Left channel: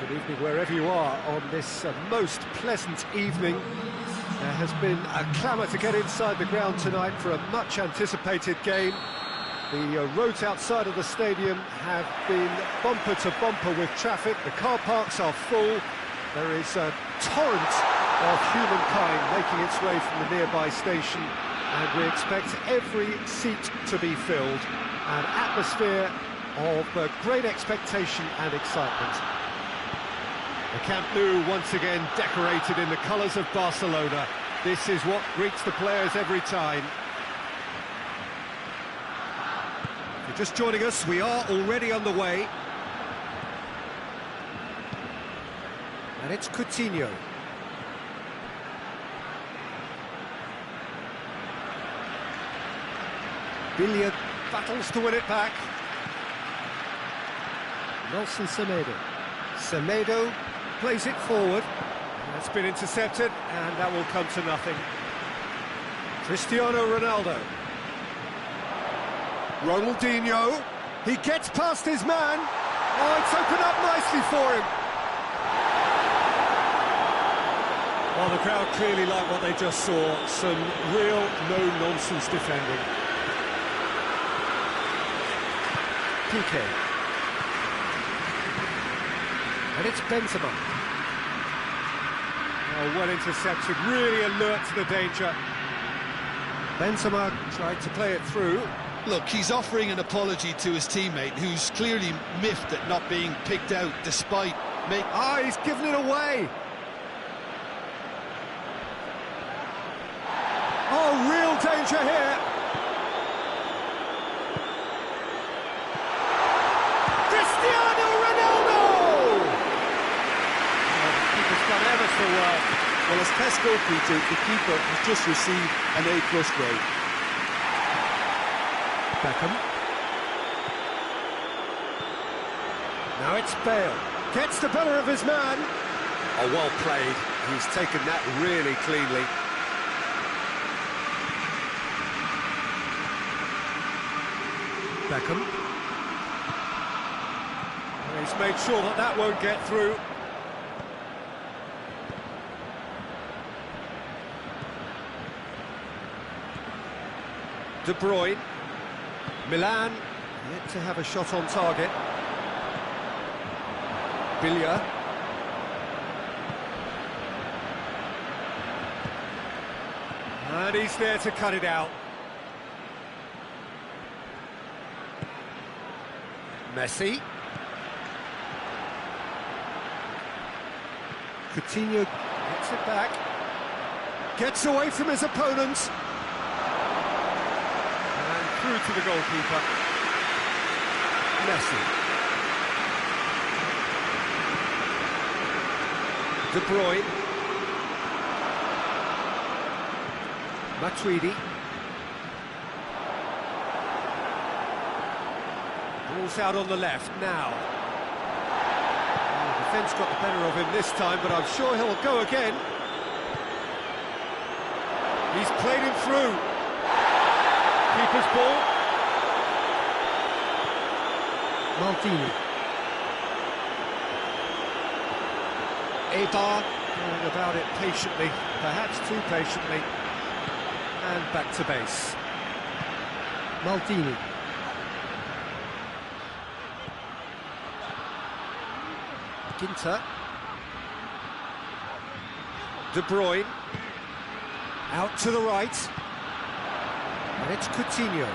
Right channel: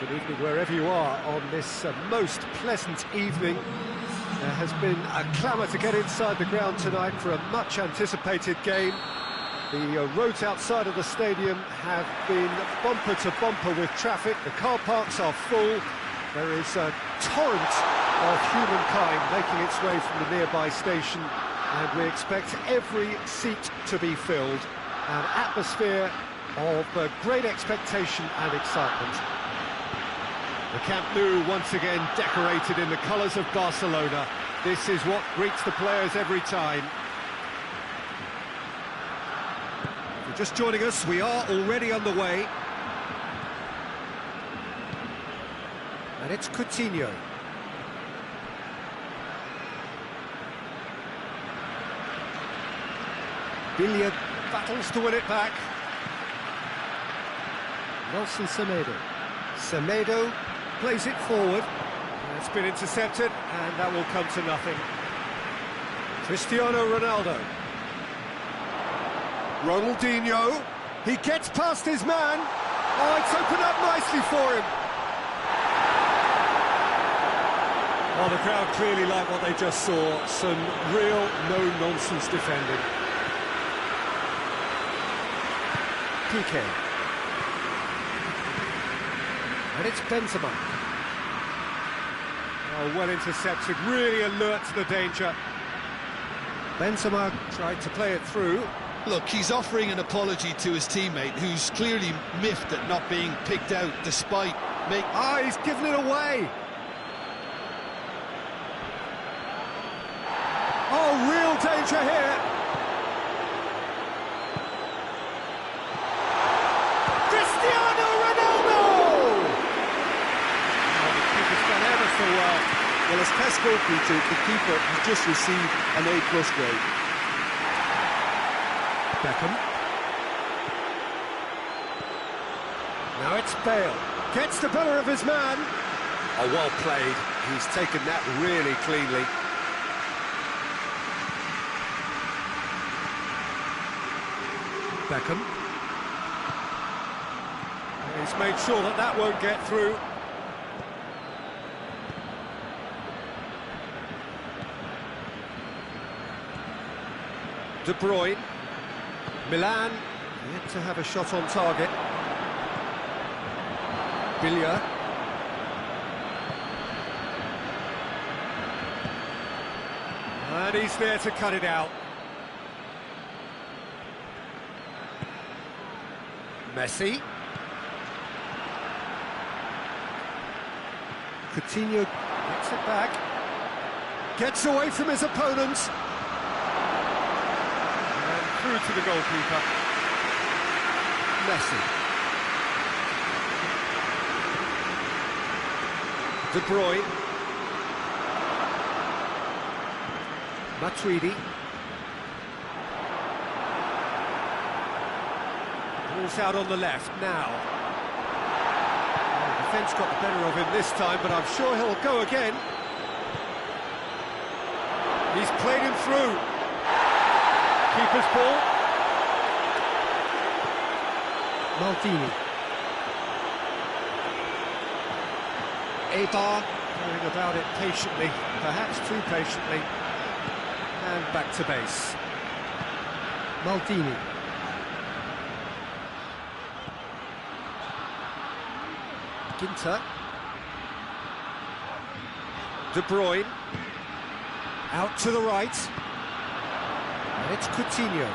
Good evening wherever you are on this most pleasant evening. There has been a clamour to get inside the ground tonight for a much-anticipated game. The roads outside of the stadium have been bumper to bumper with traffic. The car parks are full. There is a torrent of humankind making its way from the nearby station, and we expect every seat to be filled. An atmosphere of great expectation and excitement. The Camp Nou once again decorated in the colours of Barcelona. This is what greets the players every time. If you're just joining us, we are already underway. And it's Coutinho. Billiard battles to win it back. Nelson Semedo. Semedo plays it forward. That's been intercepted, and that will come to nothing. Cristiano Ronaldo. Ronaldinho. He gets past his man. Oh, it's opened up nicely for him. Well, the crowd clearly like what they just saw. Some real no-nonsense defending. Piqué. And it's Benzema. Oh, well intercepted, really alert to the danger. Benzema tried to play it through. Look, he's offering an apology to his teammate, who's clearly miffed at not being picked out despite making... Ah, he's given it away! Oh, real danger here! Cristiano Ronaldo! Oh, the keeper's done ever so well. Well, as tests go, Peter, the keeper has just received an A+ grade. Beckham. Now it's Bale. Gets the better of his man. Oh, well played. He's taken that really cleanly. Beckham. He's made sure that that won't get through. De Bruyne. Milan, yet to have a shot on target. Billiard. And he's there to cut it out. Messi. Coutinho gets it back. Gets away from his opponents. And through to the goalkeeper. Messi. De Bruyne. Matuidi. Ball's out on the left now. Oh, the defence got the better of him this time, but I'm sure he'll go again. He's played him through. Keeper's ball. Maldini. Eibar going about it patiently, perhaps too patiently. And back to base. Maldini. Ginter. De Bruyne. Out to the right. And it's Coutinho.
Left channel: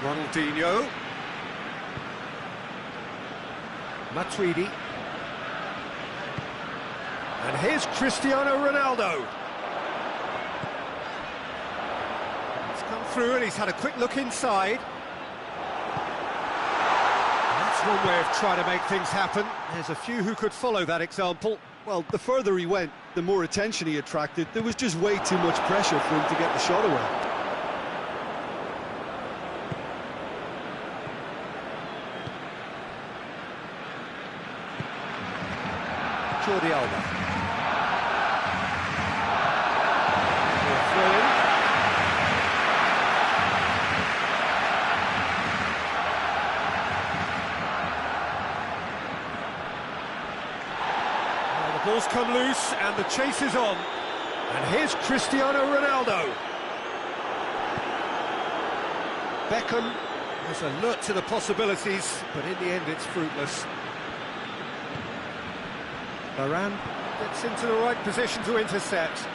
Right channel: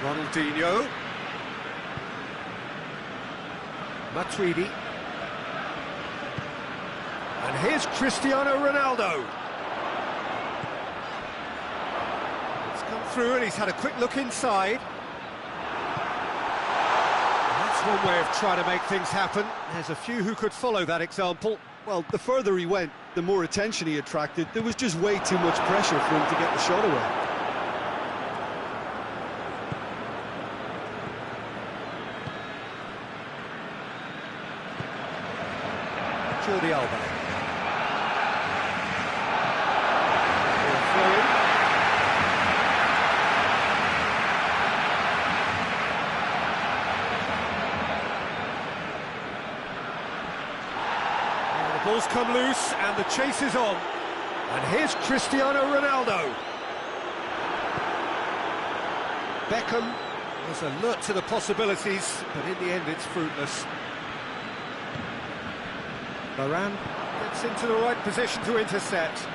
Ronaldinho. Matuidi. And here's Cristiano Ronaldo. He's come through and he's had a quick look inside. That's one way of trying to make things happen. There's a few who could follow that example. Well, the further he went, the more attention he attracted. There was just way too much pressure for him to get the shot away. Jordi Alba. Throw in. ball's come loose and the chase is on. And here's Cristiano Ronaldo. Beckham was alert to the possibilities, but in the end it's fruitless. Varane gets into the right position to intercept.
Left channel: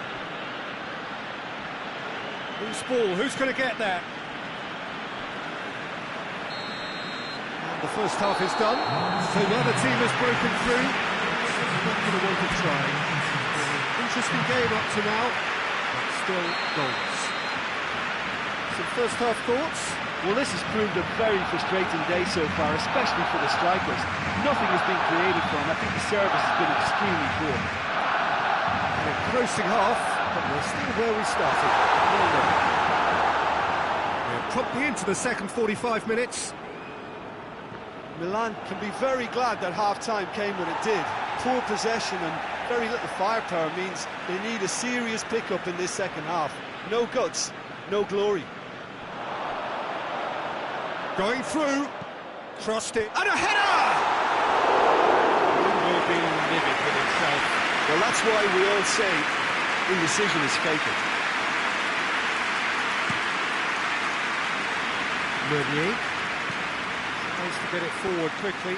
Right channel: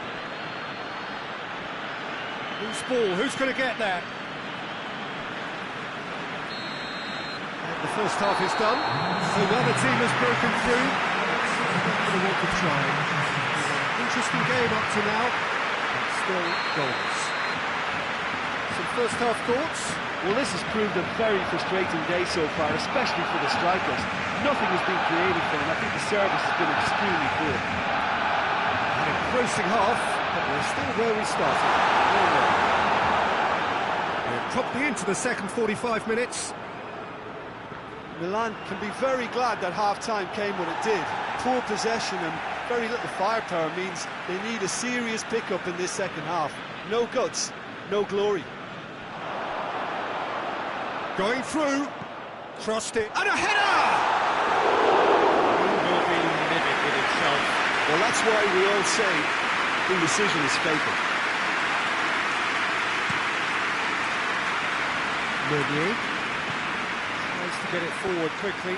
Loose ball, who's going to get there? And the first half is done, so neither team has broken through. It's certainly not going to want to try. It's been an interesting game up to now, but still goalless. Some first half thoughts? Well, this has proved a very frustrating day so far, especially for the strikers. Nothing has been created for them. I think the service has been extremely poor. An engrossing half, but we're still where we started. 0-0. We're promptly into the second 45 minutes. Milan can be very glad that half-time came when it did. Poor possession and very little firepower means they need a serious pickup in this second half. No guts, no glory. Going through, crossed it, and a header! He will be livid with himself. Well, that's why we all say indecision is fatal. Meunier tries to get it forward quickly.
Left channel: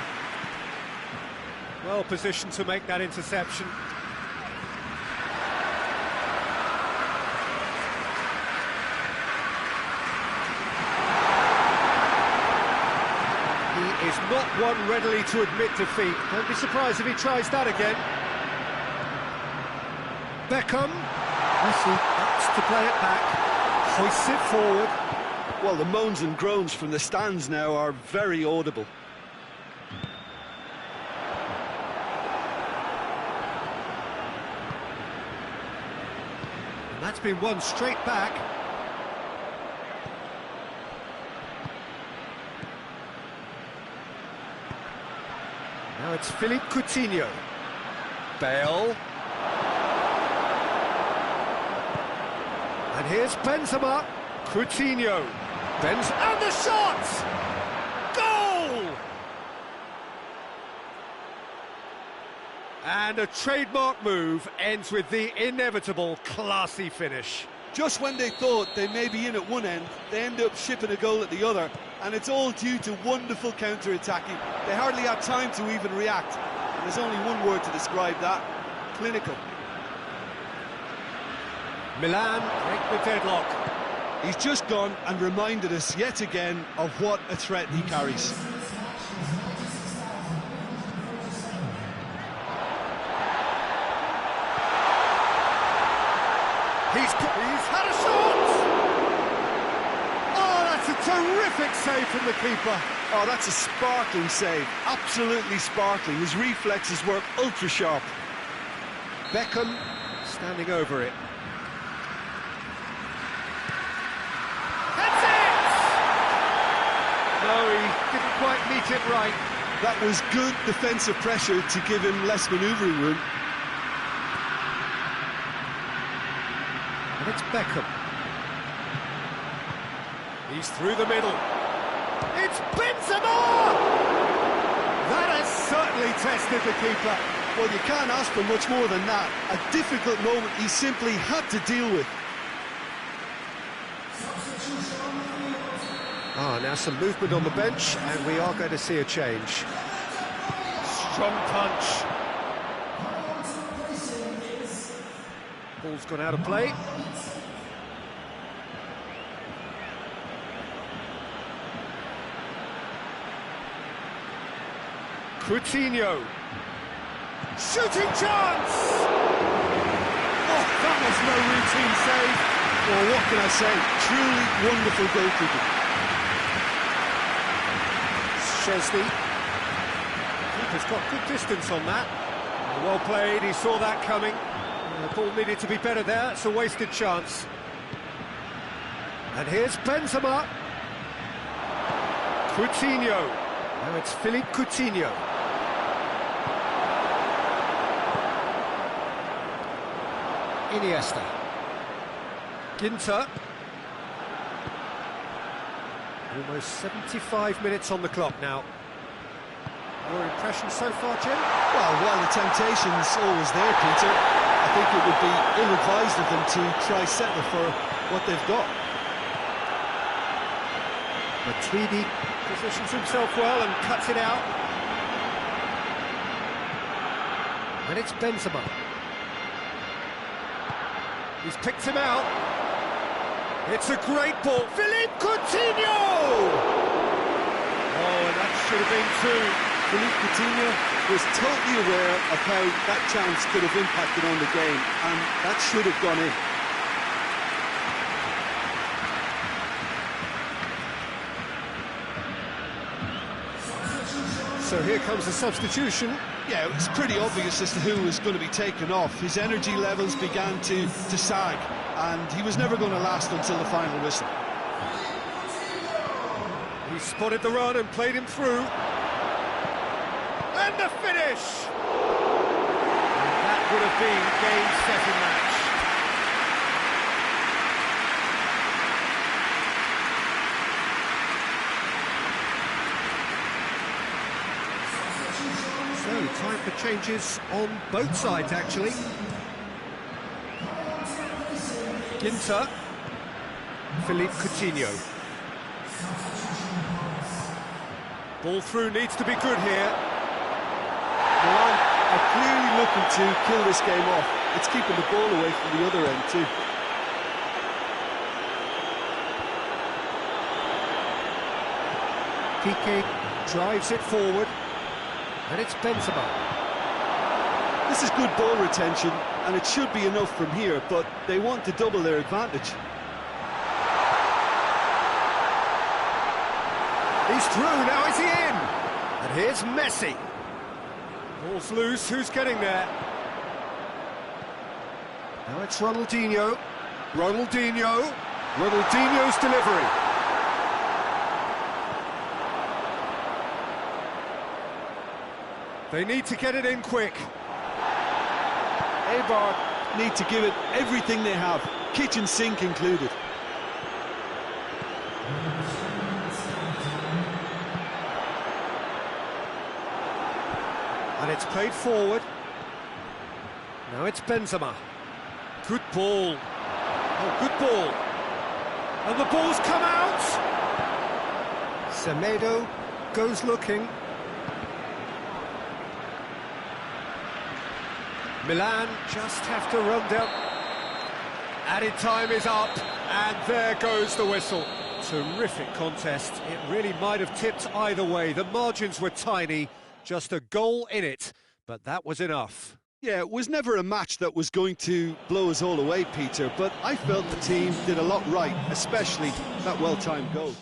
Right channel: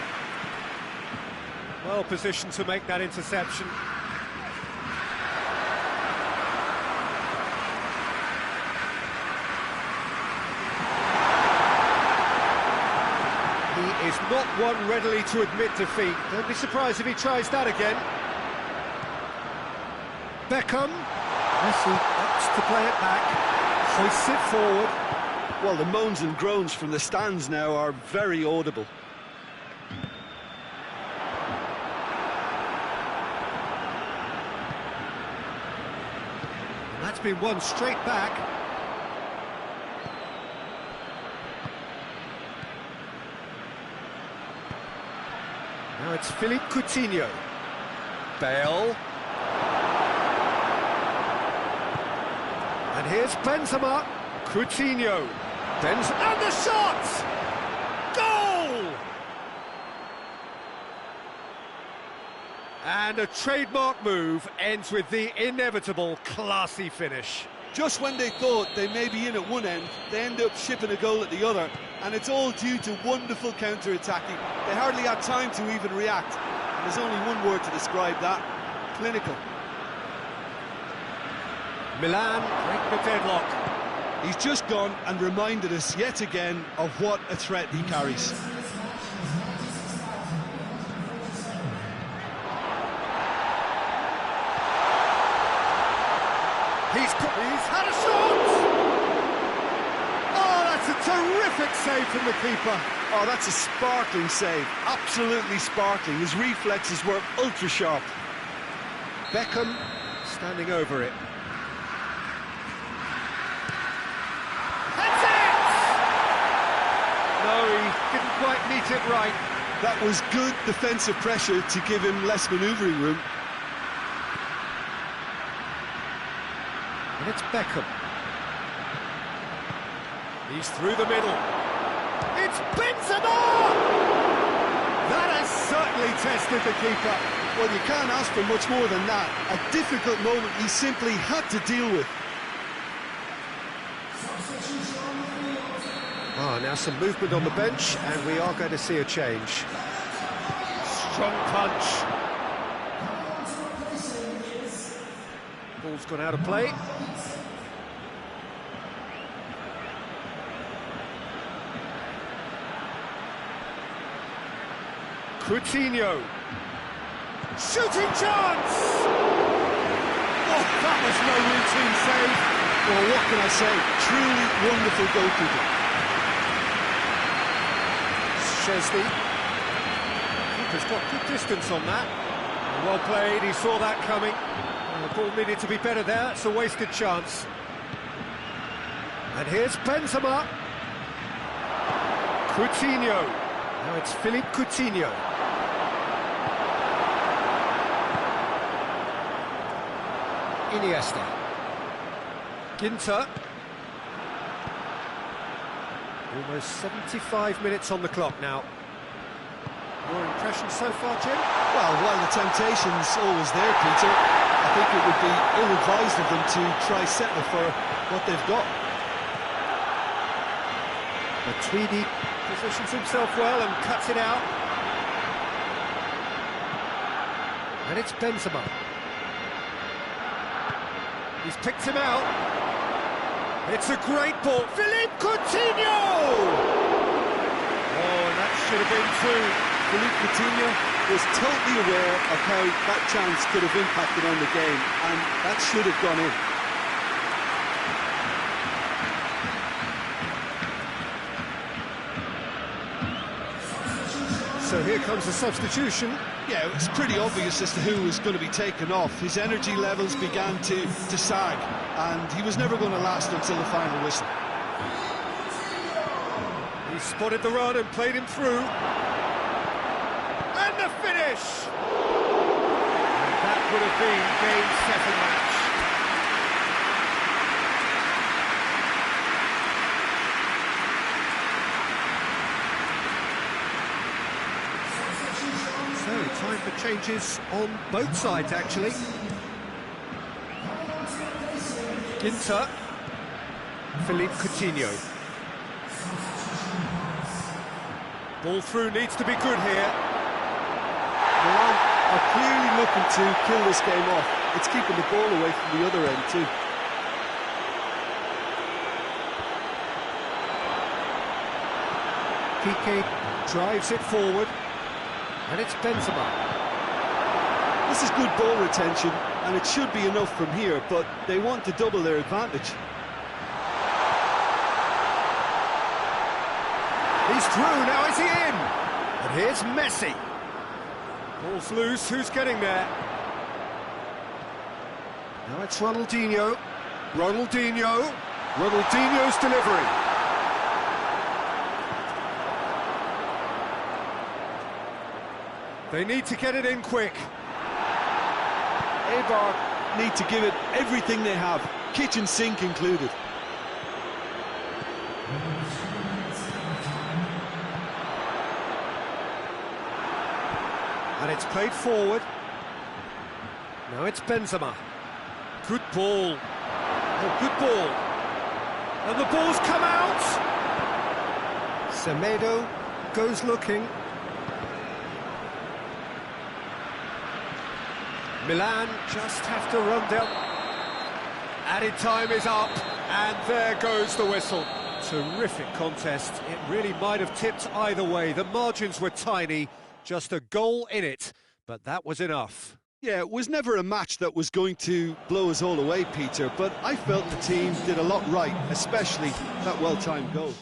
Well positioned to make that interception. He is not one readily to admit defeat. Don't be surprised if he tries that again. Beckham. Messi opts to play it back. Hoists it forward. Well, the moans and groans from the stands now are very audible. And that's been won straight back. Now it's Philippe Coutinho. Bale. And here's Benzema. Coutinho. And the shot! Goal! And a trademark move ends with the inevitable classy finish. Just when they thought they may be in at one end, they end up shipping a goal at the other, and it's all due to wonderful counter-attacking. They hardly had time to even react, and there's only one word to describe that: clinical. Milan break the deadlock. He's just gone and reminded us yet again of what a threat he carries. He's had a shot! Oh, that's a terrific save from the keeper. Oh, that's a sparkling save, absolutely sparkling. His reflexes work ultra sharp. Beckham standing over it. That's it! No, he didn't quite meet it right. That was good defensive pressure to give him less manoeuvring room. And it's Beckham. He's through the middle. It's Benzema! That has certainly tested the keeper. Well, you can't ask for much more than that. A difficult moment he simply had to deal with. Now some movement on the bench, and we are going to see a change. Strong punch. Ball's gone out of play. Coutinho. Shooting chance! Oh, that was no routine save. Well, what can I say? Truly wonderful goalkeeping. Chesney. Keeper's got good distance on that. Well played, he saw that coming. The ball needed to be better there, it's a wasted chance. And here's Benzema. Coutinho. Now it's Philippe Coutinho. Iniesta. Ginter. Almost 75 minutes on the clock now. Your impression so far, Jim? Well, while the temptation's always there, Peter, I think it would be ill-advised of them to try settle for what they've got. Matuidi positions himself well and cuts it out. And it's Benzema. He's picked him out. It's a great ball. Philippe Coutinho! Oh, and that should have been two. Philippe Coutinho was totally aware of how that chance could have impacted on the game, and that should have gone in. So here comes the substitution. Yeah, it was pretty obvious as to who was going to be taken off. His energy levels began to sag, and he was never going to last until the final whistle. He spotted the run and played him through. And the finish! And that would have been game, set and match. So, time for changes on both sides, actually. Ginter. Philippe Coutinho. Ball through needs to be good here. Milan are clearly looking to kill this game off. It's keeping the ball away from the other end too. Piqué drives it forward. And it's Benzema. This is good ball retention, and it should be enough from here, but they want to double their advantage. He's through, now is he in? And here's Messi. Ball's loose, who's getting there? Now it's Ronaldinho. Ronaldinho's delivery. They need to get it in quick. Eibar need to give it everything they have, kitchen sink included. And it's played forward. Now it's Benzema. Good ball. Oh, good ball. And the ball's come out. Semedo goes looking. Milan just have to run down. Added time is up, and there goes the whistle. Terrific contest. It really might have tipped either way. The margins were tiny, just a goal in it, but that was enough. Yeah, it was never a match that was going to blow us all away, Peter, but I felt the team did a lot right, especially that well-timed goal.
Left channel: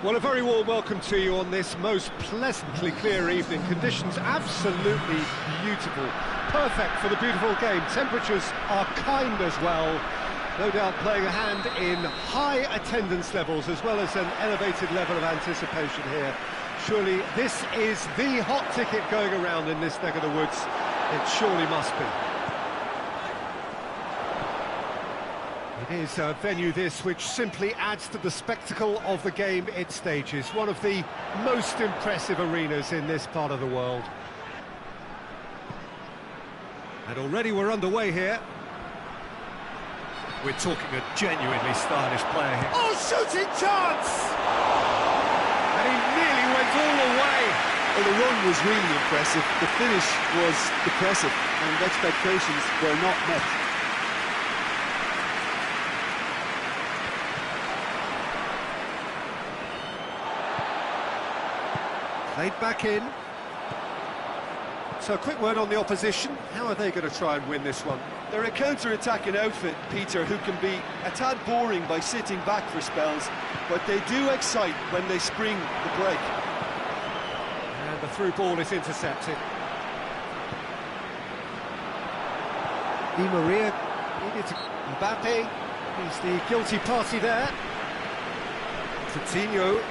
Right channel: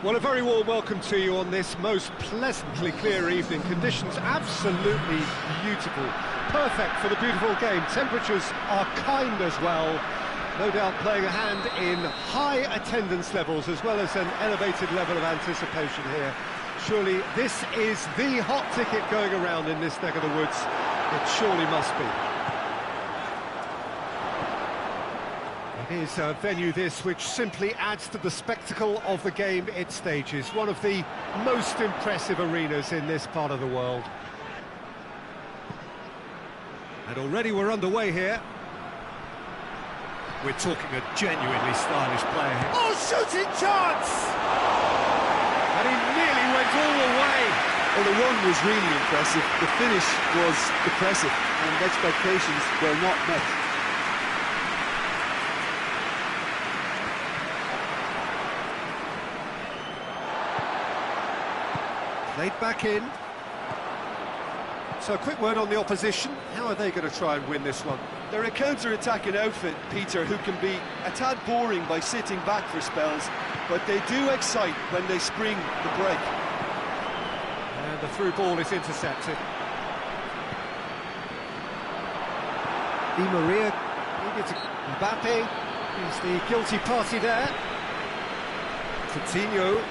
Well, a very warm welcome to you on this most pleasantly clear evening. Conditions absolutely beautiful. Perfect for the beautiful game. Temperatures are kind as well. No doubt playing a hand in high attendance levels as well as an elevated level of anticipation here. Surely this is the hot ticket going around in this neck of the woods. It surely must be. It is a venue this which simply adds to the spectacle of the game it stages. One of the most impressive arenas in this part of the world. And already we're underway here. We're talking a genuinely stylish player here. Oh, shooting chance! And he nearly went all the way. Well, the run was really impressive. The finish was depressive, and expectations were not met. Played back in. So a quick word on the opposition. How are they going to try and win this one? They're a counter-attacking outfit, Peter, who can be a tad boring by sitting back for spells, but they do excite when they spring the break. And the through ball is intercepted. Di Maria needed to... Mbappe is the guilty party there. Coutinho.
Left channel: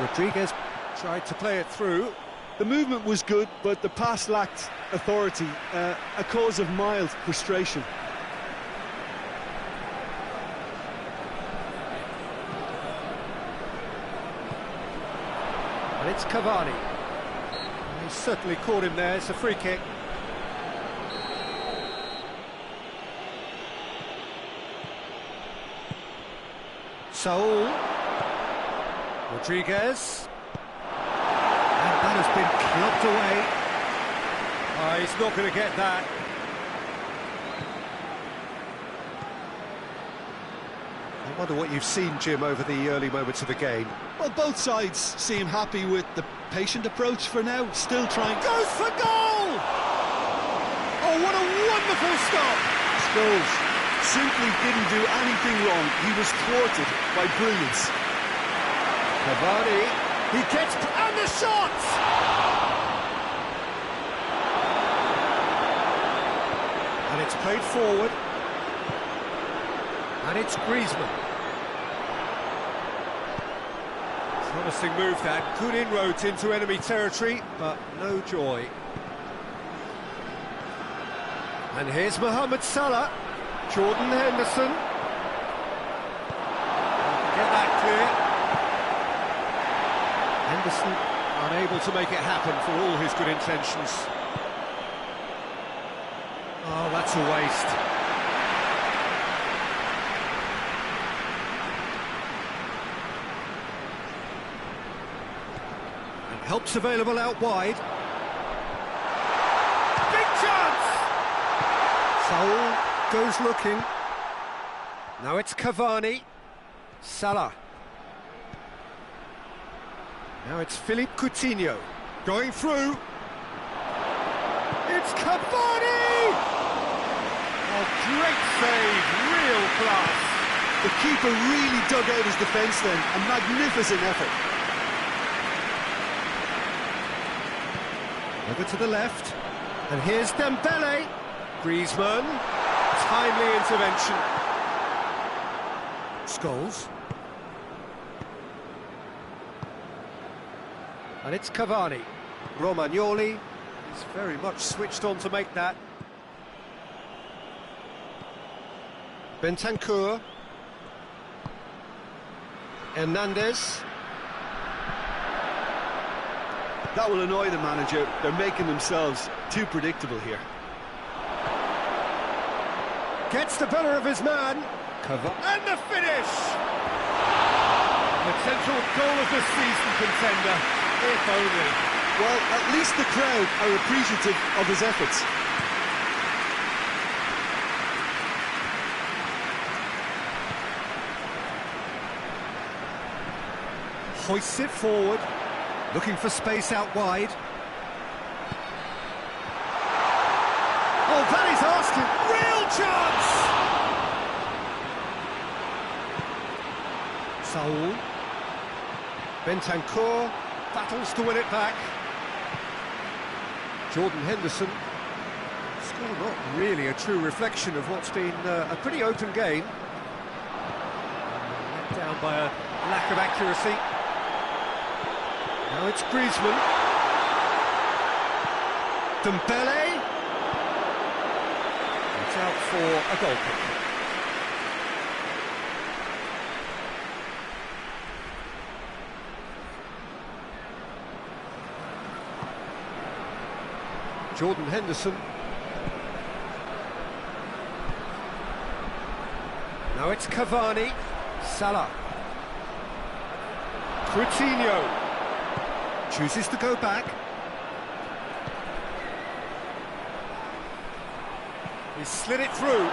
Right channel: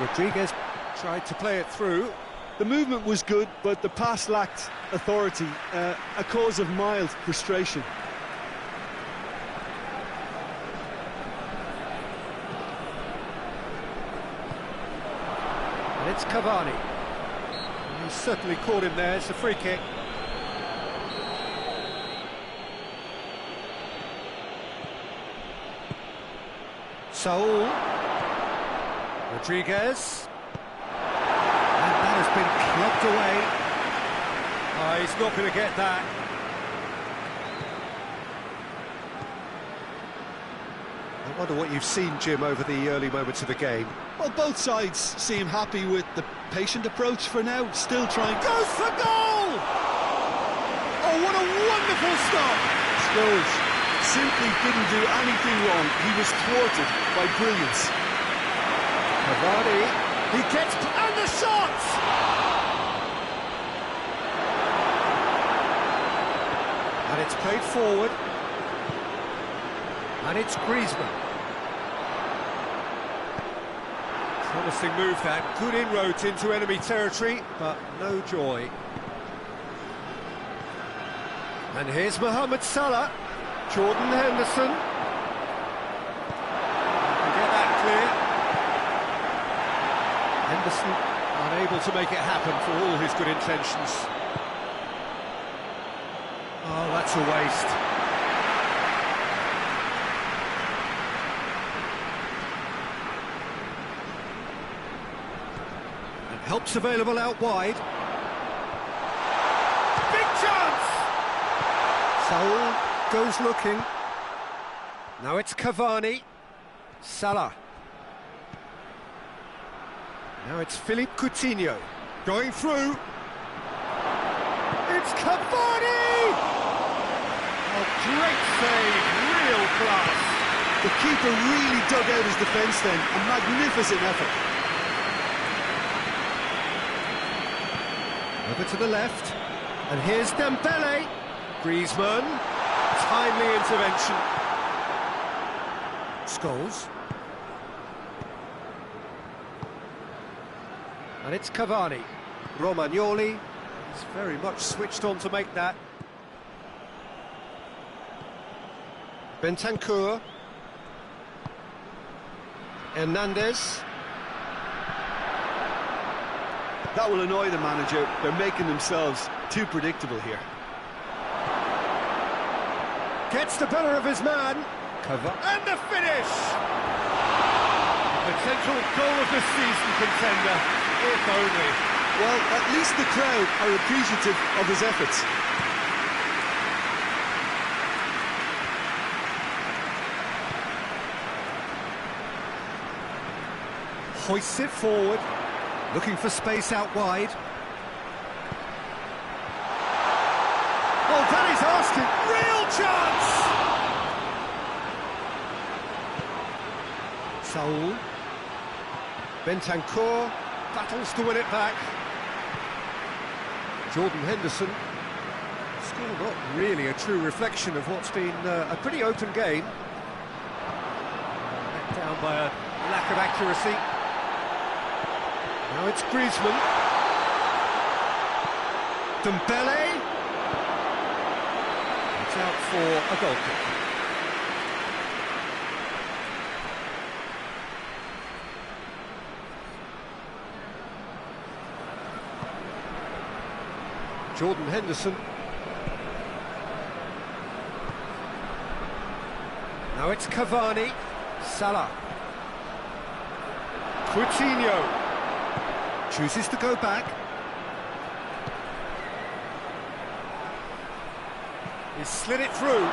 Rodriguez tried to play it through. The movement was good, but the pass lacked authority, a cause of mild frustration. And it's Cavani. He certainly caught him there. It's a free kick. Saul. Rodriguez. And that has been clubbed away. Oh, he's not going to get that. I wonder what you've seen, Jim, over the early moments of the game. Well, both sides seem happy with the patient approach for now, still trying... Goes for goal! Oh, what a wonderful stop! Scholes simply didn't do anything wrong. He was thwarted by brilliance. Cavani, he gets... and the shot! And it's played forward. And it's Griezmann. Promising move that, good inroads into enemy territory, but no joy. And here's Mohamed Salah, Jordan Henderson. Can get that clear. Henderson unable to make it happen for all his good intentions. Oh, that's a waste. And help's available out wide. Big chance! Saul goes looking. Now it's Cavani. Salah. Now it's Philippe Coutinho. Going through. It's Cavani! Oh, great save, real class. The keeper really dug out his defence then, a magnificent effort. Over to the left, and here's Dembele. Griezmann, timely intervention. Scholes. And it's Cavani. Romagnoli is very much switched on to make that. Bentancur. Hernandez. That will annoy the manager. They're making themselves too predictable here. Gets the better of his man. And the finish! A potential goal of the season contender, if only. Well, at least the crowd are appreciative of his efforts. Hoists it forward, looking for space out wide. Oh, that is asking. Real chance! Saul. Bentancur battles to win it back. Jordan Henderson. Score not really a true reflection of what's been a pretty open game. Let down by a lack of accuracy. Now it's Griezmann. Dembele. It's out for a goal kick. Jordan Henderson. Now it's Cavani. Salah. Coutinho. Chooses to go back. He's slid it through.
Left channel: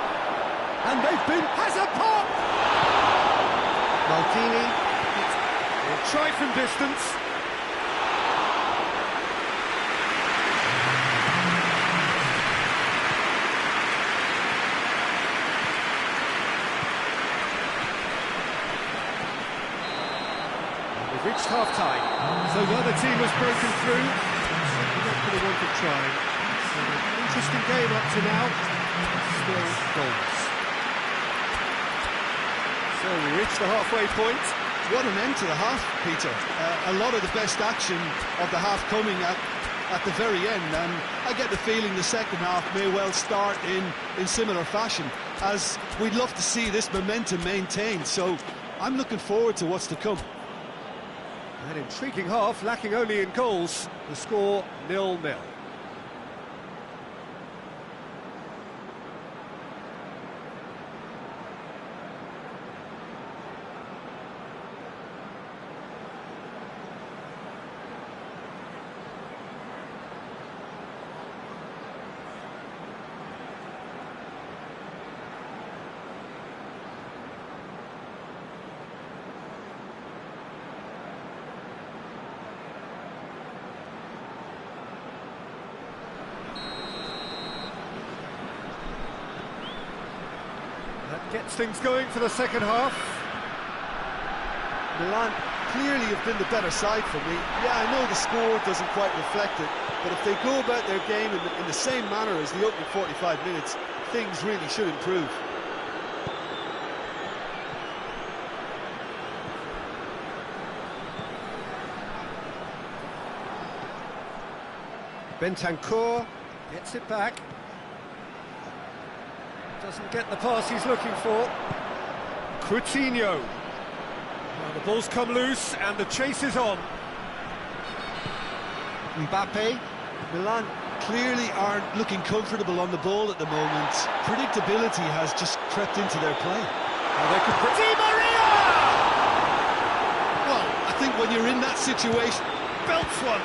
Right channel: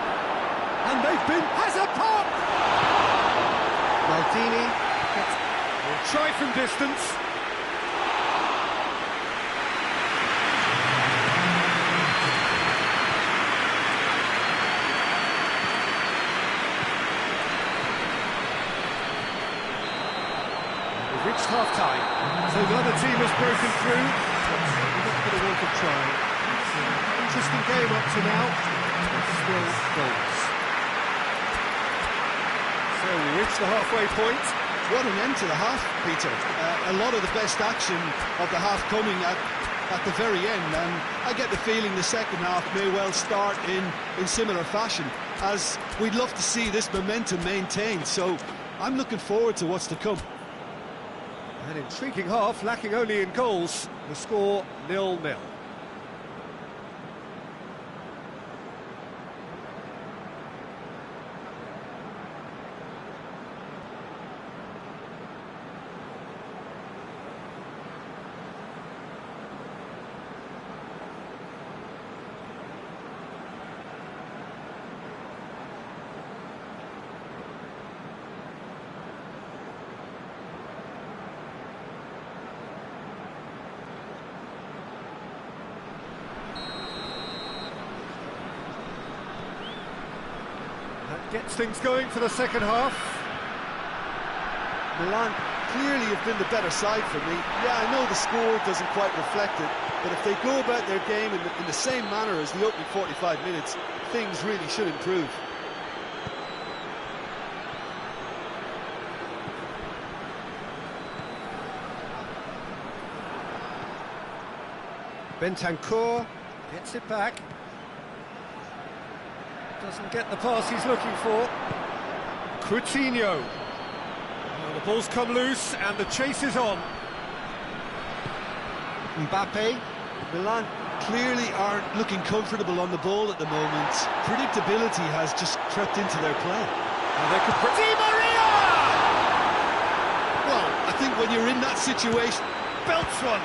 And they've been... has a pop! Maldini will try from distance. We've reached half-time, so neither team has broken through, but certainly not for the want of trying. It's an interesting game up to now, but still goals. So we reach the halfway point. What an end to the half, Peter. A lot of the best action of the half coming at the very end, and I get the feeling the second half may well start in similar fashion, as we'd love to see this momentum maintained, so I'm looking forward to what's to come. An intriguing half, lacking only in goals. The score 0-0. That gets things going for the second half. Milan clearly have been the better side for me. Yeah, I know the score doesn't quite reflect it, but if they go about their game in the same manner as the opening 45 minutes, things really should improve. Bentancur gets it back. Doesn't get the pass he's looking for. Coutinho. Well, the ball's come loose and the chase is on. Mbappe. Milan clearly aren't looking comfortable on the ball at the moment. Predictability has just crept into their play. They could... Di Maria! Well, I think when you're in that situation... Belts one.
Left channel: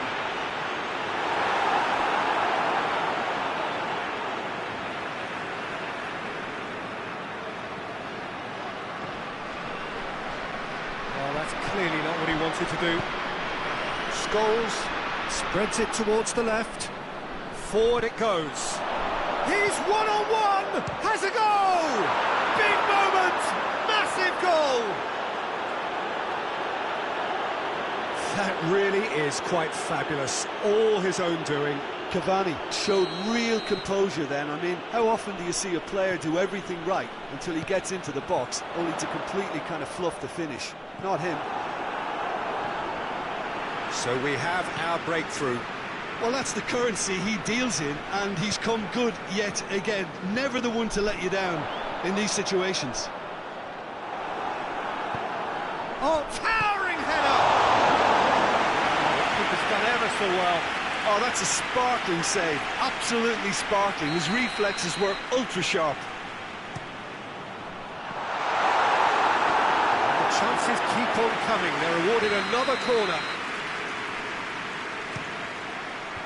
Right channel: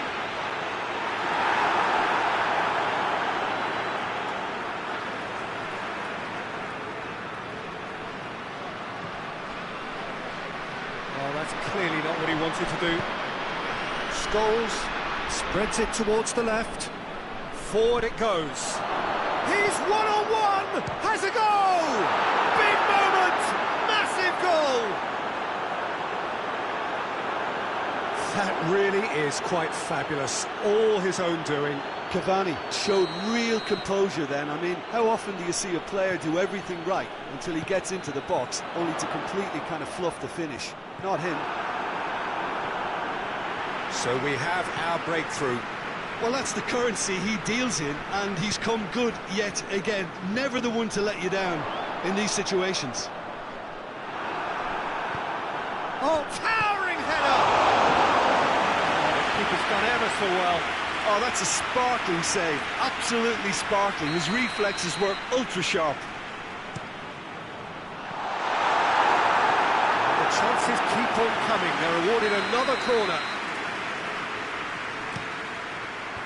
Well, that's clearly not what he wanted to do. Scholes spreads it towards the left. Forward it goes. He's one-on-one! Has a goal! Big moment! Massive goal! That really is quite fabulous. All his own doing. Cavani showed real composure then. I mean, how often do you see a player do everything right until he gets into the box, only to completely kind of fluff the finish? Not him. So we have our breakthrough. Well, that's the currency he deals in, and he's come good yet again. Never the one to let you down in these situations. Oh, towering header! Oh, the keeper's done ever so well. Oh, that's a sparkling save. Absolutely sparkling. His reflexes were ultra-sharp. And the chances keep on coming. They're awarded another corner.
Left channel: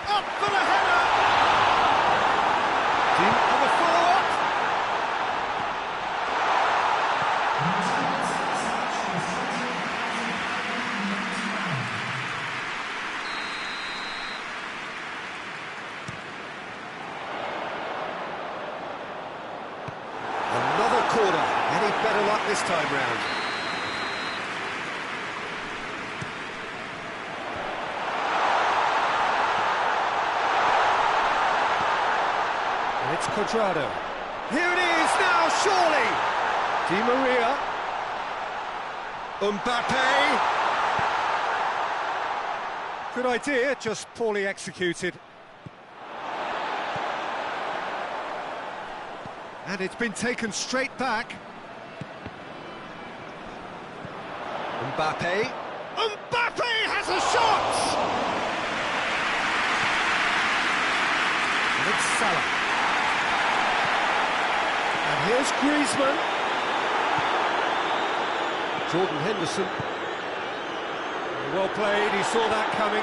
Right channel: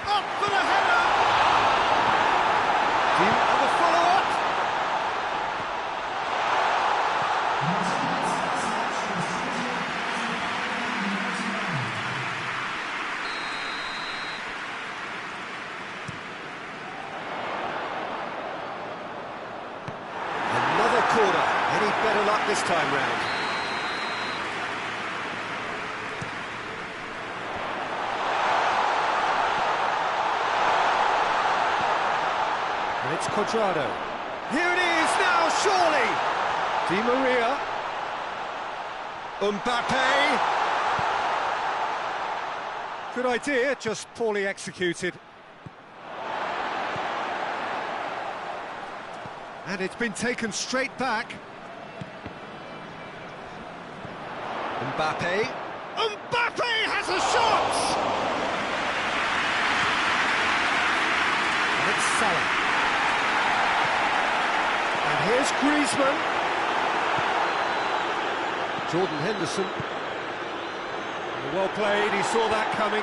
Up for the header! And the follow-up! Another corner. Any better luck this time round? it's Cuadrado. Here it is now, surely! Di Maria. Mbappe. Good idea, just poorly executed. And it's been taken straight back. Mbappe. Mbappe has a shot! And it's Salah. And here's Griezmann. Jordan Henderson. Well played, he saw that coming.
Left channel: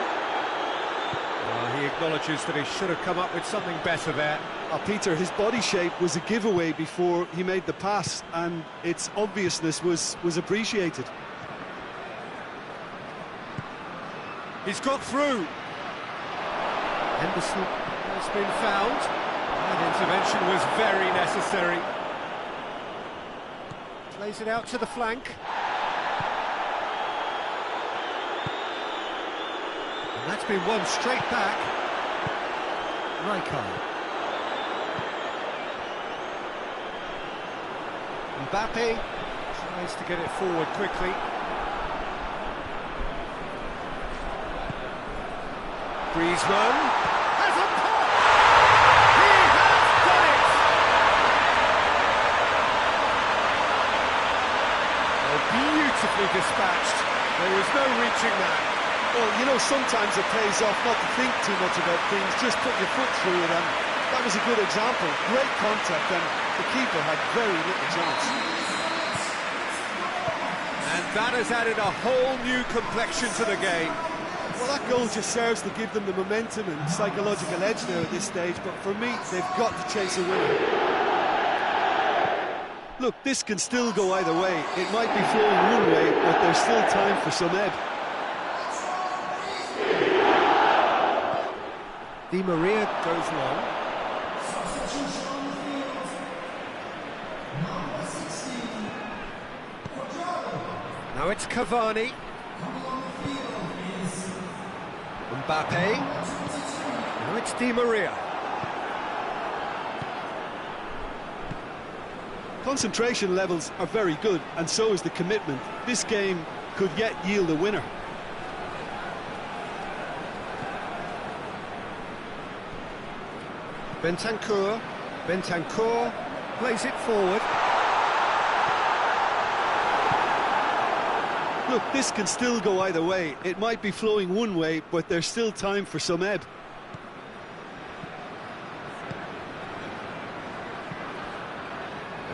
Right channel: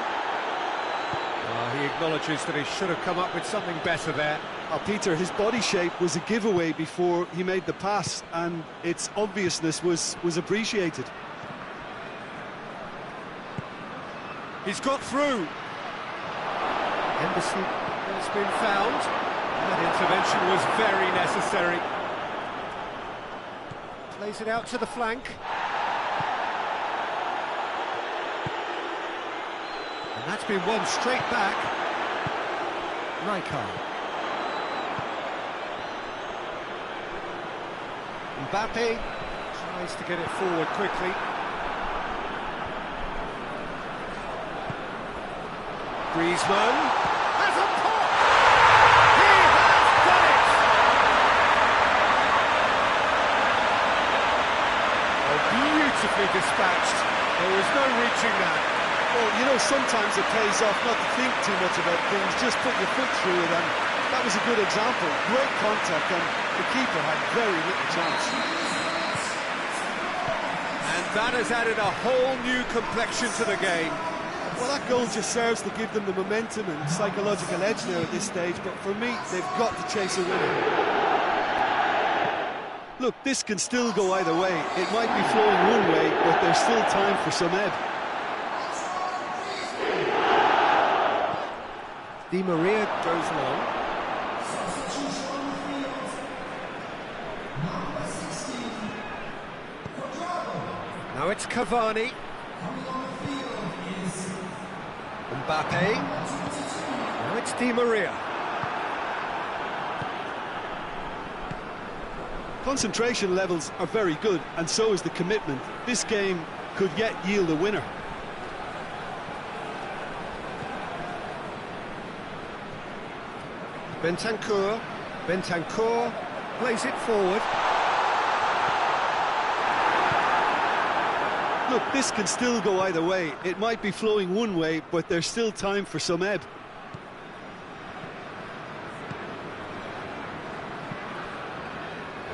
He acknowledges that he should have come up with something better there. Peter, his body shape was a giveaway before he made the pass, and its obviousness was appreciated. He's got through. Henderson has been found. That intervention was very necessary. Plays it out to the flank. And that's been won straight back. Rijkaard. Mbappe tries to get it forward quickly. Griezmann has a pop! He has done it! Oh, beautifully dispatched. There was no reaching that. Well, you know, sometimes it pays off not to think too much about things, just put your foot through it, and that was a good example. Great contact, and the keeper had very little chance. And that has added a whole new complexion to the game. Well, that goal just serves to give them the momentum and psychological edge now at this stage, but for me, they've got to chase a winner. Look, this can still go either way. It might be flowing one way, but there's still time for some ebb. Di Maria goes long. Now it's Cavani. Mbappe. Now it's Di Maria. Concentration levels are very good, and so is the commitment. This game could yet yield a winner. Bentancur plays it forward. Look, this can still go either way. It might be flowing one way, but there's still time for some ebb.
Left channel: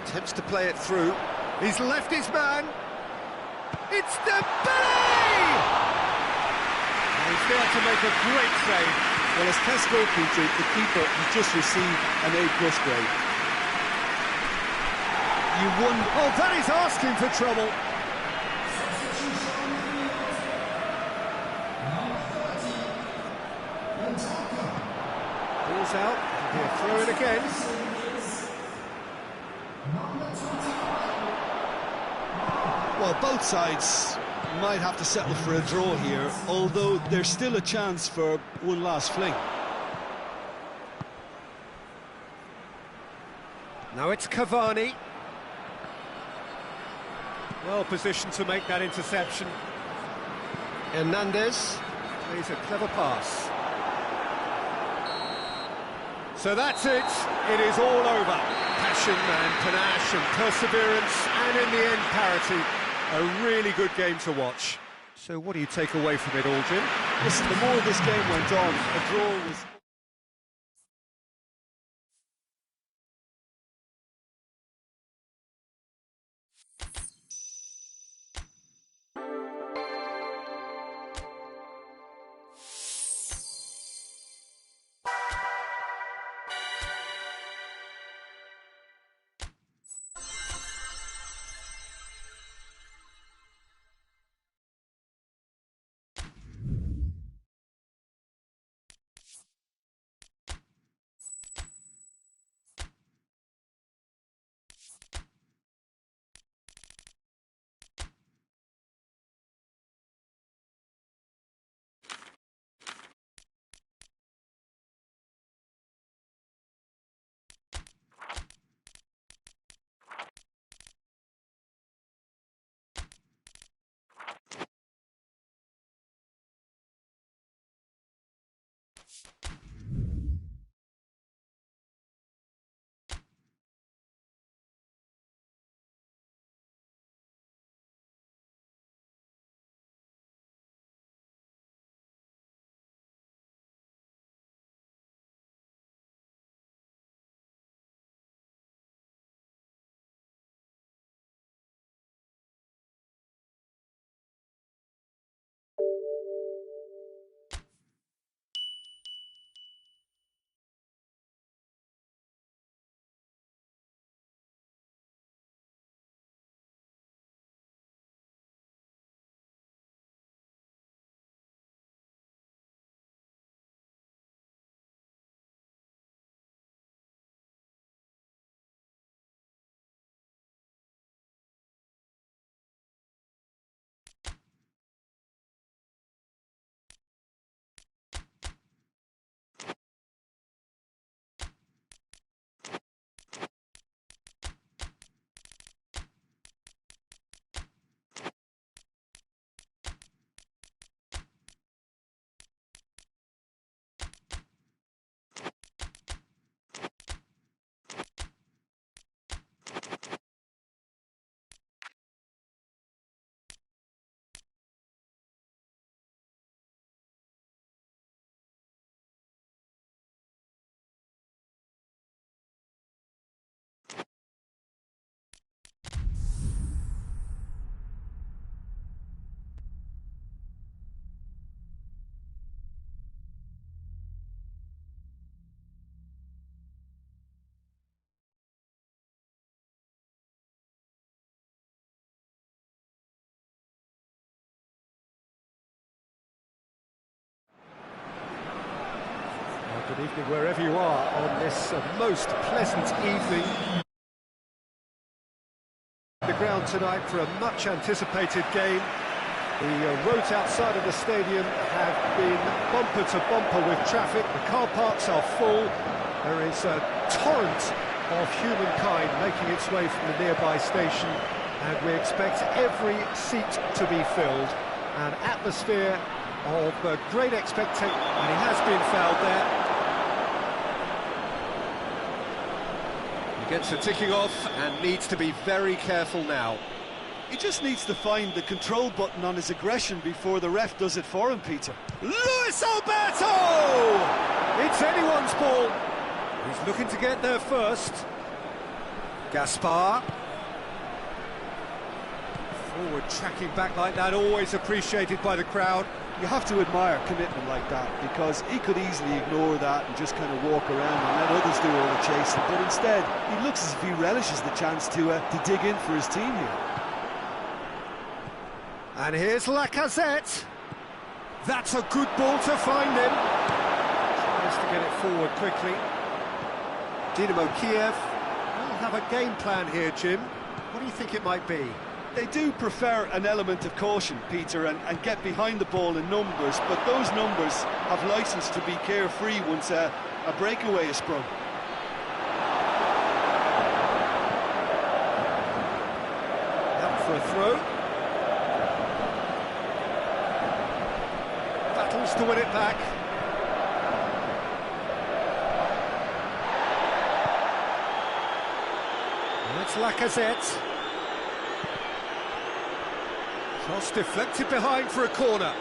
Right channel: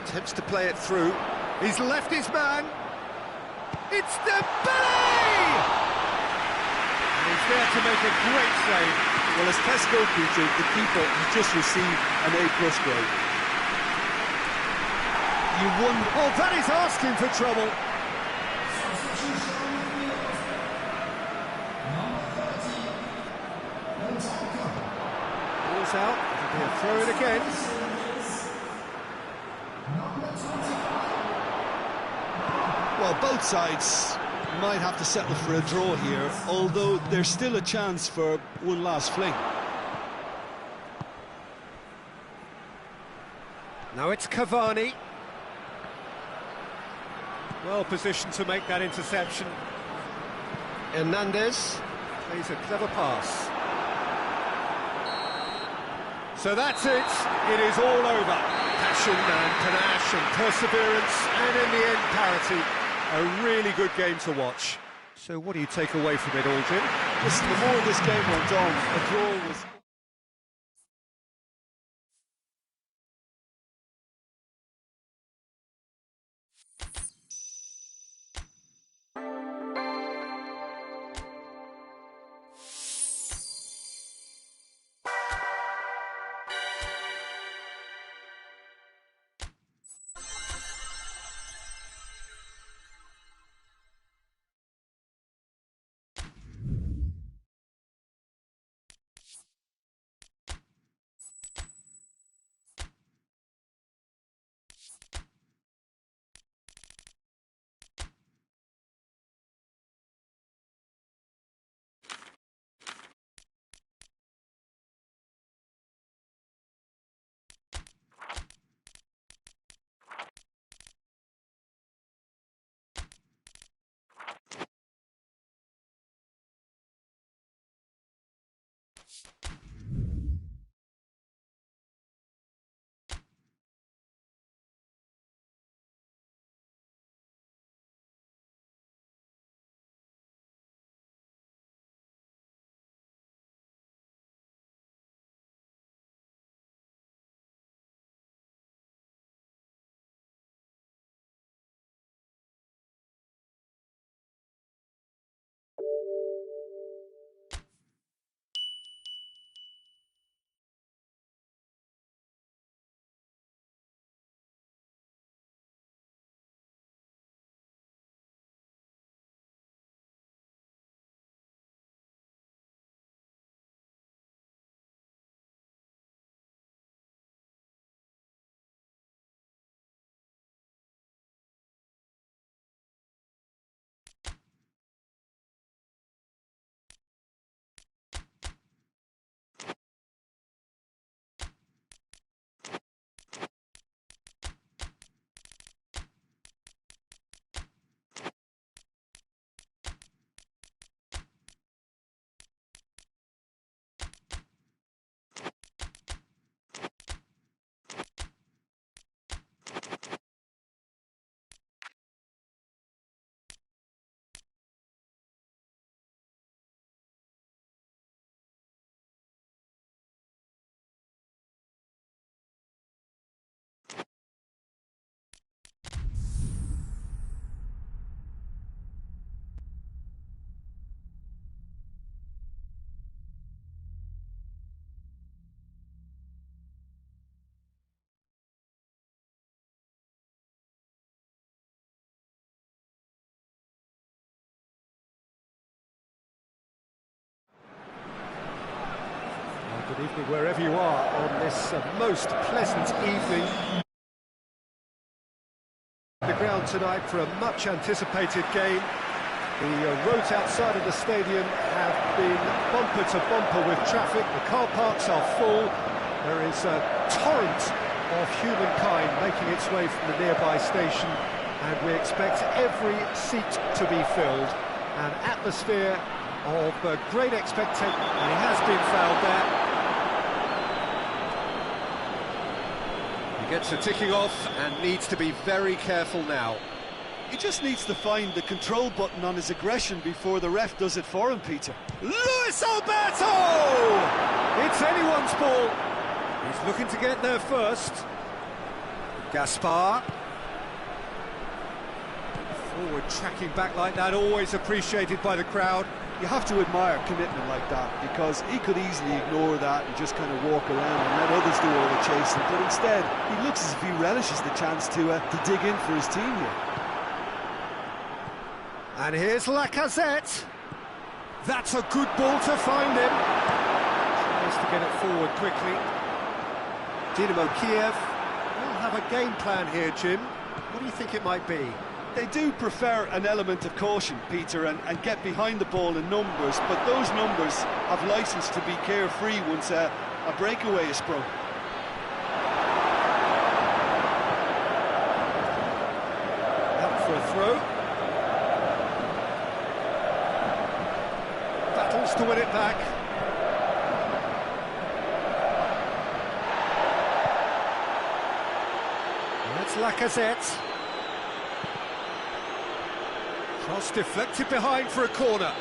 Attempts to play it through. He's left his man. It's Dembele! And he's there to make a great save. Well, as tests go, Peter, the keeper has just received an A+ grade. You wonder... Oh, that is asking for trouble. Ball's out. It'll be a throw-in again. Well, both sides might have to settle for a draw here, although there's still a chance for one last fling. Now it's Cavani. Well positioned to make that interception. Hernandez plays a clever pass. So that's it. It is all over. Passion and panache and perseverance, and in the end, parity. A really good game to watch. So what do you take away from it all, Jim? Listen, the more this game went on, a draw was... Good evening wherever you are on this most pleasant evening. The ground tonight for a much anticipated game. The roads outside of the stadium have been bumper to bumper with traffic. The car parks are full. There is a torrent of humankind making its way from the nearby station, and we expect every seat to be filled. An atmosphere of great expectation, and he has been fouled there. He gets a ticking off and needs to be very careful now. He just needs to find the control button on his aggression before the ref does it for him, Peter. Luis Alberto! It's anyone's ball. He's looking to get there first. Gaspar. Forward tracking back like that, always appreciated by the crowd. You have to admire commitment like that, because he could easily ignore that and just kind of walk around and let others do all the chasing, but instead he looks as if he relishes the chance to dig in for his team here. And here's Lacazette. That's a good ball to find him. Tries to get it forward quickly. Dynamo Kiev will have a game plan here, Jim. What do you think it might be? They do prefer an element of caution, Peter, and get behind the ball in numbers, but those numbers have licence to be carefree once a breakaway is sprung. Out for a throw. Battles to win it back. And that's Lacazette. Cross deflected behind for a corner.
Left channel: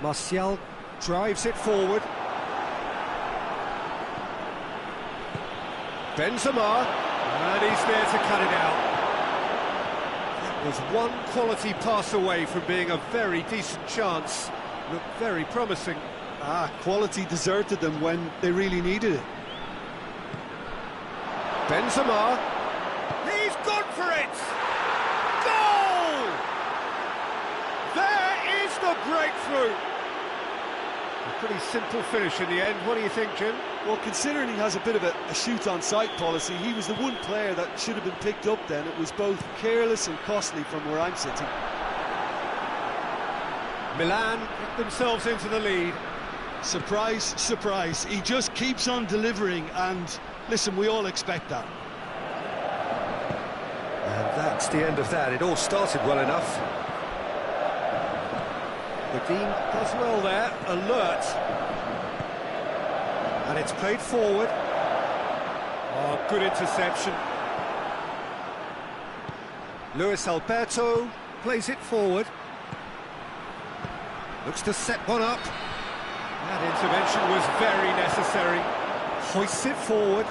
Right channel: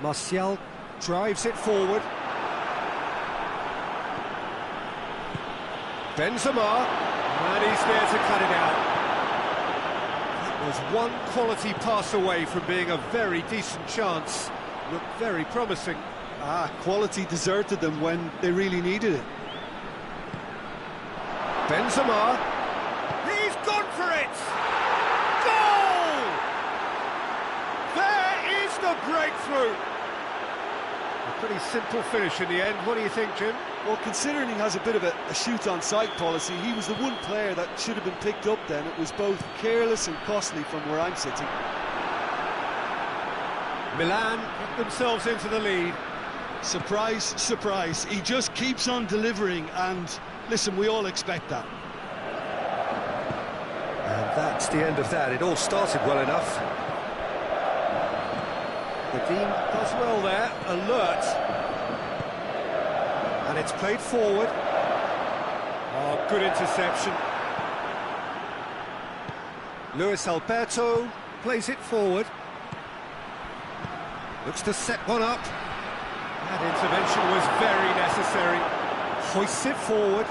Martial drives it forward. Benzema, and he's there to cut it out. That was one quality pass away from being a very decent chance. Looked very promising. Quality deserted them when they really needed it. Benzema, he's gone for it! Goal! There is the breakthrough! A pretty simple finish in the end. What do you think, Jim? Well, considering he has a bit of a shoot-on-sight policy, he was the one player that should have been picked up then. It was both careless and costly from where I'm sitting. Milan get themselves into the lead. Surprise, surprise. He just keeps on delivering, and Listen, we all expect that. And that's the end of that. It all started well enough. Dean does well there, alert. And it's played forward. Oh, good interception. Luis Alberto plays it forward. Looks to set one up. That intervention was very necessary. Hoists it forward.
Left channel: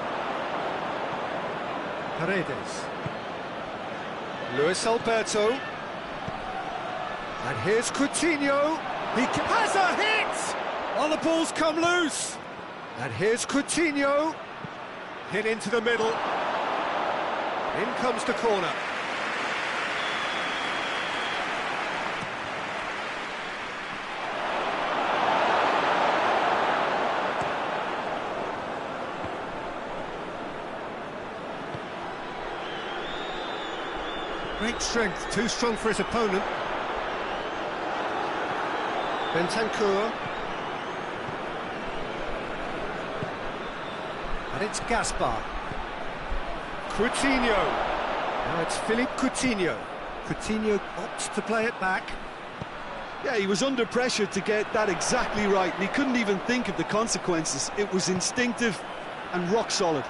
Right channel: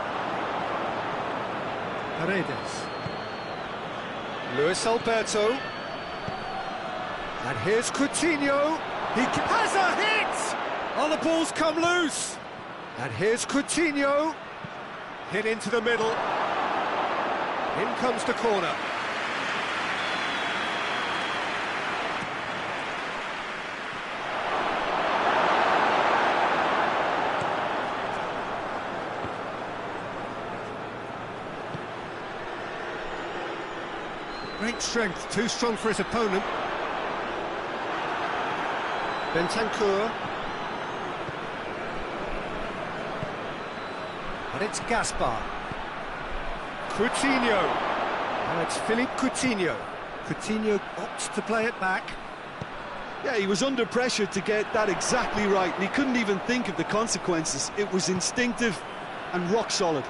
Paredes. Luis Alberto. And here's Coutinho. He has a hit! Oh, the ball's come loose. And here's Coutinho. Hit into the middle. In comes the corner. Great strength, too strong for his opponent. Bentancur. And it's Gaspar. Coutinho. Now it's Philippe Coutinho. Coutinho opts to play it back. Yeah, he was under pressure to get that exactly right, and he couldn't even think of the consequences. It was instinctive and rock solid.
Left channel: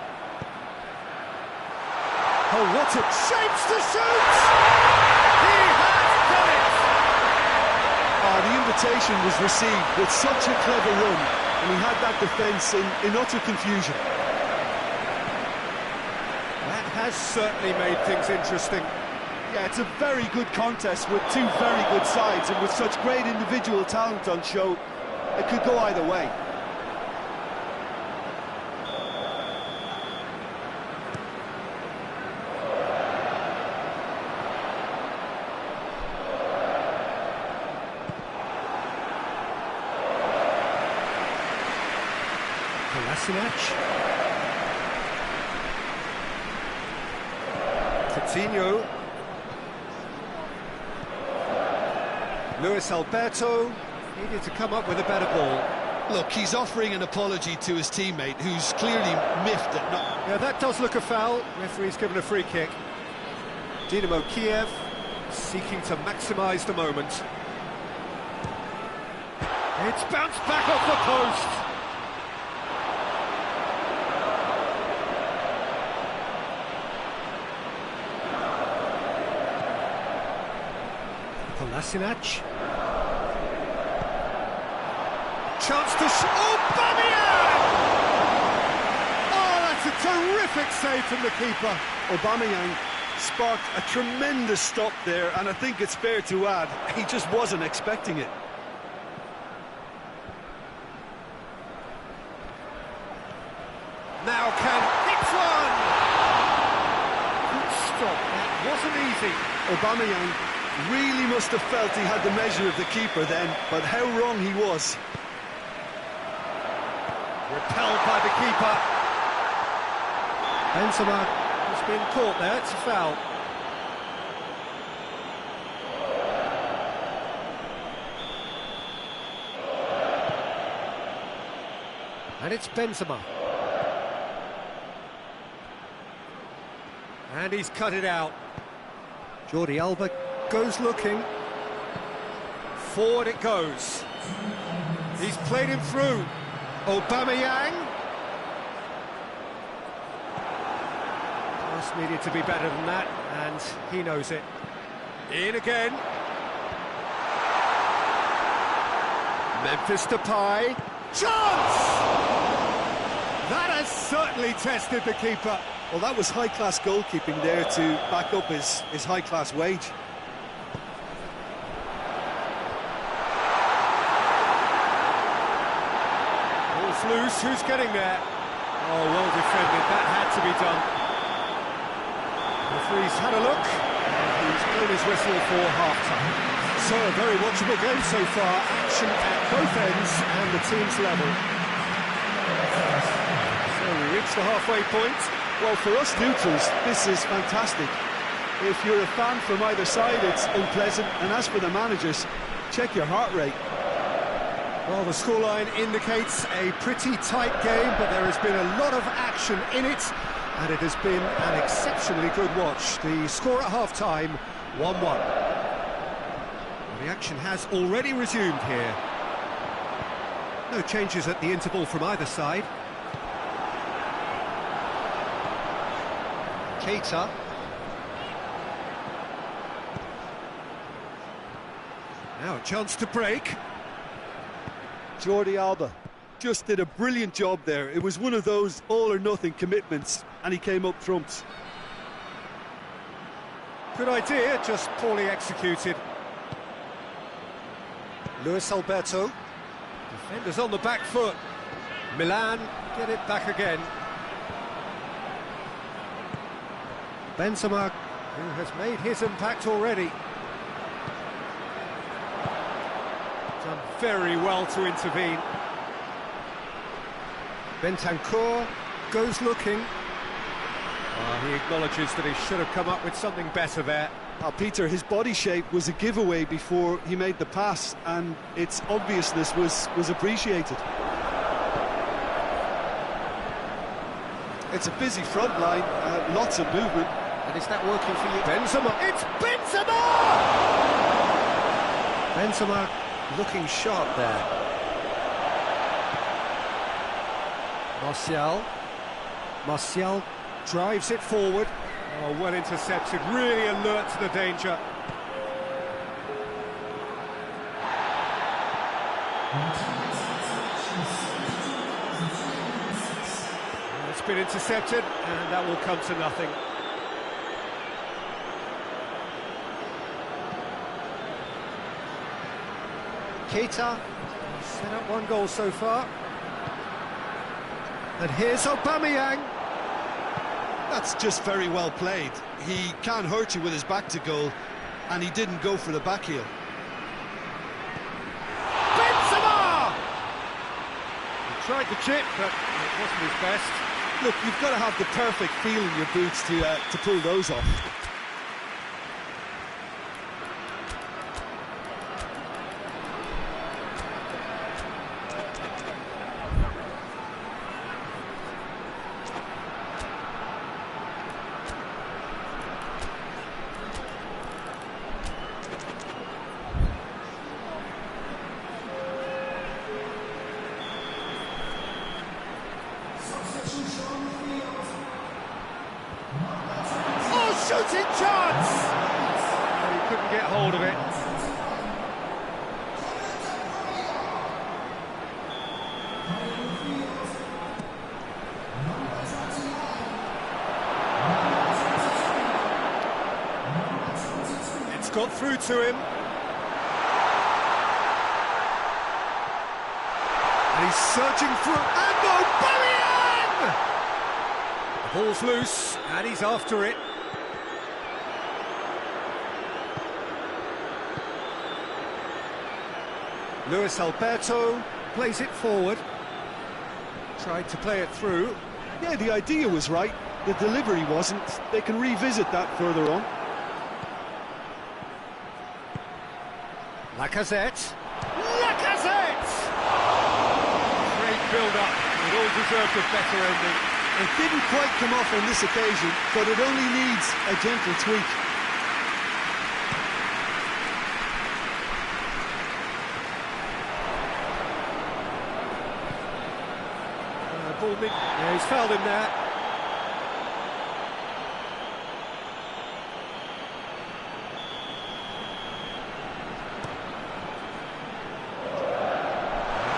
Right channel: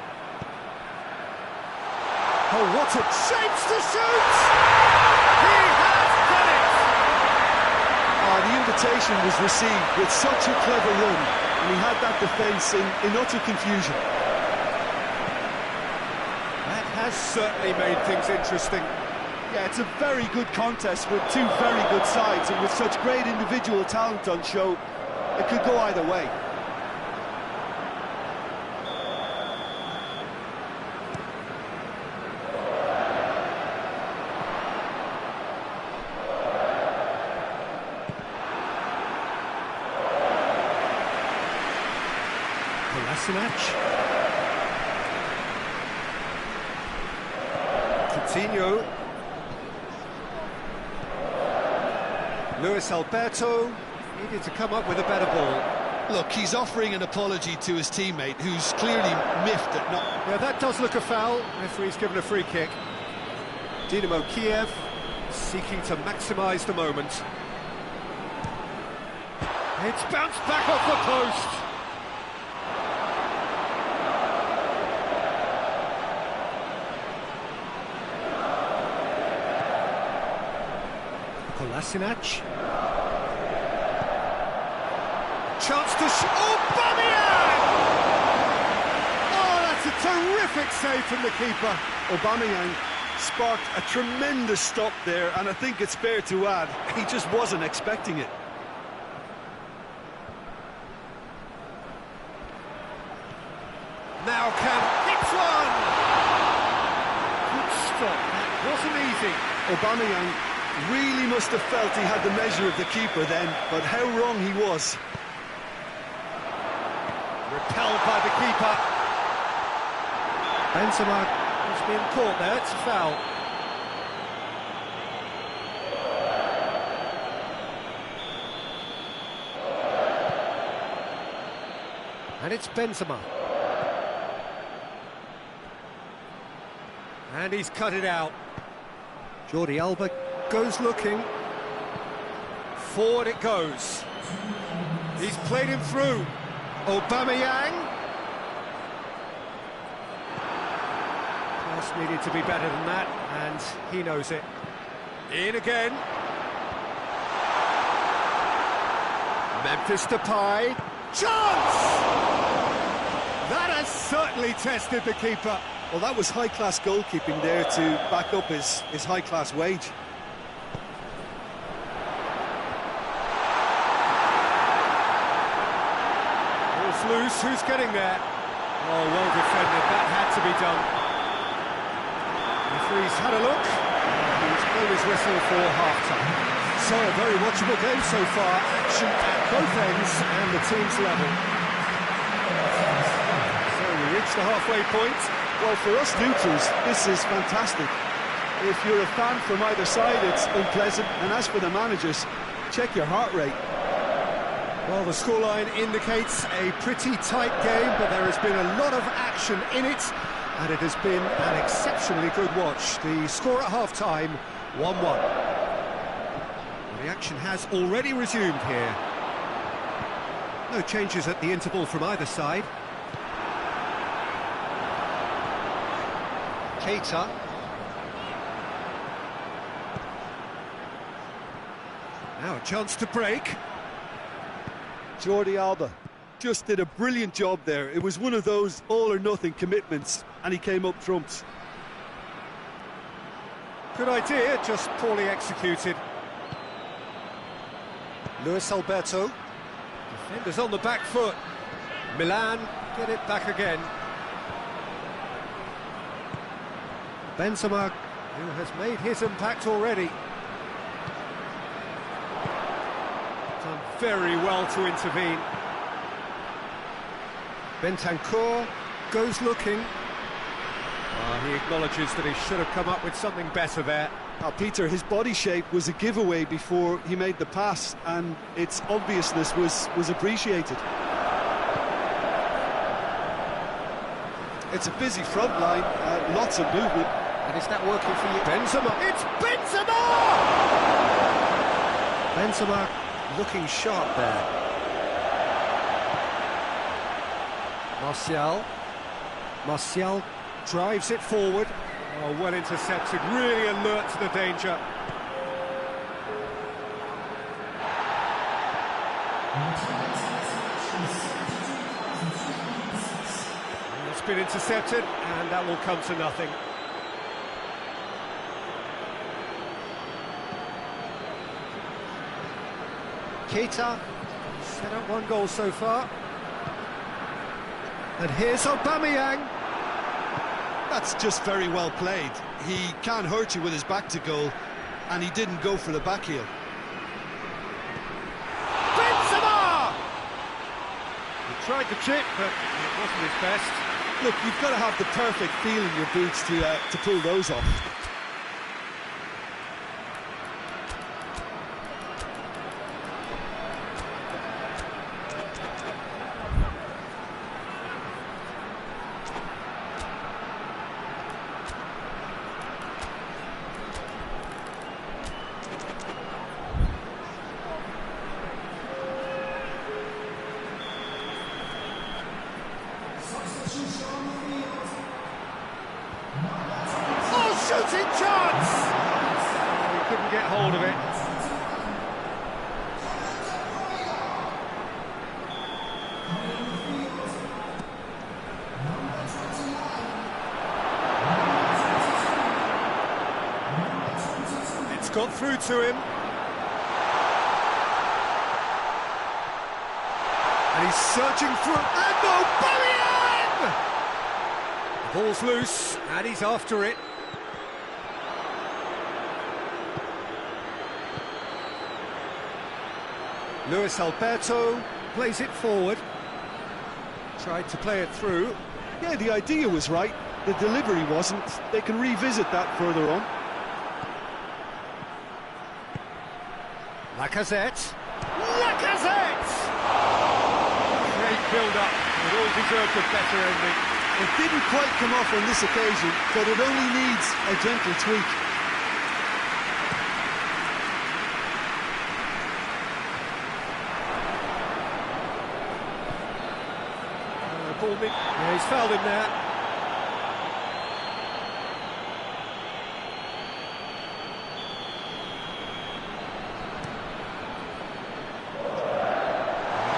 Oh, what a shapes to shoot! He has done it! The invitation was received with such a clever run, and he had that defence in utter confusion. That has certainly made things interesting. Yeah, it's a very good contest with two very good sides, and with such great individual talent on show, it could go either way. Kolasinac. Coutinho. Luis Alberto needed to come up with a better ball. Look, he's offering an apology to his teammate, who's clearly miffed at not... Yeah, that does look a foul. Referee's given a free kick. Dynamo Kiev seeking to maximise the moment. It's bounced back off the post. Kolasinac. Chance to Aubameyang! Oh, that's a terrific save from the keeper. Aubameyang sparked a tremendous stop there, and I think it's fair to add, he just wasn't expecting it. Now can hit one! Good stop, that wasn't easy. Aubameyang really must have felt he had the measure of the keeper then, but how wrong he was. Repelled by the keeper. Benzema has been caught there, it's a foul. And it's Benzema. And he's cut it out. Jordi Alba goes looking. Forward it goes. He's played him through. Aubameyang. Pass needed to be better than that, and he knows it. In again. Memphis Depay. Chance! That has certainly tested the keeper. Well, that was high-class goalkeeping there to back up his high-class wage. Ball's loose, who's getting there? Oh, well defended, that had to be done. Referee's had a look, and he's blown his whistle for half-time. So, a very watchable game so far, action at both ends and the team's level. So, we reach the halfway point. Well, for us neutrals, this is fantastic. If you're a fan from either side, it's unpleasant, and as for the managers, check your heart rate. Well, the scoreline indicates a pretty tight game, but there has been a lot of action in it, and it has been an exceptionally good watch. The score at half-time, 1-1. Well, the action has already resumed here. No changes at the interval from either side. Keita. Now a chance to break. Jordi Alba just did a brilliant job there. It was one of those all-or-nothing commitments, and he came up trumps. Good idea, just poorly executed. Luis Alberto. Defenders on the back foot. Milan get it back again. Benzema, who has made his impact already. Done very well to intervene. Bentancur goes looking. He acknowledges that he should have come up with something better there. Peter, his body shape was a giveaway before he made the pass, and its obviousness was appreciated. It's a busy front line, lots of movement. And is that working for you? Benzema! It's Benzema! Benzema looking sharp there. Martial drives it forward. Oh, well intercepted, really alert to the danger. It's been intercepted, and that will come to nothing. Keita, he's set up one goal so far. And here's Aubameyang. That's just very well played. He can't hurt you with his back to goal, and he didn't go for the back heel. Benzema! He tried the chip, but it wasn't his best. Look, you've got to have the perfect feel in your boots to pull those off. Shooting chance! Oh, he couldn't get hold of it. It's got through to him. And he's surging through. And Aubameyang! The ball's loose, and he's after it. Luis Alberto plays it forward. Tried to play it through. Yeah, the idea was right. The delivery wasn't. They can revisit that further on. Lacazette. Lacazette! Great build-up. It all deserved a better ending. It didn't quite come off on this occasion, but it only needs a gentle tweak. Yeah, he's fouled him there.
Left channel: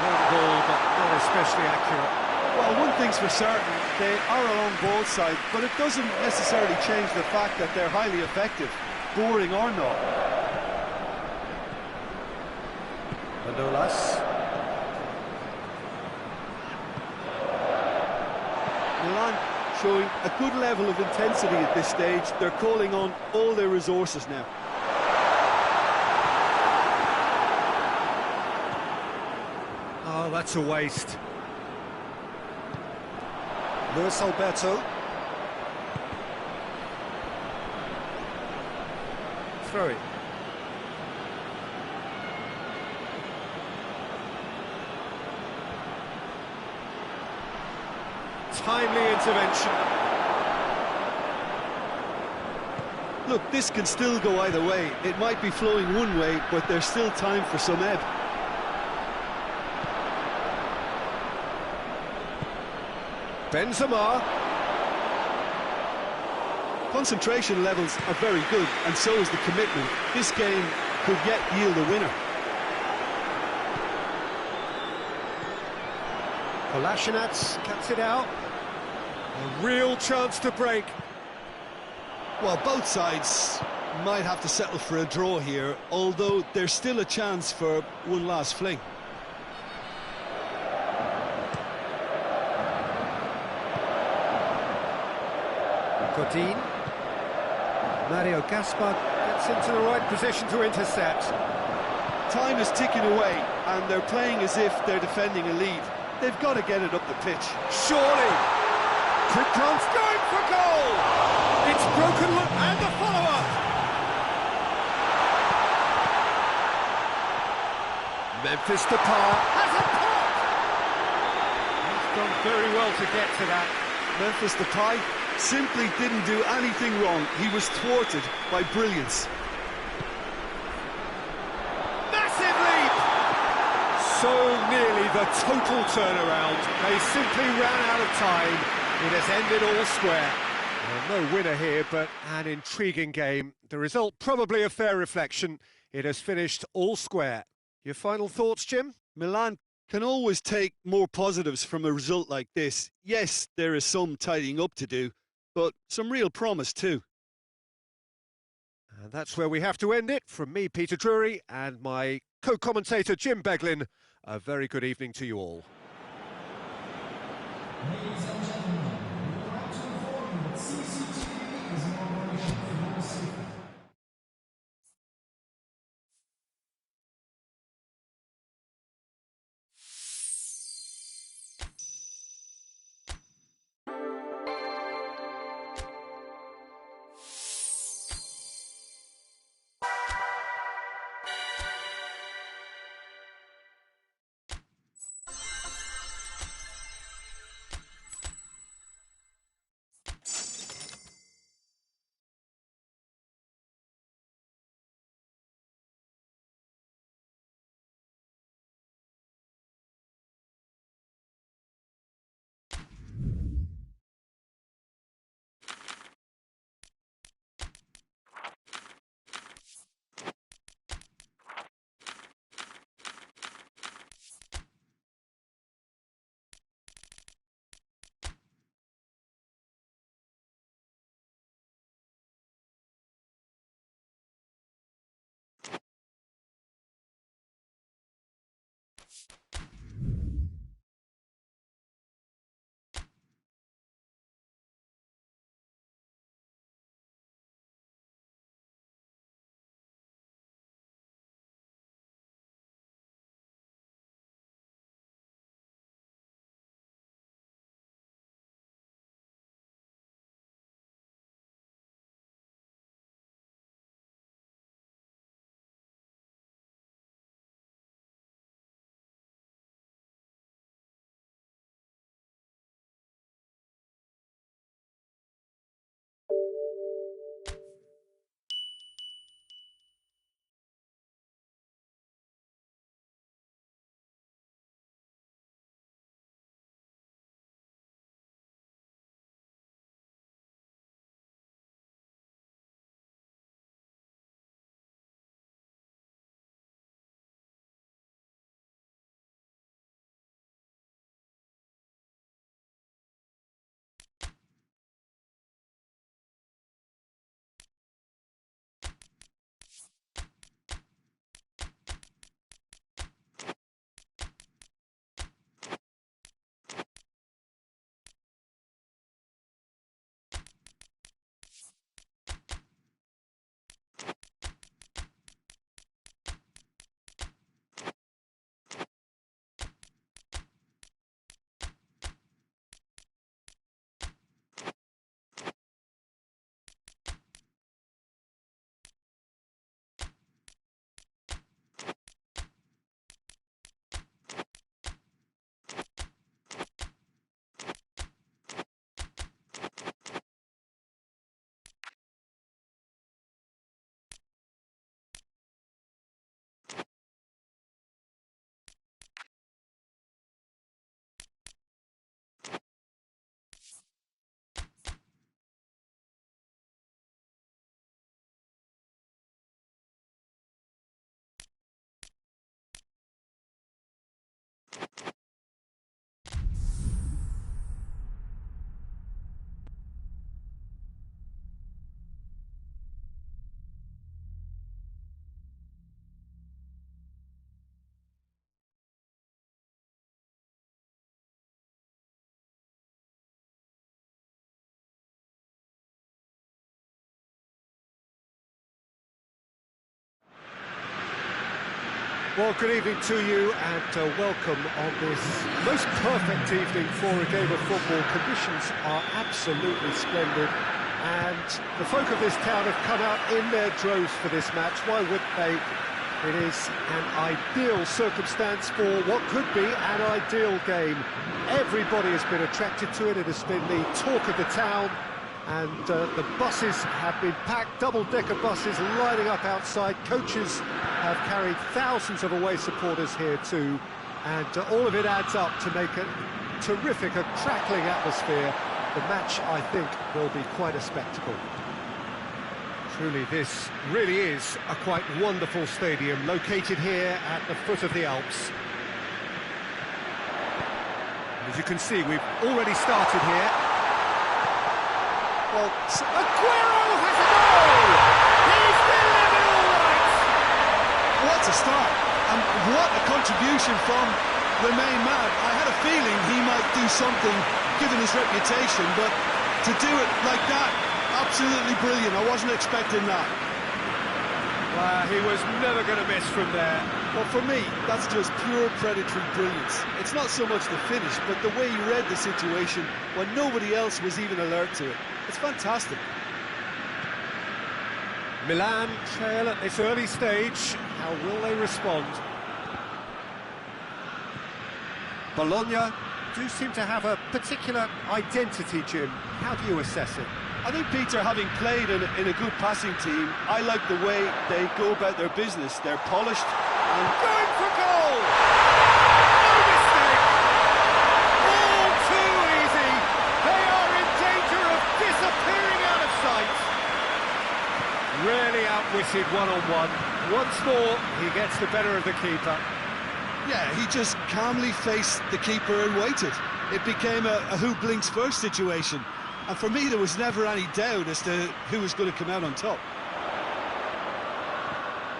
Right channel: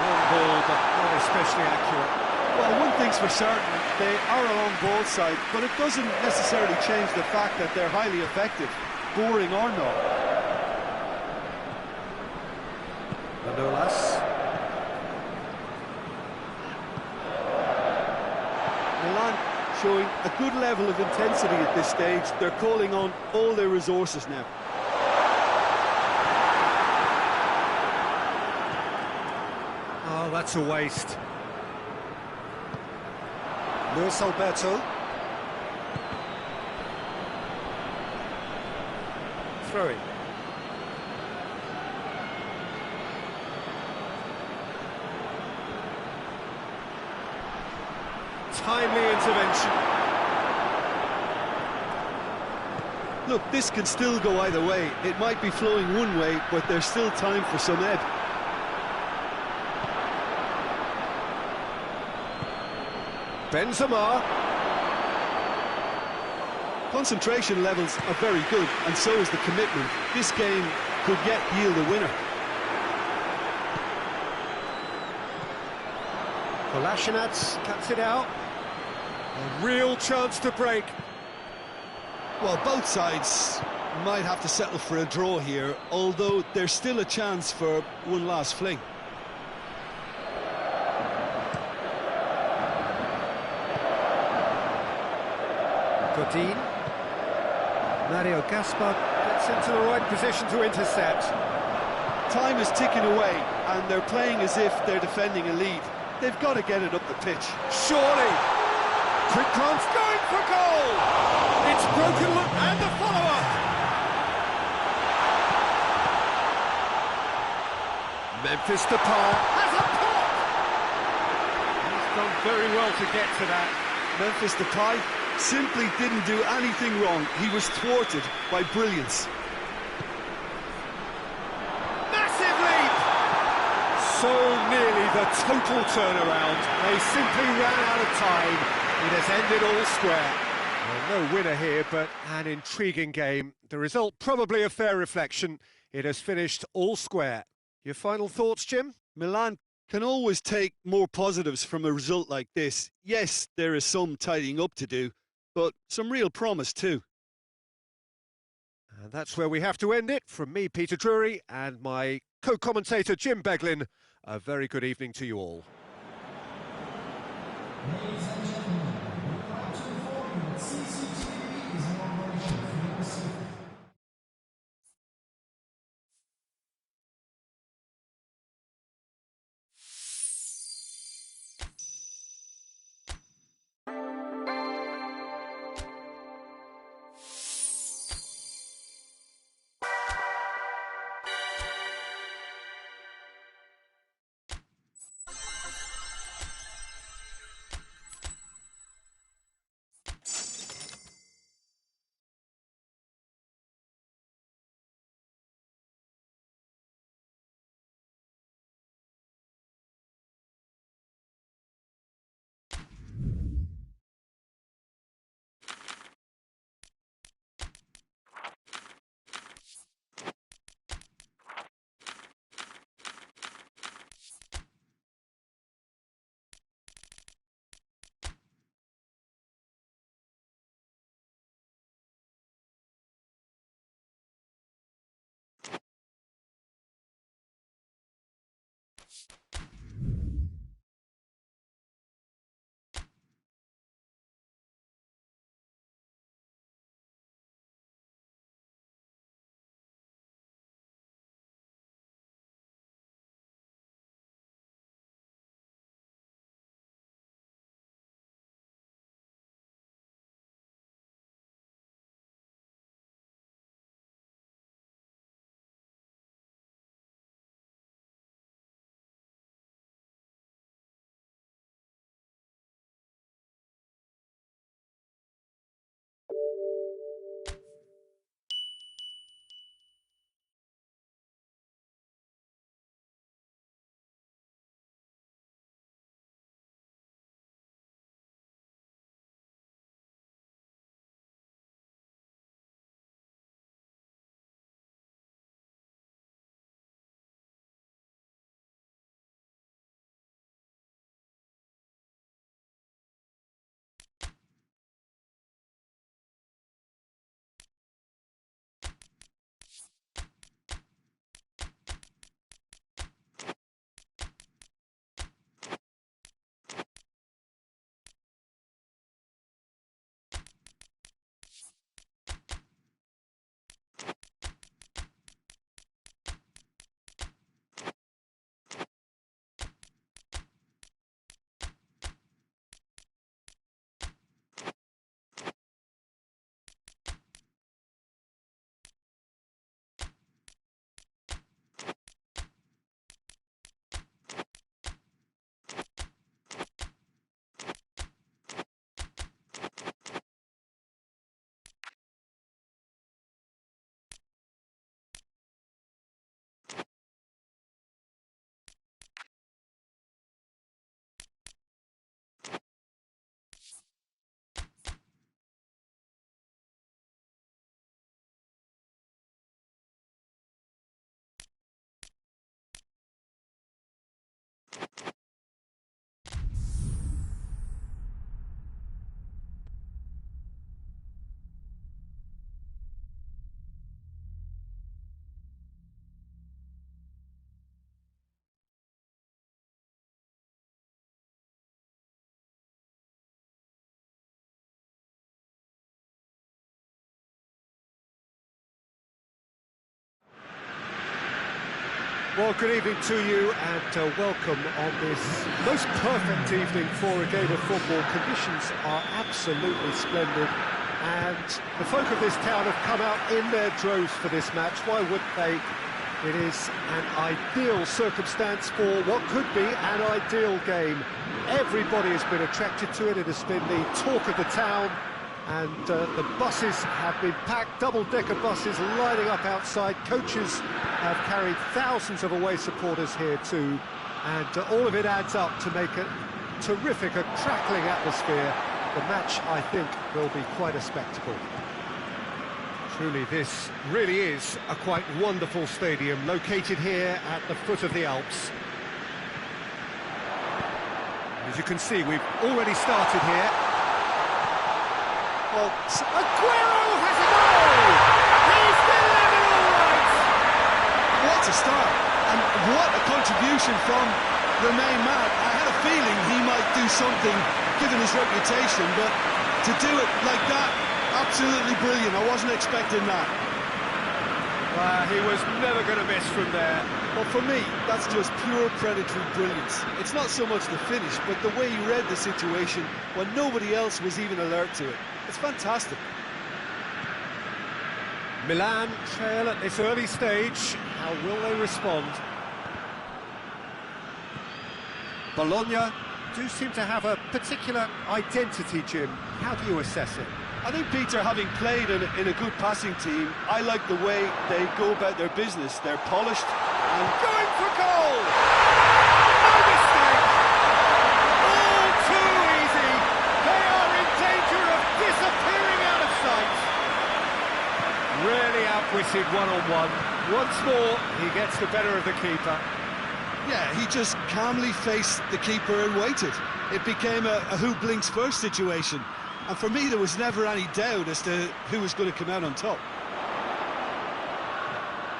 Long ball, but not especially accurate. Well, one thing's for certain, they are a long ball side, but it doesn't necessarily change the fact that they're highly effective, boring or not. Manolas. Milan showing a good level of intensity at this stage. They're calling on all their resources now. Oh, that's a waste. Luis Alberto. Throw it. timely intervention. Look, this can still go either way. It might be flowing one way, but there's still time for some ebb. Benzema. Concentration levels are very good, and so is the commitment. This game could yet yield a winner. Kolasinac cuts it out. A real chance to break. Well, both sides might have to settle for a draw here, although there's still a chance for one last fling. Godin. Mario Gaspar gets into the right position to intercept. Time is ticking away, and they're playing as if they're defending a lead. They've got to get it up the pitch. Surely! Quick glance going for goal! It's broken look and the follow-up! Memphis Depay has a pop! He's done very well to get to that. Memphis Depay simply didn't do anything wrong. He was thwarted by brilliance. Massive leap! So nearly the total turnaround. They simply ran out of time. It has ended all square. Well, no winner here, but an intriguing game. The result probably a fair reflection. It has finished all square. Your final thoughts, Jim? Milan can always take more positives from a result like this. Yes, there is some tidying up to do, but some real promise too. And that's where we have to end it. From me, Peter Drury, and my co-commentator, Jim Beglin, a very good evening to you all. Well, good evening to you and welcome on this most perfect evening for a game of football. Conditions are absolutely splendid and the folk of this town have come out in their droves for this match. Why would they? It is an ideal circumstance for what could be an ideal game. Everybody has been attracted to it. It has been the talk of the town. And the buses have been packed, double-decker buses lining up outside. Coaches have carried thousands of away supporters here too. And all of it adds up to make a terrific, a crackling atmosphere. The match, I think, will be quite a spectacle. Truly, this really is a quite wonderful stadium, located here at the foot of the Alps. As you can see, we've already started here. Well, Aguero has a goal! He's delivered all right! What a start, and what a contribution from the main man. I had a feeling he might do something, given his reputation, but to do it like that, absolutely brilliant. I wasn't expecting that. Well, he was never going to miss from there. Well, for me, that's just pure predatory brilliance. It's not so much the finish, but the way he read the situation when nobody else was even alert to it. It's fantastic. Milan trail at this early stage. How will they respond? Bologna do seem to have a particular identity, Jim. How do you assess it? I think, Peter, having played in a good passing team, I like the way they go about their business. They're polished and going for goal! No mistake! All too easy! They are in danger of disappearing out of sight! Really outwitted one-on-one. Once more, he gets the better of the keeper. Yeah, he just calmly faced the keeper and waited. It became a who blinks first situation. And for me, there was never any doubt as to who was going to come out on top.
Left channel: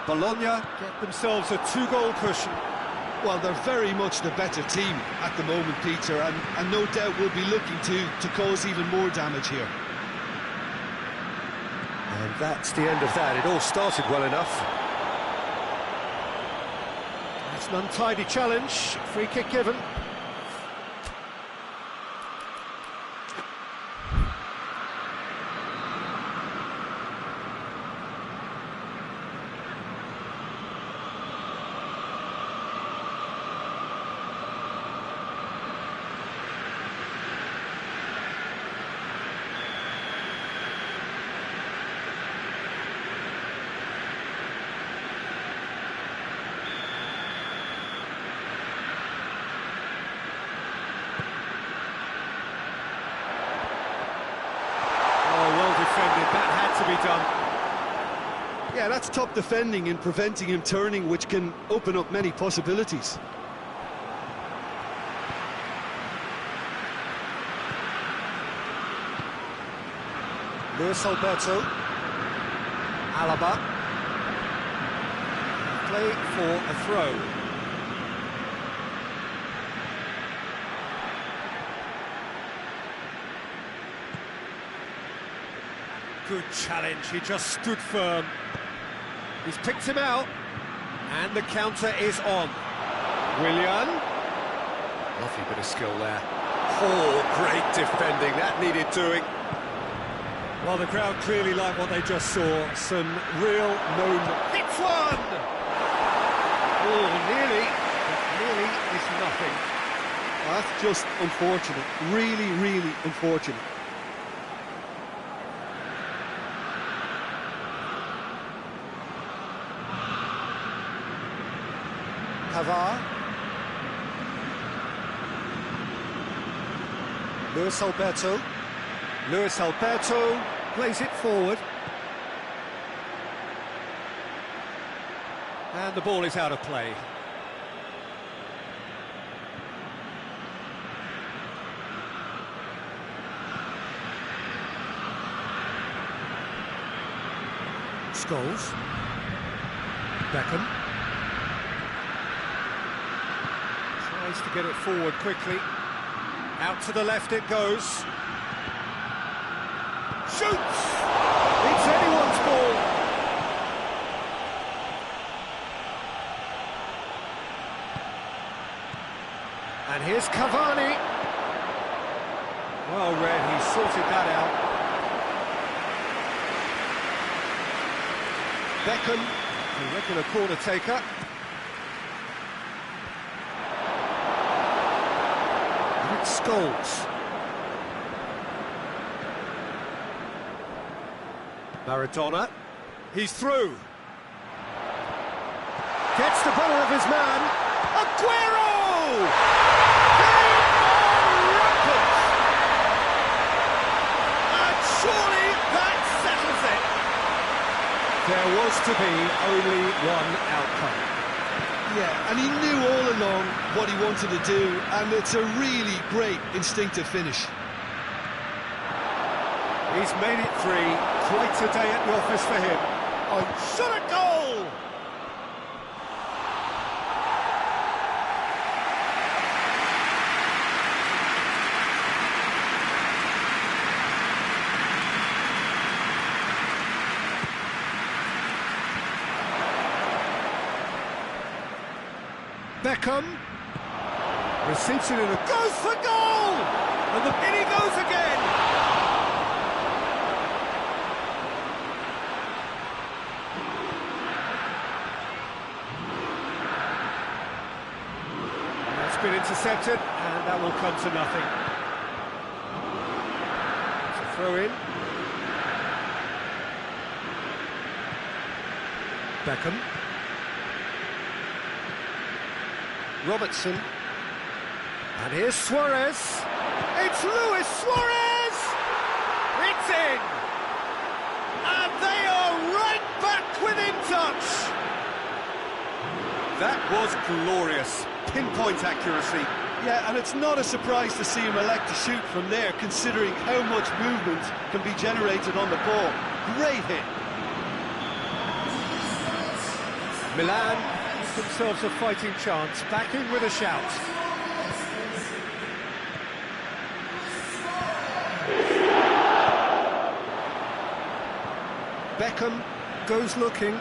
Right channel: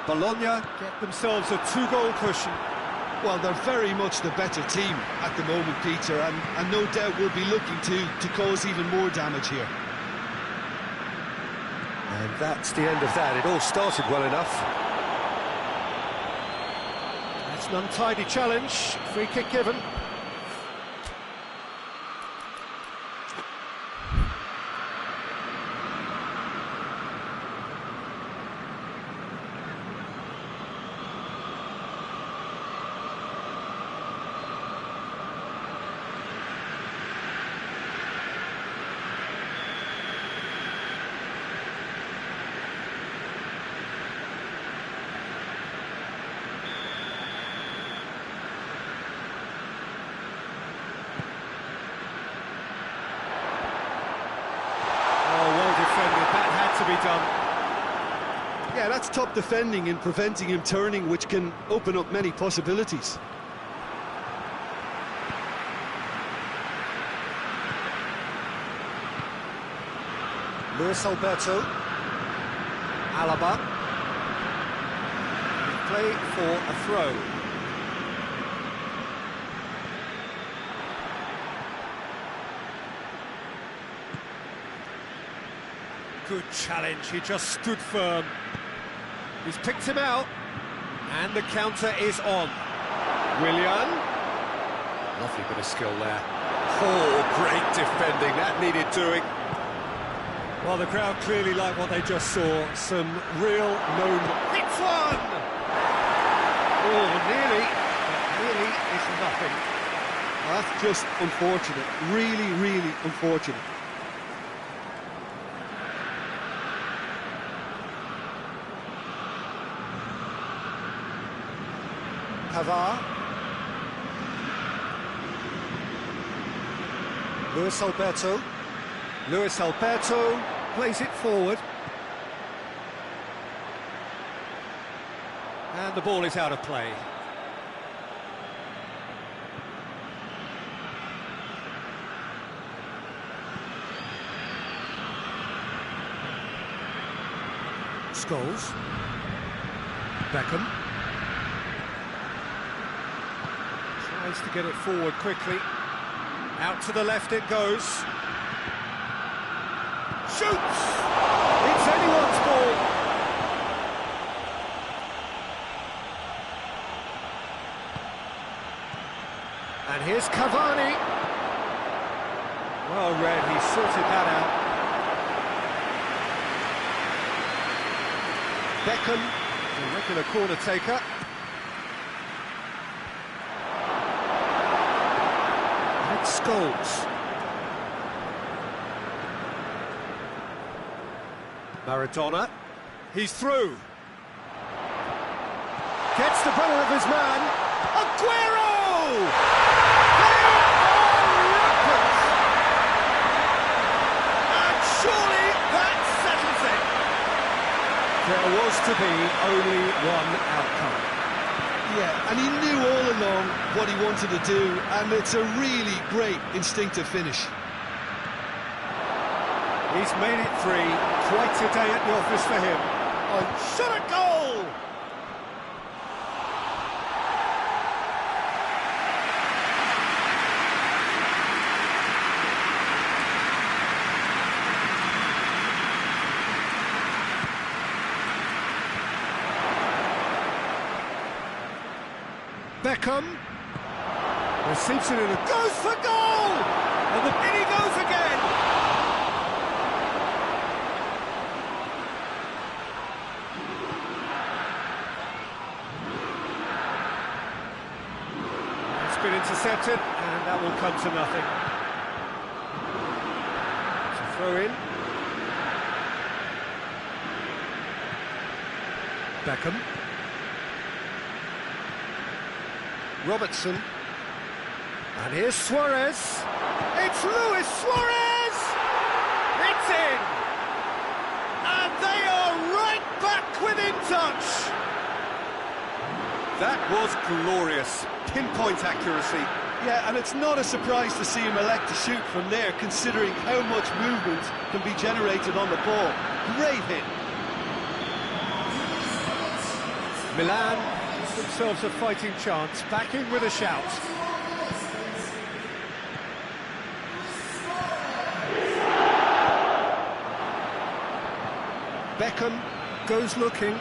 Bologna get themselves a two-goal cushion. Well, they're very much the better team at the moment, Peter, and no doubt will be looking to cause even more damage here. And that's the end of that. It all started well enough. It's an untidy challenge. Free kick given. Defended, that had to be done. Yeah, that's top defending in preventing him turning, which can open up many possibilities. Luis Alberto, Alaba, play for a throw. Good challenge, he just stood firm. He's picked him out, and the counter is on. Willian. Lovely bit of skill there. Oh, great defending, that needed doing. Well, the crowd clearly like what they just saw. Some real known... Hits one! Oh, nearly, but nearly is nothing. Oh, that's just unfortunate, really, really unfortunate. Pavard. Luis Alberto. Luis Alberto plays it forward. And the ball is out of play. Scholes. Beckham. Tries to get it forward quickly. Out to the left it goes. Shoots! It's anyone's ball. And here's Cavani. Well read, he sorted that out. Beckham, a regular corner taker. And it's Scholes. Maradona, he's through. Gets the better of his man. Aguero! They are rampant! And surely that settles it. There was to be only one outcome. Yeah, and he knew all along what he wanted to do, and it's a really great instinctive finish. He's made it 3. Quite a day at the office for him. On shot a goal! Beckham receives it in a goes for goal, and in he goes again. It's been intercepted, and that will come to nothing. It's a throw in. Beckham. Robertson, and here's Suarez. It's Luis Suarez! It's in! And they are right back within touch! That was glorious. Pinpoint accuracy. Yeah, and it's not a surprise to see him elect to shoot from there, considering how much movement can be generated on the ball. Great hit. Milan give themselves a fighting chance, back in with a shout. Beckham goes looking.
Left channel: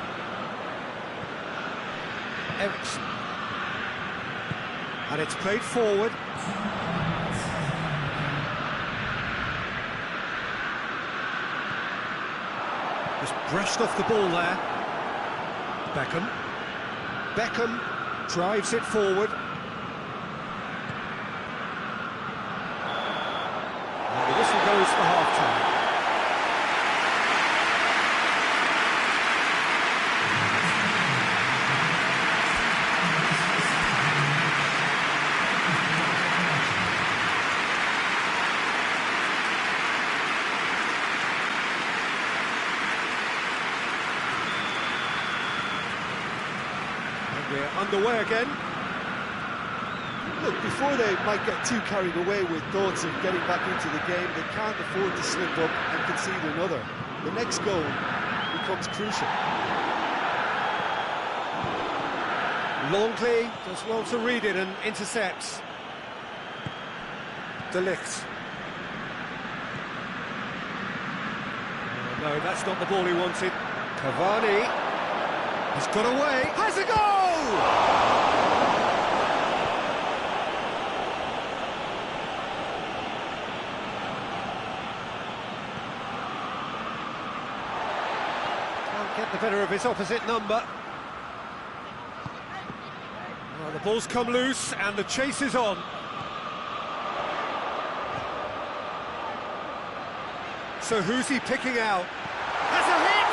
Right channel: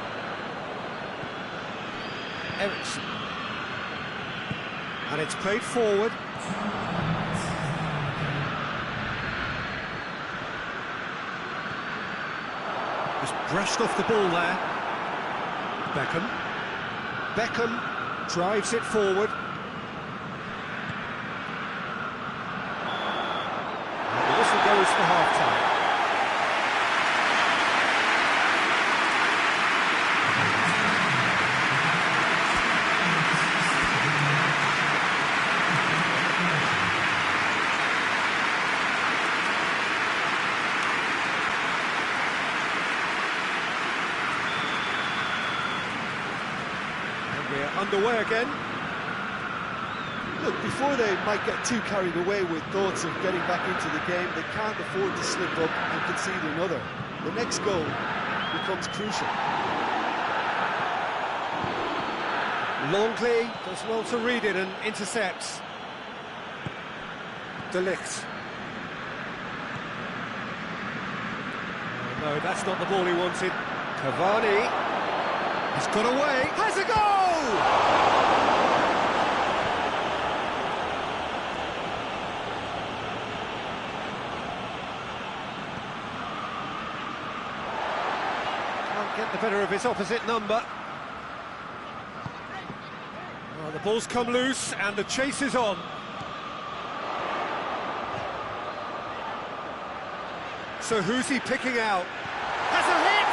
Ericsson. And it's played forward. Just brushed off the ball there. Beckham. Beckham drives it forward. And the whistle goes for half-time. We're underway again. Look, before they might get too carried away with thoughts of getting back into the game, they can't afford to slip up and concede another. The next goal becomes crucial. Longley does well to read it and intercepts. De Ligt. Oh, no, that's not the ball he wanted. Cavani. He's got away. Has a goal! Can't get the better of his opposite number. Oh, the ball's come loose and the chase is on. So who's he picking out? Has a hit!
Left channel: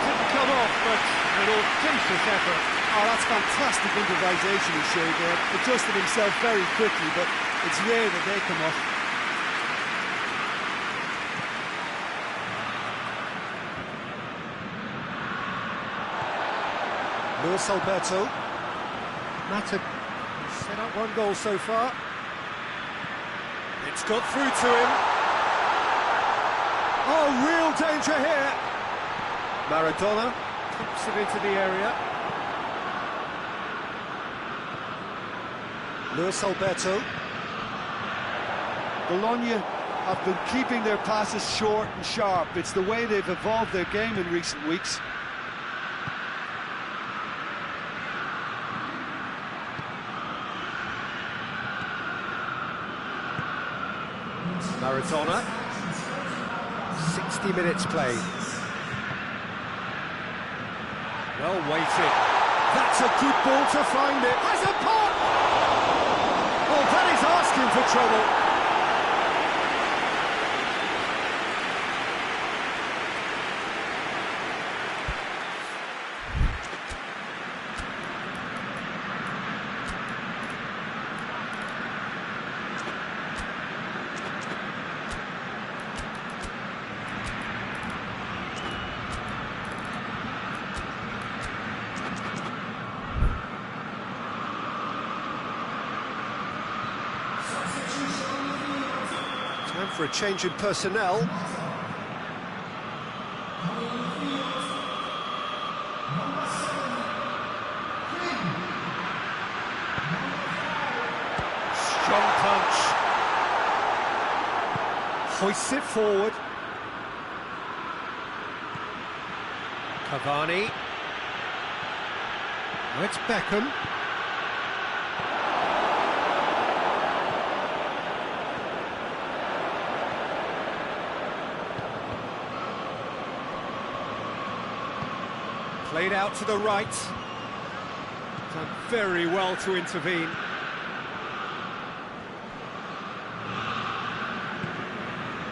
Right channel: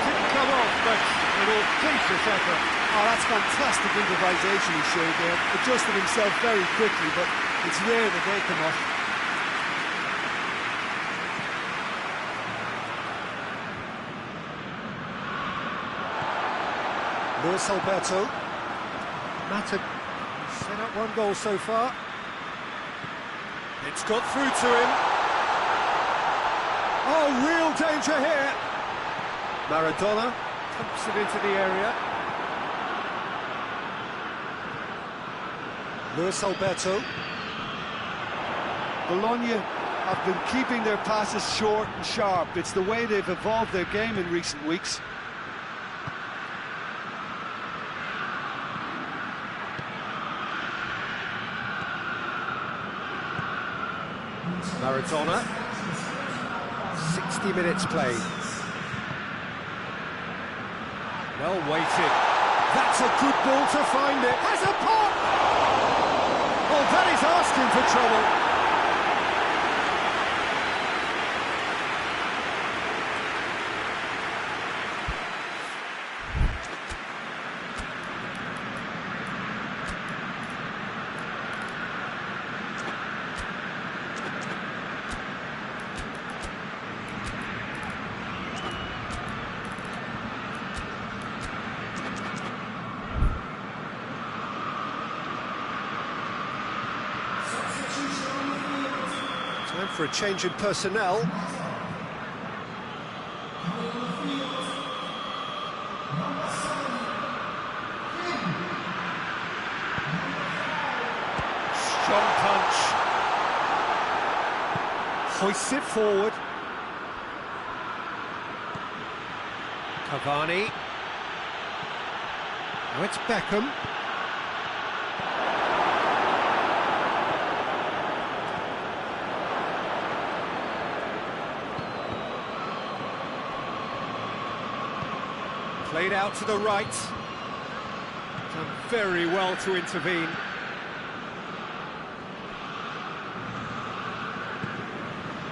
Didn't come off, but an audacious effort. Oh, that's fantastic improvisation he showed there. Adjusted himself very quickly, but it's rare that they come off. Luis Alberto. Mata set up one goal so far. It's got through to him. Oh, real danger here. Maradona pumps it into the area. Luis Alberto. Bologna have been keeping their passes short and sharp. It's the way they've evolved their game in recent weeks. Maradona. 60 minutes played. Well weighted. That's a good ball to find it. Has a pot! Oh, that is asking for trouble. Time for a change in personnel. Strong punch. Hoists it forward. Cavani. Now it's Beckham. Played out to the right. Done very well to intervene.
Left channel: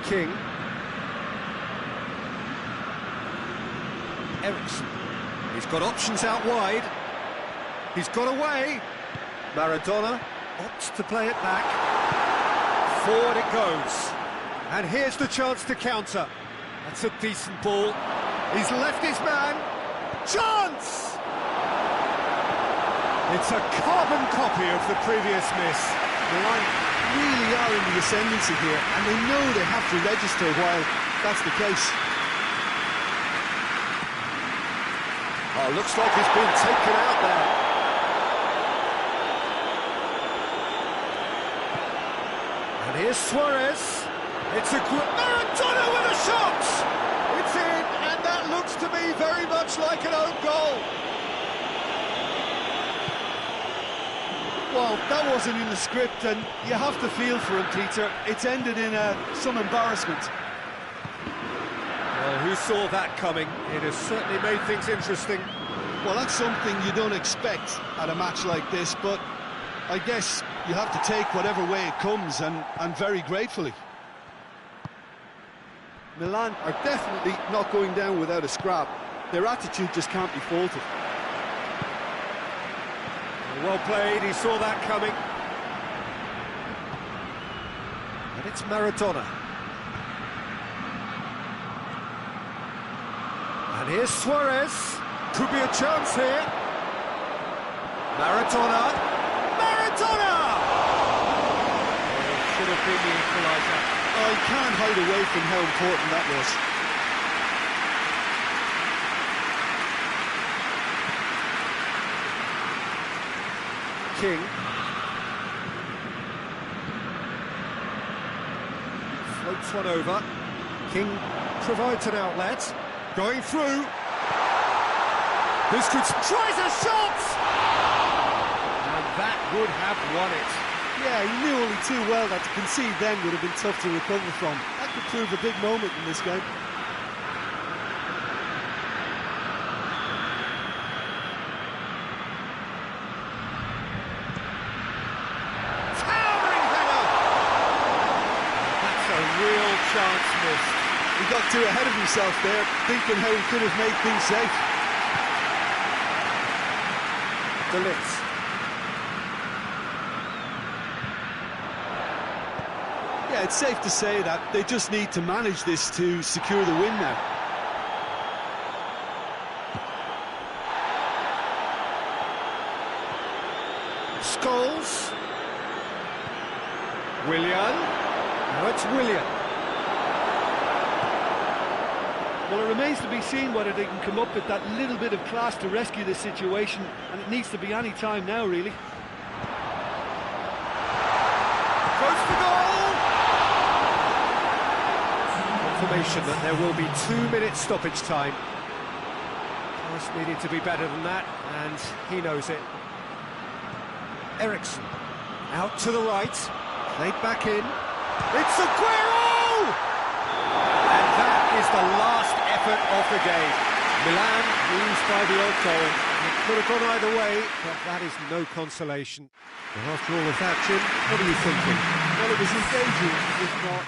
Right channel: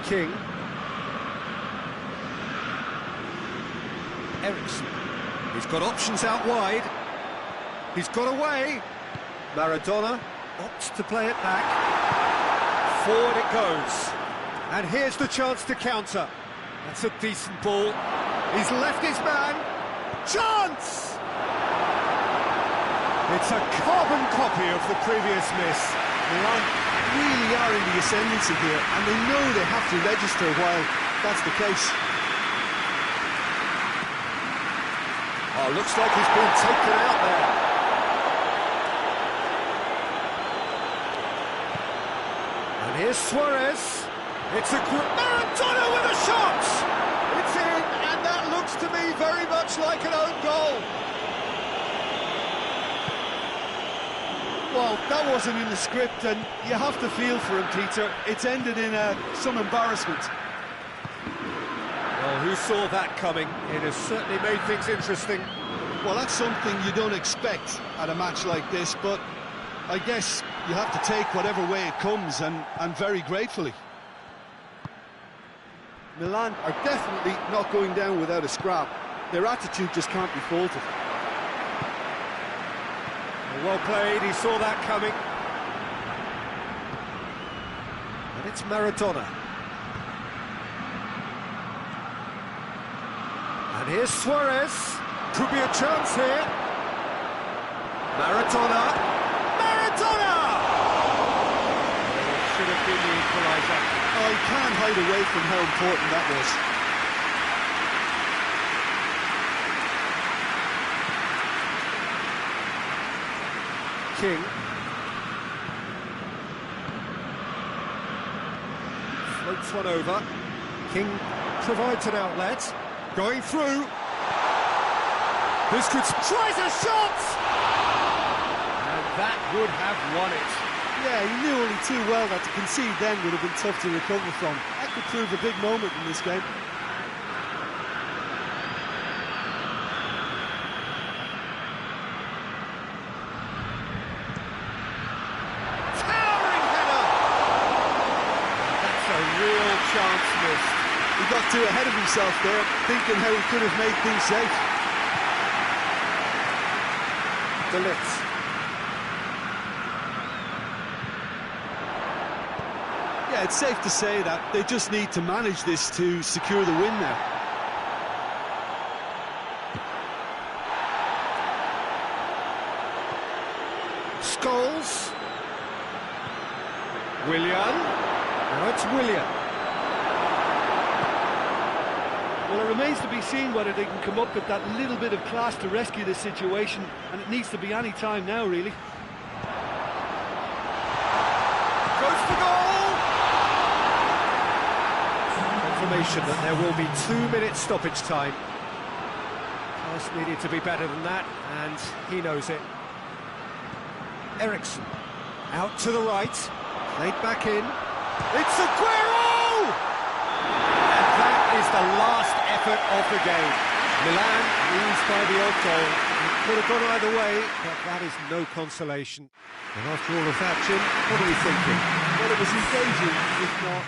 King. Ericsson. He's got options out wide. He's got away. Maradona opts to play it back. Forward it goes. And here's the chance to counter. That's a decent ball. He's left his man. Chance! It's a carbon copy of the previous miss. Milan really are in the ascendancy here, and they know they have to register while that's the case. Oh, looks like he's been taken out there. And here's Suarez. It's a good... Maradona with a shot! It's in, and that looks to me very much like an own goal. Well, that wasn't in the script, and you have to feel for him, Peter. It's ended in some embarrassment. Well, who saw that coming? It has certainly made things interesting. Well, that's something you don't expect at a match like this, but I guess you have to take whatever way it comes, and very gratefully. Milan are definitely not going down without a scrap. Their attitude just can't be faulted. Well played, he saw that coming. And it's Maradona. And here's Suarez. Could be a chance here. Maradona. Maradona! Oh, should have been the equaliser. Oh, you can't hide away from how important that was. King. Floats one over. King provides an outlet. Going through. This could... Tries a shot! And that would have won it. Yeah, he knew only too well that to concede then would have been tough to recover from. That could prove a big moment in this game. Towering header! That's a real chance missed. He got too ahead of himself there, thinking how he could have made things safe. De Ligt. Yeah, it's safe to say that they just need to manage this to secure the win now. Scholes. Willian. Now it's Willian. Well, it remains to be seen whether they can come up with that little bit of class to rescue this situation, and it needs to be any time now, really. Goes for goal! Confirmation that there will be 2 minutes stoppage time. Pass needed to be better than that, and he knows it. Ericsson out to the right, played back in. It's Aguero! And that is the last effort of the game. Milan lose by the odd goal. It could have gone either way, but that is no consolation. And after all of that, Jim, what are you thinking? Well, it was engaging, if not...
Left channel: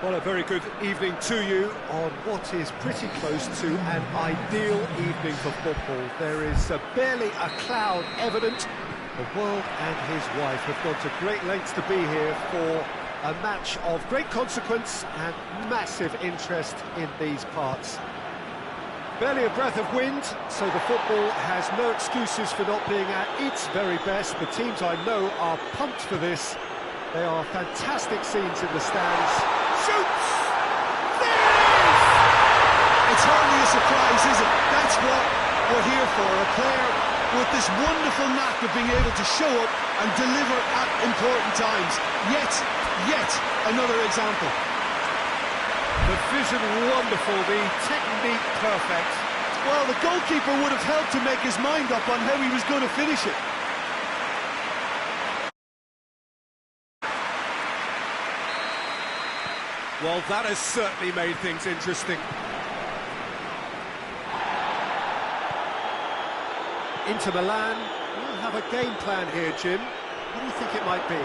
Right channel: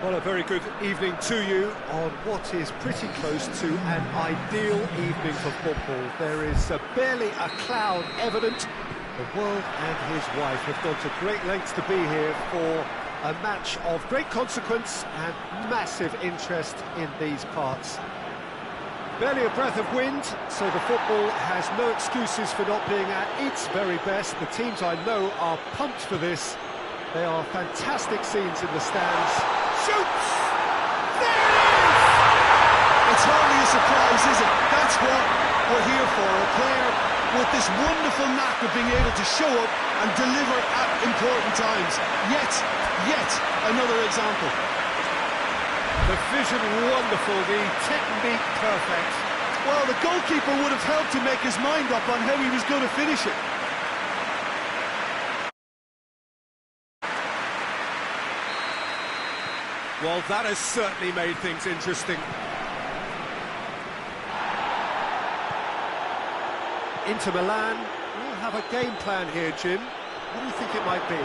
Well, a very good evening to you on what is pretty close to an ideal evening for football. There is barely a cloud evident. The world and his wife have gone to great lengths to be here for a match of great consequence and massive interest in these parts. Barely a breath of wind, so the football has no excuses for not being at its very best. The teams I know are pumped for this. They are fantastic scenes in the stands. Shoots! There it is! It's hardly a surprise, is it? That's what we're here for, a player with this wonderful knack of being able to show up and deliver at important times. Yet another example. The vision wonderful, the technique perfect. Well, the goalkeeper would have helped to make his mind up on how he was going to finish it. Well, that has certainly made things interesting. Inter Milan will have a game plan here, Jim. What do you think it might be?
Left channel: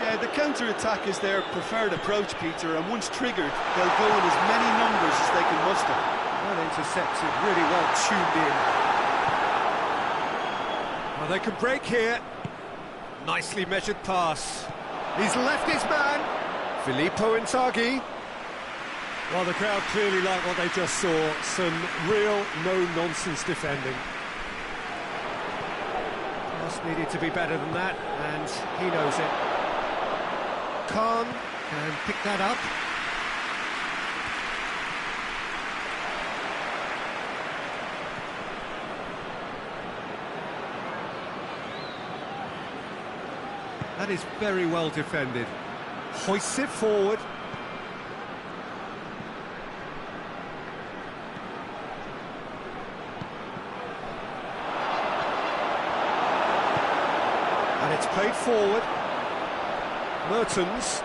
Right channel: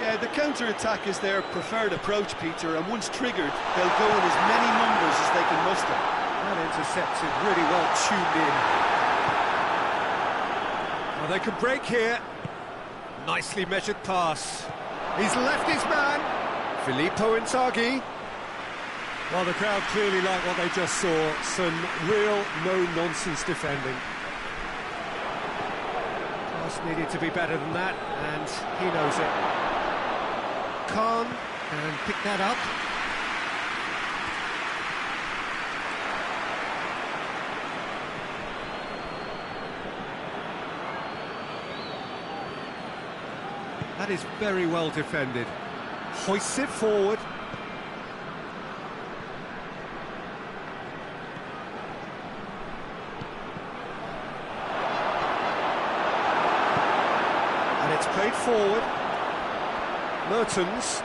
Yeah, the counter-attack is their preferred approach, Peter, and once triggered, they'll go in as many numbers as they can muster. Well intercepted, really well tuned in. Well, they can break here. Nicely measured pass. He's left his man. Filippo Inzaghi. Well, the crowd clearly like what they just saw. Some real no-nonsense defending. Pass needed to be better than that, and he knows it. Khan can pick that up. That is very well defended. Hoists it forward. And it's played forward. Mertens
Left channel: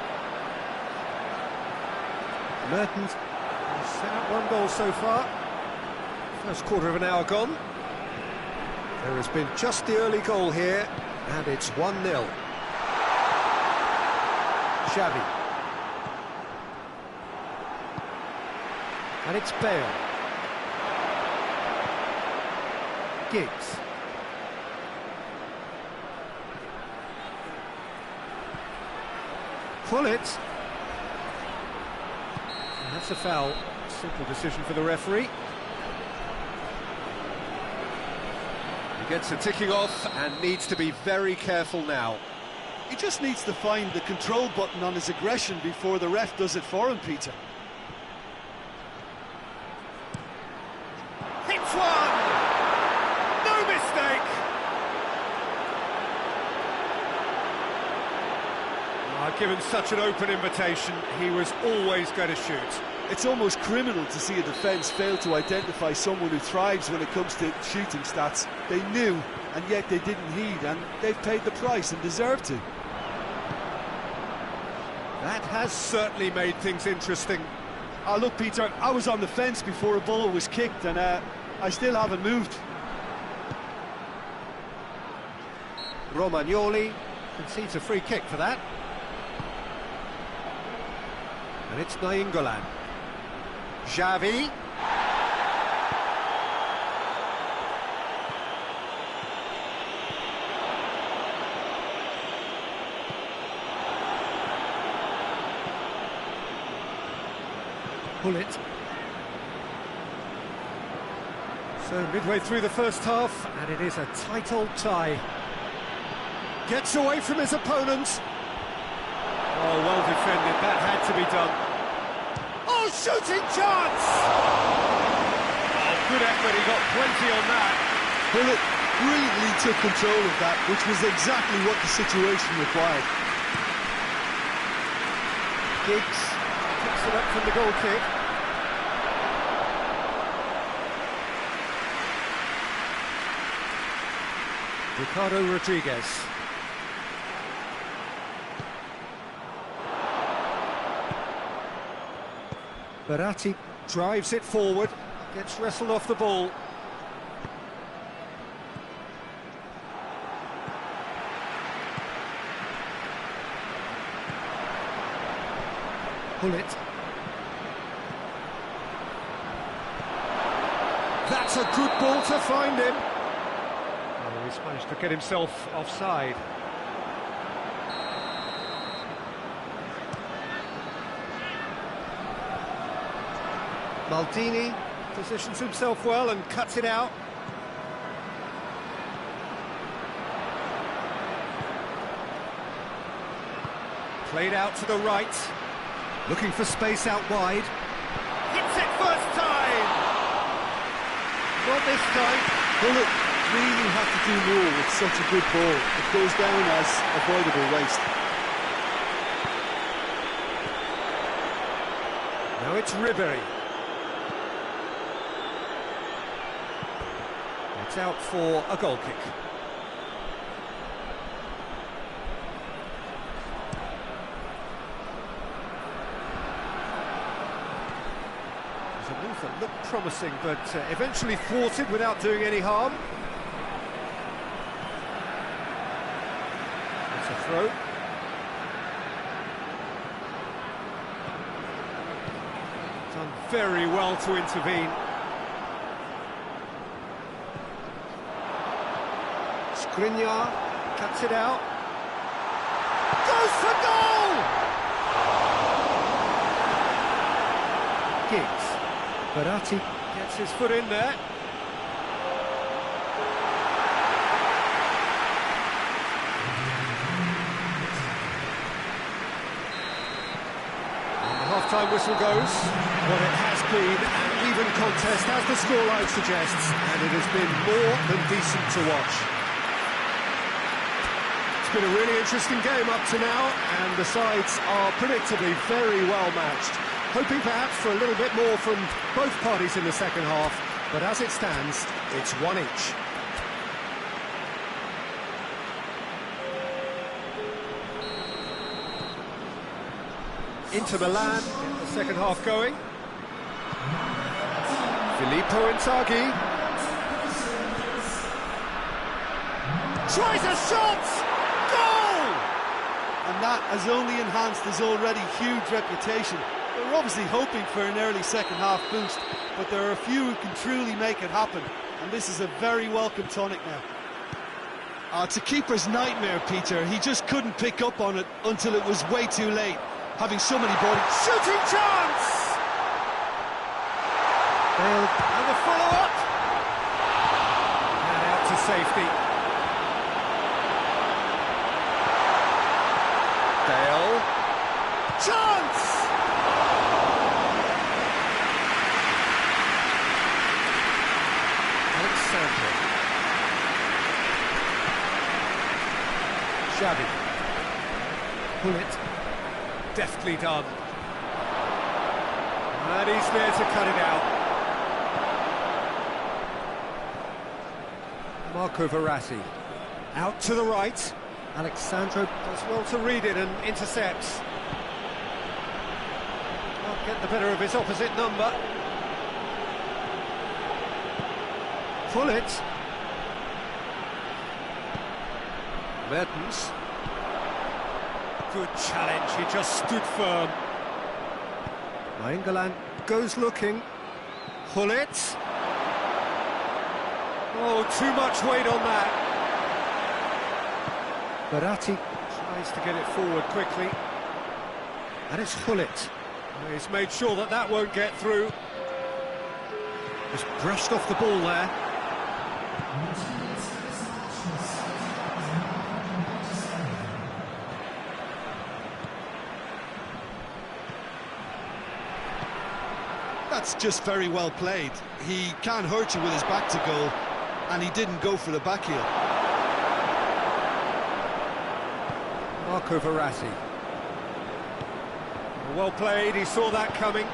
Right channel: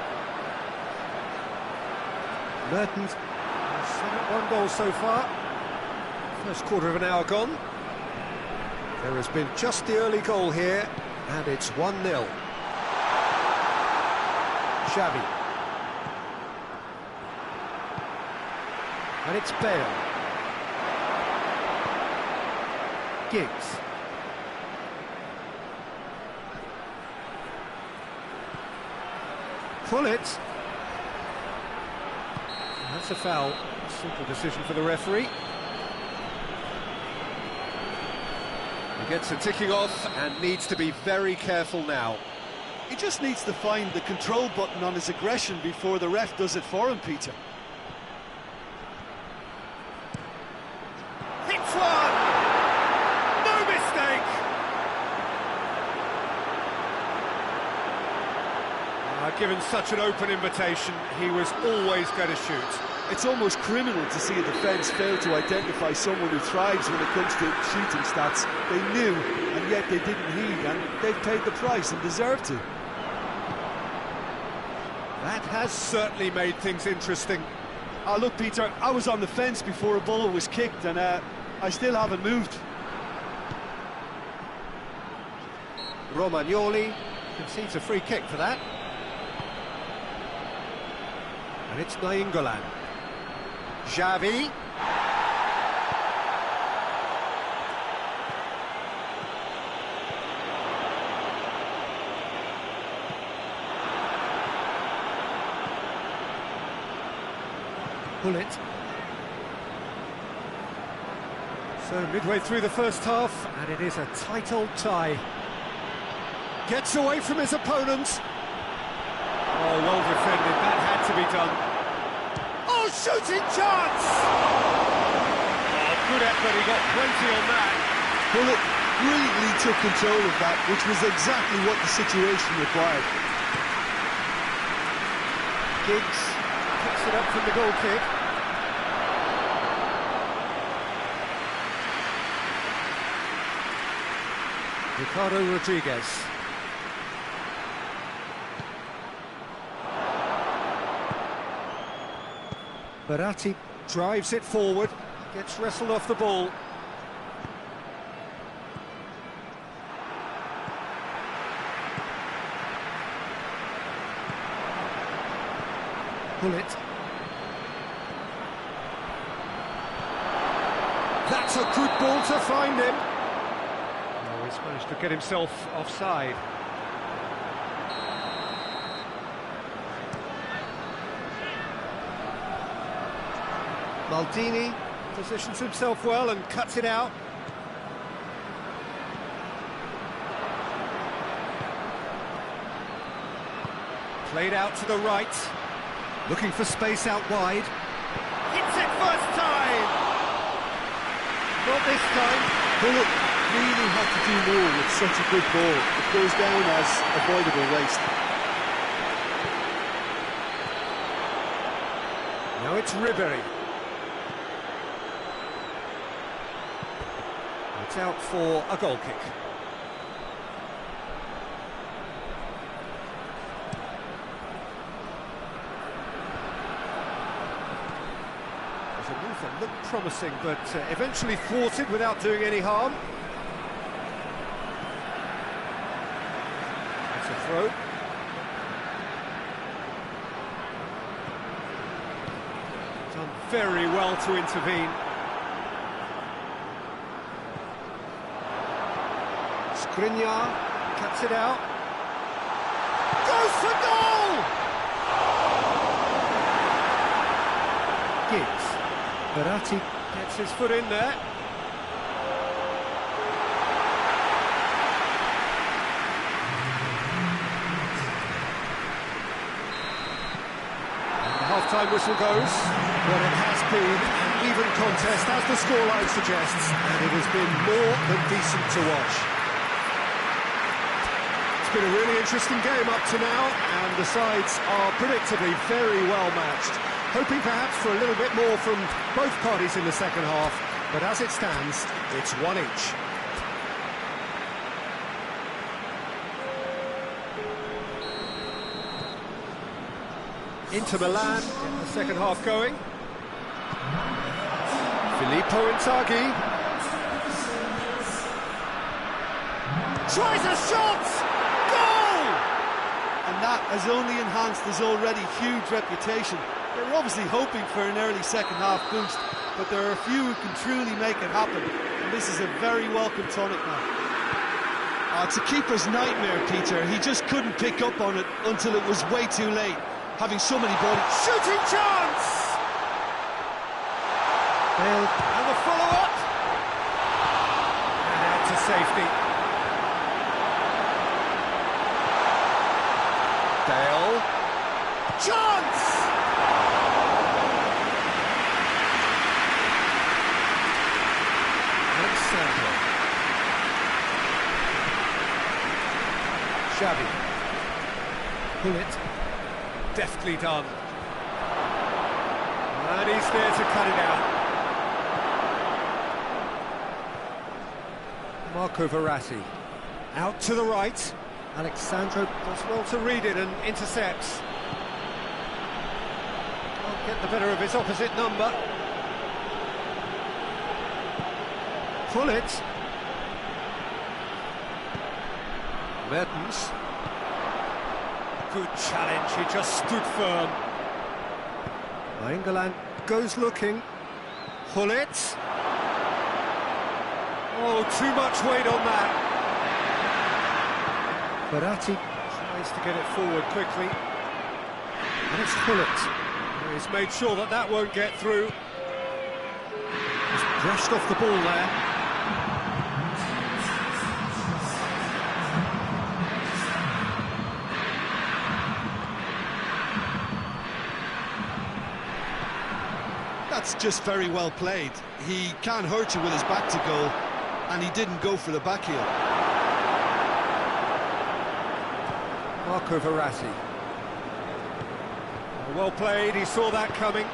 has set up one goal so far. First quarter of an hour gone. There has been just the early goal here, and it's 1-0. Xavi. And it's Bale. Giggs. Pull it. That's a foul. Simple decision for the referee. He gets a ticking off and needs to be very careful now. He just needs to find the control button on his aggression before the ref does it for him, Peter. Hits one! No mistake! Given such an open invitation, he was always going to shoot. It's almost criminal to see a defence fail to identify someone who thrives when it comes to shooting stats. They knew, and yet they didn't heed, and they've paid the price and deserve to. That has certainly made things interesting. Look, Peter, I was on the fence before a ball was kicked, and I still haven't moved. Romagnoli concedes a free kick for that. And it's Nainggolan. Xavi. Pull it. So midway through the first half, and it is a tight old tie. Gets away from his opponent. Oh, well defended, that had to be done. Oh, shooting chance! Oh, good effort, he got plenty on that. Bullet brilliantly took control of that, which was exactly what the situation required. Giggs picks it up from the goal kick. Ricardo Rodriguez. Baratti drives it forward, gets wrestled off the ball. Pull it. That's a good ball to find him. Oh, he's managed to get himself offside. Maldini positions himself well and cuts it out. Played out to the right, looking for space out wide. Hits it first time! Not this time. Bullet really had to do more with such a good ball. It goes down as avoidable waste. Now it's Ribery. It's out for a goal kick. There's a move that looked promising, but eventually thwarted without doing any harm. It's a throw. Done very well to intervene. Skriniar cuts it out. Goes for goal! Giggs. Verratti gets his foot in there. And the half-time whistle goes. What it has been an even contest, as the scoreline suggests, and it has been more than decent to watch. It's been a really interesting game up to now, and the sides are predictably very well matched. Hoping perhaps for a little bit more from both parties in the second half, but as it stands, it's one each. Inter Milan get the second half going. Filippo Inzaghi tries a shot! Goal! And that has only enhanced his already huge reputation. They were obviously hoping for an early second half boost, but there are a few who can truly make it happen, and this is a very welcome tonic now. It's a keeper's nightmare, Peter. He just couldn't pick up on it until it was way too late, having so many bodies. Shooting chance! Bale and the follow-up. And out to safety. Bale. Chance! Alexandro. Xavi. Pull it. Deftly done. And he's there to cut it out. Marco Verratti. Out to the right. Alexandro does well to read it and intercepts. Can't get the better of his opposite number. Pull it. Mertens. Good challenge, he just stood firm. England goes looking. Pull it. Oh, too much weight on that. Verratti tries to get it forward quickly. And it's Hullet. He's made sure that that won't get through. Just brushed off the ball there. That's just very well played. He can't hurt you with his back to goal, and he didn't go for the back heel. Marco Verratti. Well played, he saw that coming.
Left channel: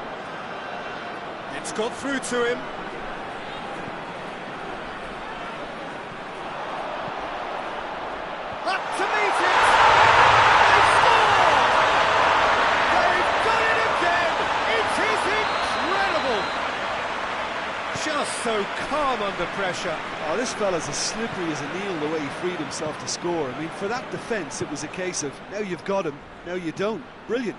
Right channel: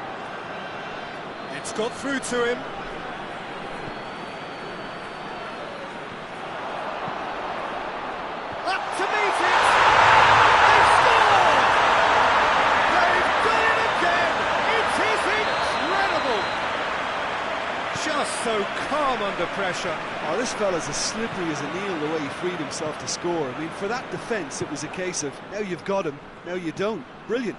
It's got through to him. Up to meet it! They scored! They've done it again! It is incredible! Just so calm under pressure. Oh, this fella's as slippery as a needle the way he freed himself to score. I mean, for that defence, it was a case of, now you've got him, now you don't. Brilliant.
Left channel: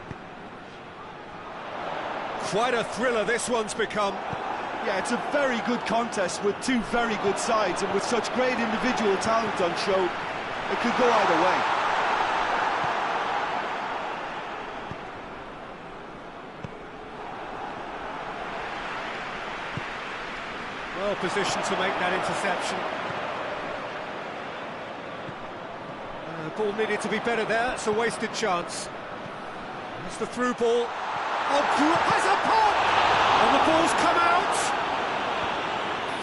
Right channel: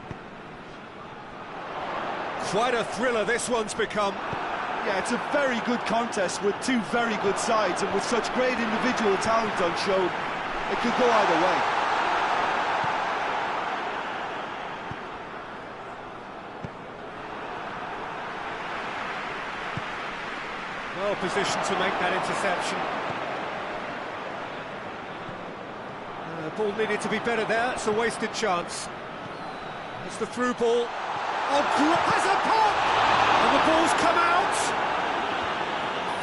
Quite a thriller this one's become. Yeah, it's a very good contest with two very good sides, and with such great individual talent on show, it could go either way. Well positioned to make that interception. Ball needed to be better there, it's a wasted chance. It's the through ball. Oh, has a pop! And the ball's come out!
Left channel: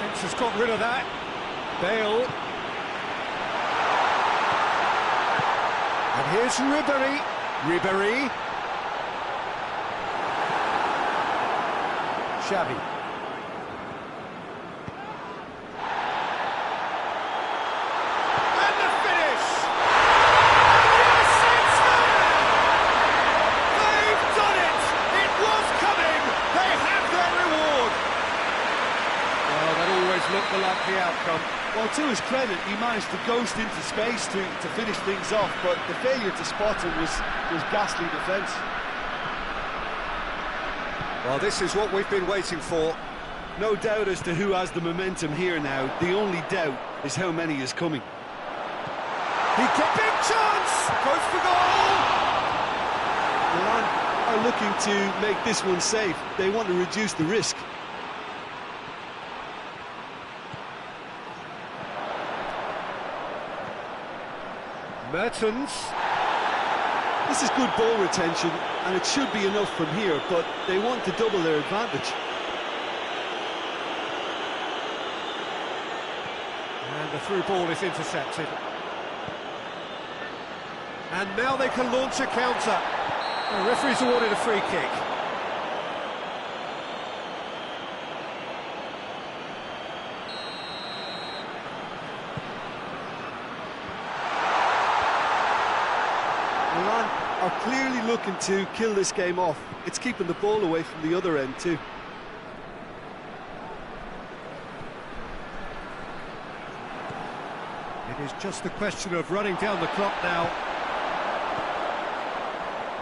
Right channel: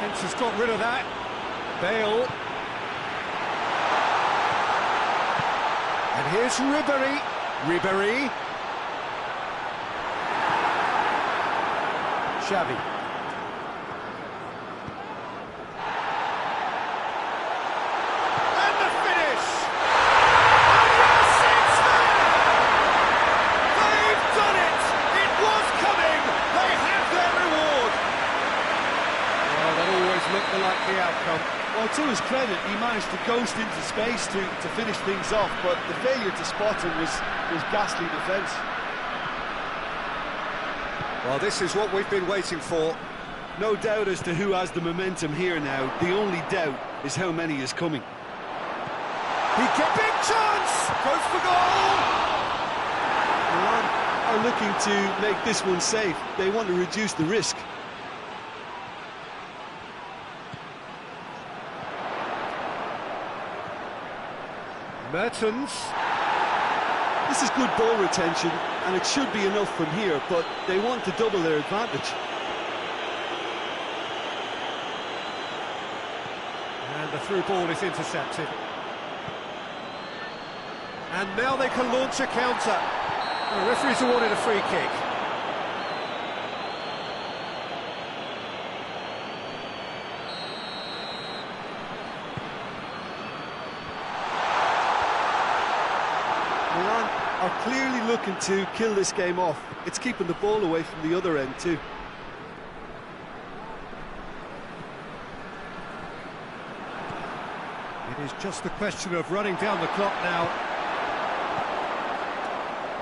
Defence has got rid of that. Bale. And here's Ribéry. Ribéry. Xavi. And the finish! And yes, it's there! They've done it! It was coming! They have their reward! Well, that always looked the likely outcome. Well, to his credit, he managed to ghost into space to finish things off, but the failure to spot him was ghastly defence. Well, this is what we've been waiting for. No doubt as to who has the momentum here now. The only doubt is how many is coming. He gets big chance! Goes for goal! Milan are looking to make this one safe. They want to reduce the risk. Mertens. This is good ball retention, and it should be enough from here, but they want to double their advantage. And the through ball is intercepted. And now they can launch a counter. The referee's awarded a free kick. Milan are clearly looking to kill this game off. It's keeping the ball away from the other end too. It is just a question of running down the clock now.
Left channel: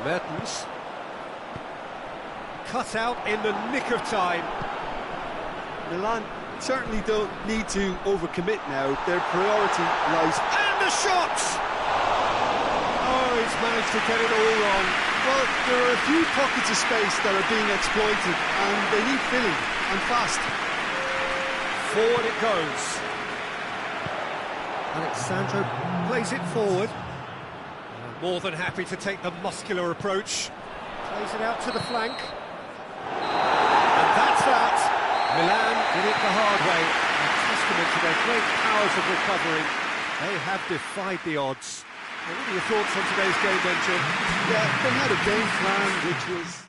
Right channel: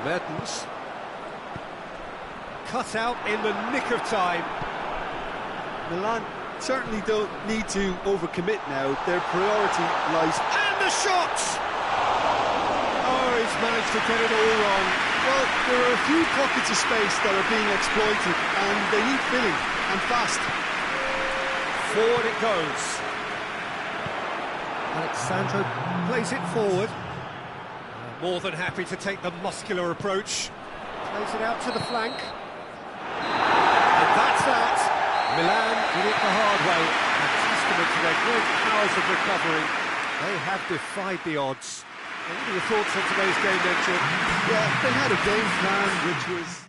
Mertens. Cut out in the nick of time. Milan certainly don't need to overcommit now. Their priority lies... And the shot! Oh, he's managed to get it all wrong. Well, there are a few pockets of space that are being exploited, and they need filling, and fast. Forward it goes. Alexandro plays it forward. More than happy to take the muscular approach. Plays it out to the flank. And that's that. Milan did it the hard way. A testament to their great powers of recovery. They have defied the odds. What are your thoughts on today's game then, Jim? Yeah, they had a game plan which was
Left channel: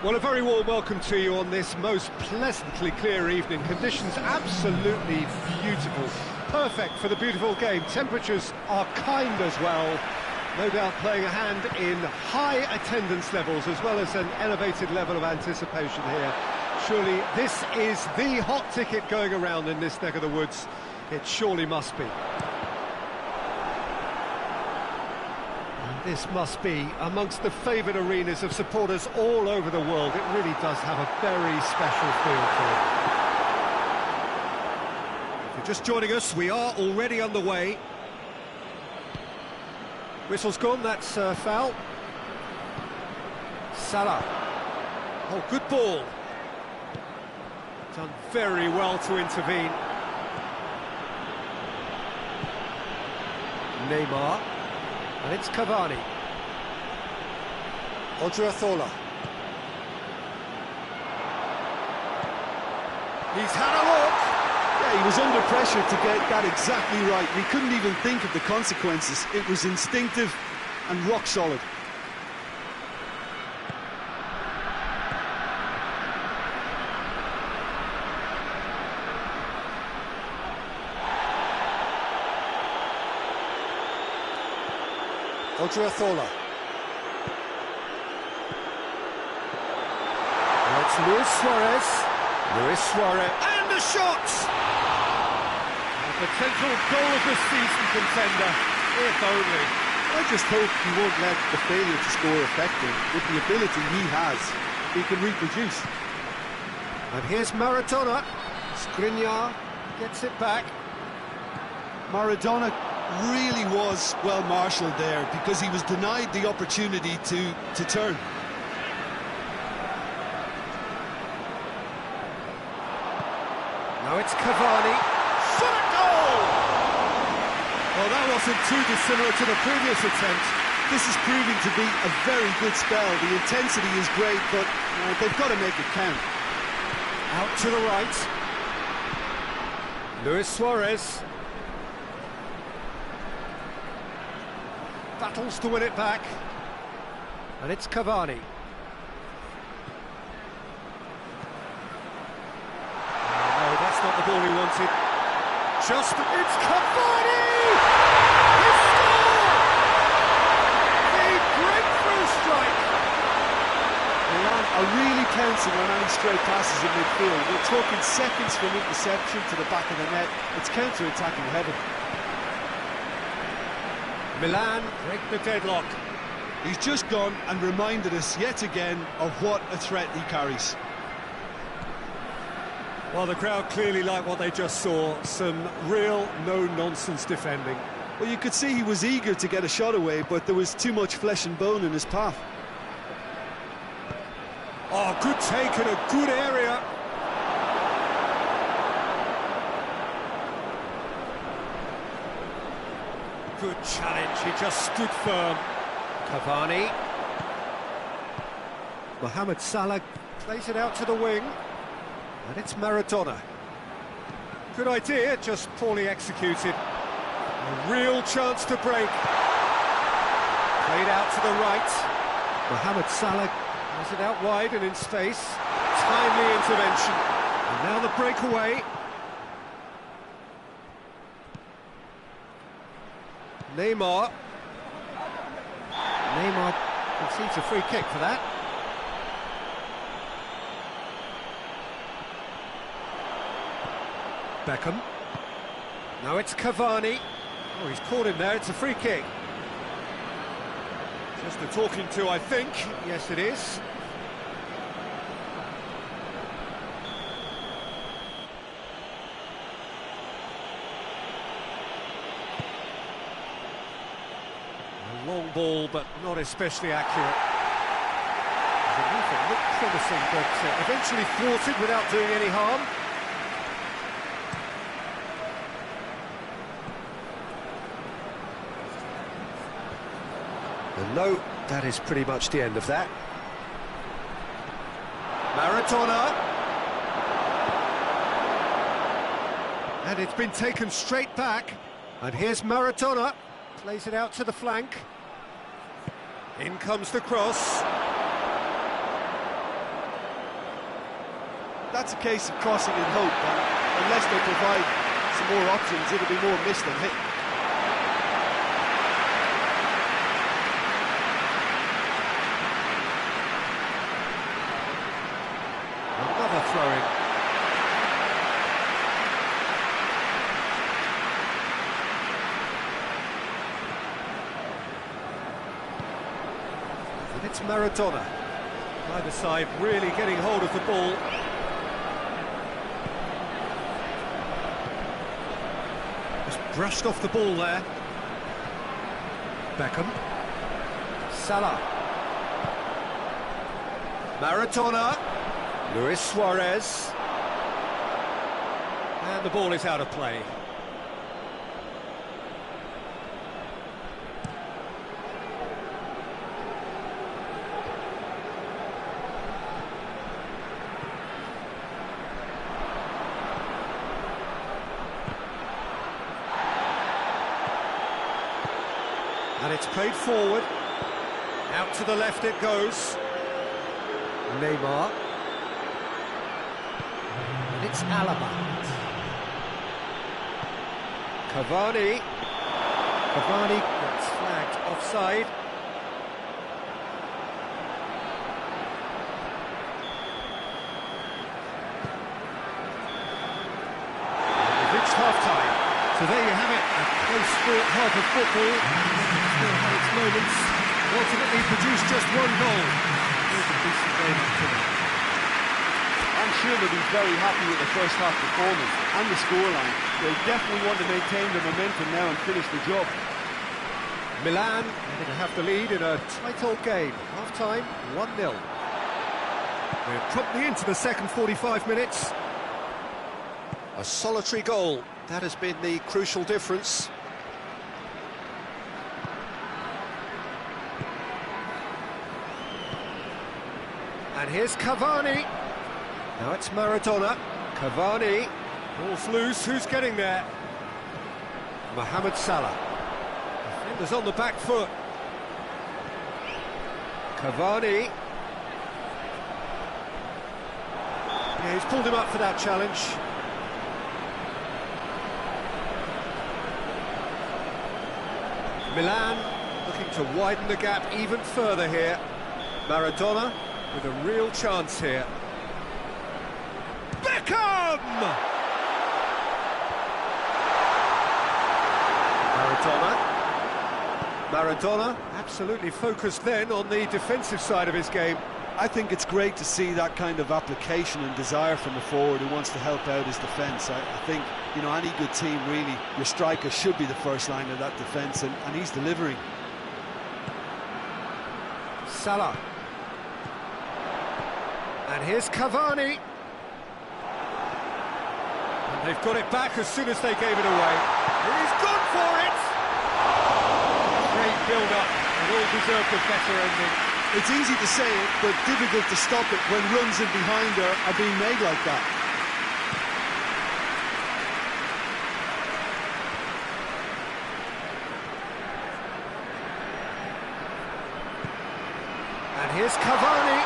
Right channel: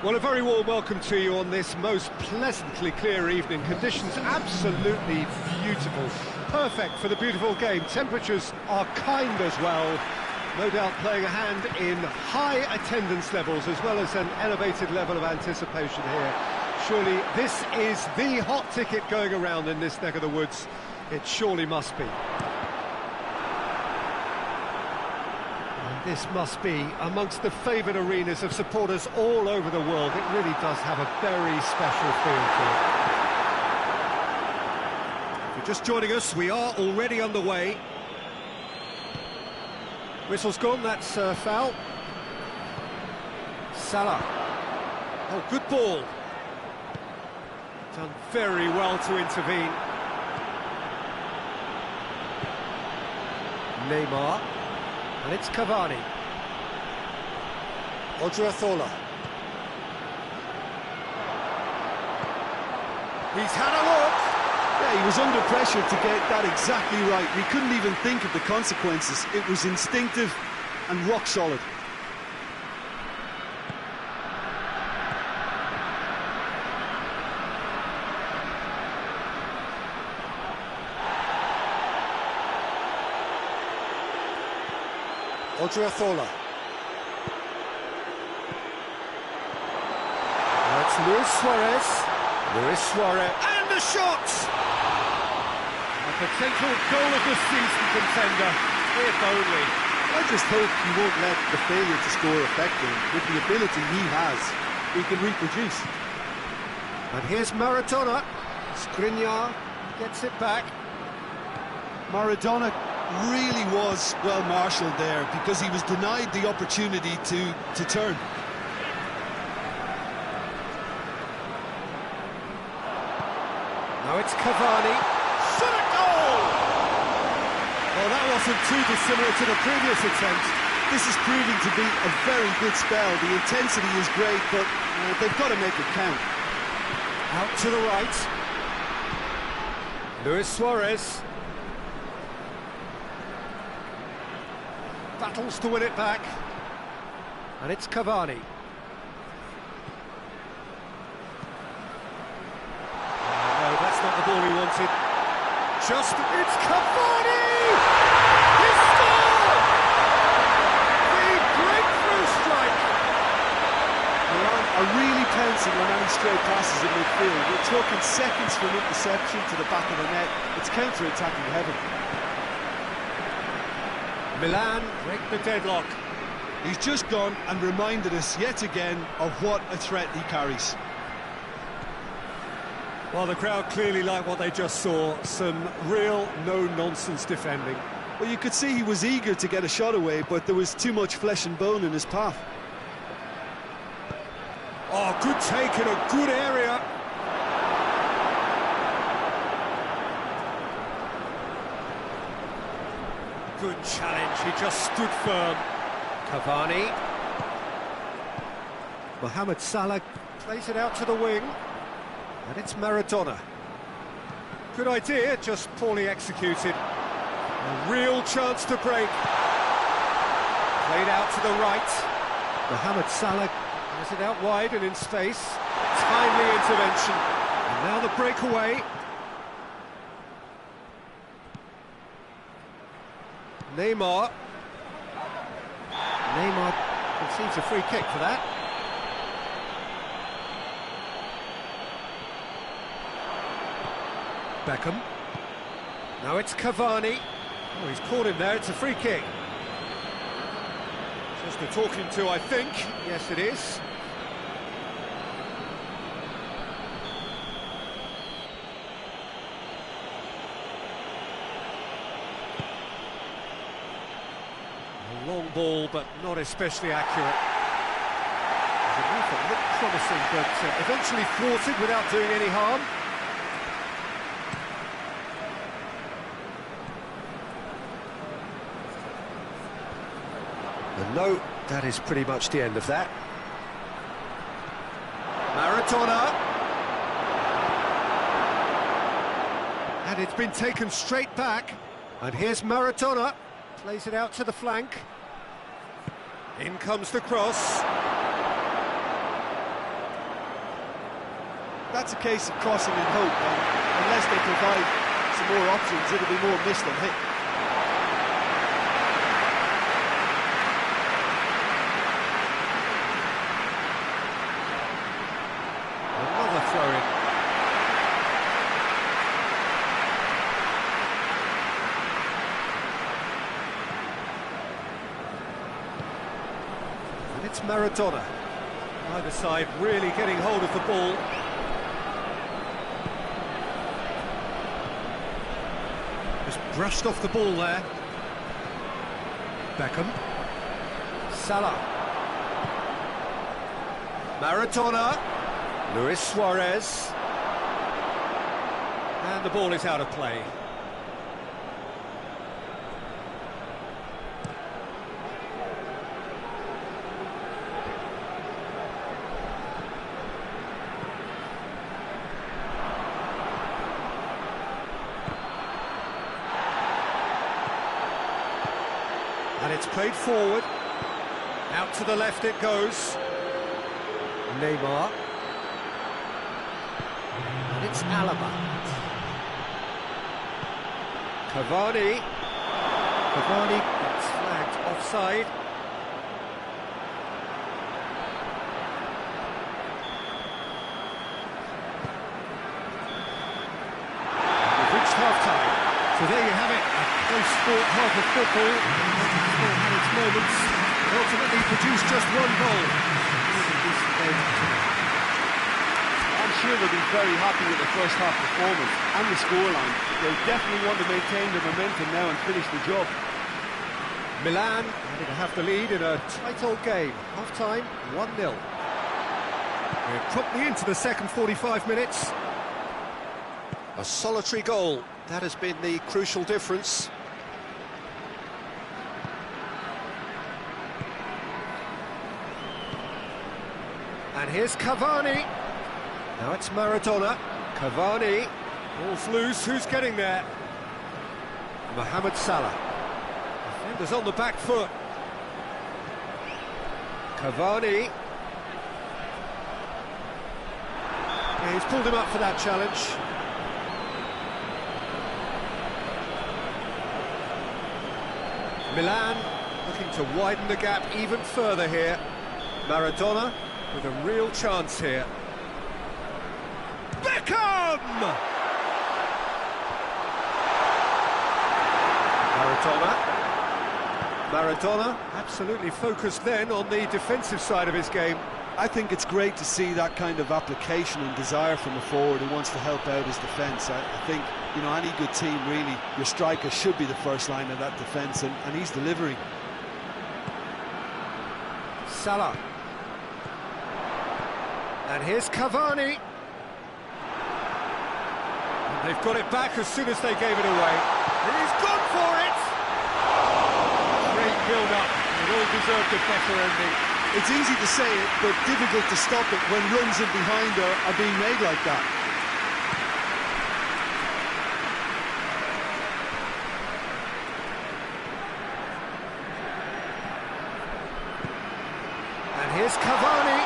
Well, a very warm welcome to you on this most pleasantly clear evening. Conditions absolutely beautiful. Perfect for the beautiful game. Temperatures are kind as well. No doubt playing a hand in high attendance levels as well as an elevated level of anticipation here. Surely this is the hot ticket going around in this neck of the woods. It surely must be. And this must be amongst the favoured arenas of supporters all over the world. It really does have a very special feel to it. If you're just joining us, we are already underway. Whistle's gone, that's foul. Salah. Oh, good ball. Done very well to intervene. Neymar. And it's Cavani. Odriozola. He's had a look. Yeah, he was under pressure to get that exactly right. He couldn't even think of the consequences. It was instinctive and rock solid. Odriozola. Now it's Luis Suarez. Luis Suarez. And the shot! A potential goal of the season contender, if only. I just hope he won't let the failure to score affect him. With the ability he has, he can reproduce. And here's Maradona. Skriniar gets it back. Maradona really was well marshalled there because he was denied the opportunity to turn. Now it's Cavani. Shot a goal! Well, that wasn't too dissimilar to the previous attempt. This is proving to be a very good spell. The intensity is great, but they've got to make it count. Out to the right. Luis Suarez. Battles to win it back. And it's Cavani. Oh, no, that's not the ball he wanted. It's Cavani! He scored! The breakthrough strike! Milan are really pouncing on any stray passes in midfield. We're talking seconds from interception to the back of the net. It's counter-attacking heaven. Milan break the deadlock. He's just gone and reminded us yet again of what a threat he carries. Well, the crowd clearly like what they just saw. Some real no-nonsense defending. Well, you could see he was eager to get a shot away, but there was too much flesh and bone in his path. Oh, good take in a good area. Good challenge, he just stood firm. Cavani. Mohamed Salah plays it out to the wing. And it's Maradona. Good idea, just poorly executed. A real chance to break. Played out to the right. Mohamed Salah has it out wide and in space. Timely intervention. And now the breakaway. Neymar concedes a free kick for that. Beckham. Now it's Cavani. Oh, he's caught him there, it's a free kick. Just a talking to, I think. Yes, it is. A long ball, but not especially accurate. The movement looked promising, but eventually thwarted without doing any harm. And no, that is pretty much the end of that. Maradona. And it's been taken straight back. And here's Maradona. Plays it out to the flank. In comes the cross. That's a case of crossing in hope, and unless they provide some more options, it'll be more miss than hit. Another throw-in. And it's Maradona. Either side really getting hold of the ball. Just brushed off the ball there. Beckham. Salah. Maradona. Luis Suarez. And the ball is out of play. And it's played forward. Out to the left it goes. Neymar. And it's Alaba. Cavani. Cavani gets flagged offside. And we've reached half-time. So there you have it, a close-fought half of football. And it still had its moments, but ultimately produced just one goal. It was a decent game up to now. I'm sure they'll be very happy with the first half performance and the scoreline. They'll definitely want to maintain their momentum now and finish the job. Milan heading to have the lead in a tight old game. Half-time, 1-0. We're promptly into the second 45 minutes. A solitary goal, that has been the crucial difference. And here's Cavani. Now it's Maradona. Cavani. Ball's loose, who's getting there? Mohamed Salah. Defenders on the back foot. Cavani. Yeah, he's pulled him up for that challenge. Milan looking to widen the gap even further here. Maradona with a real chance here. Beckham! Maradona absolutely focused then on the defensive side of his game. I think it's great to see that kind of application and desire from a forward who wants to help out his defence. I think, you know, any good team, really, your striker should be the first line of that defence, and he's delivering. Salah. And here's Cavani. And they've got it back as soon as they gave it away. And he's gone for it! Great build-up. It all deserved a better ending. It's easy to say it, but difficult to stop it when runs in behind are being made like that. And here's Cavani.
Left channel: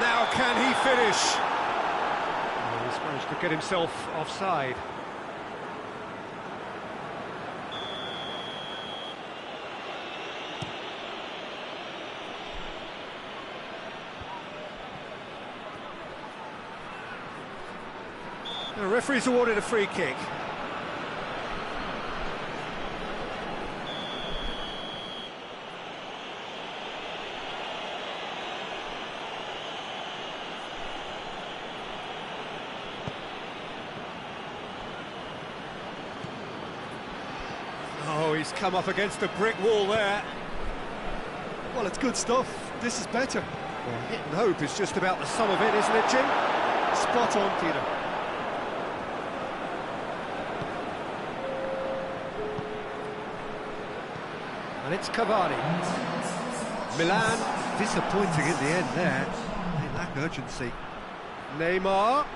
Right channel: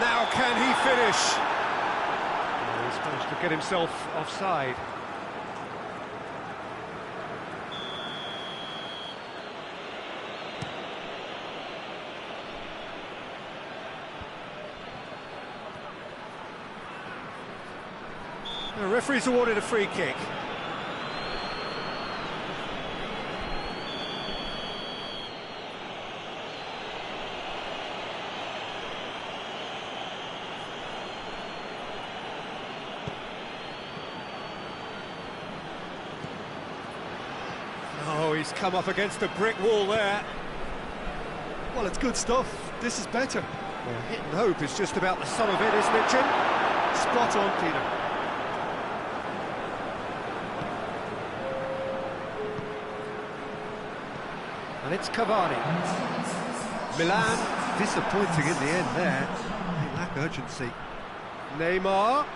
Now can he finish? Oh, he's managed to get himself offside. The referee's awarded a free kick. Oh, he's come up against a brick wall there. Well, it's good stuff. This is better. Well, hit and hope is just about the sum of it, isn't it, Jim? Spot on, Peter. And it's Cavani. Milan, disappointing in the end there. They lack urgency. Neymar,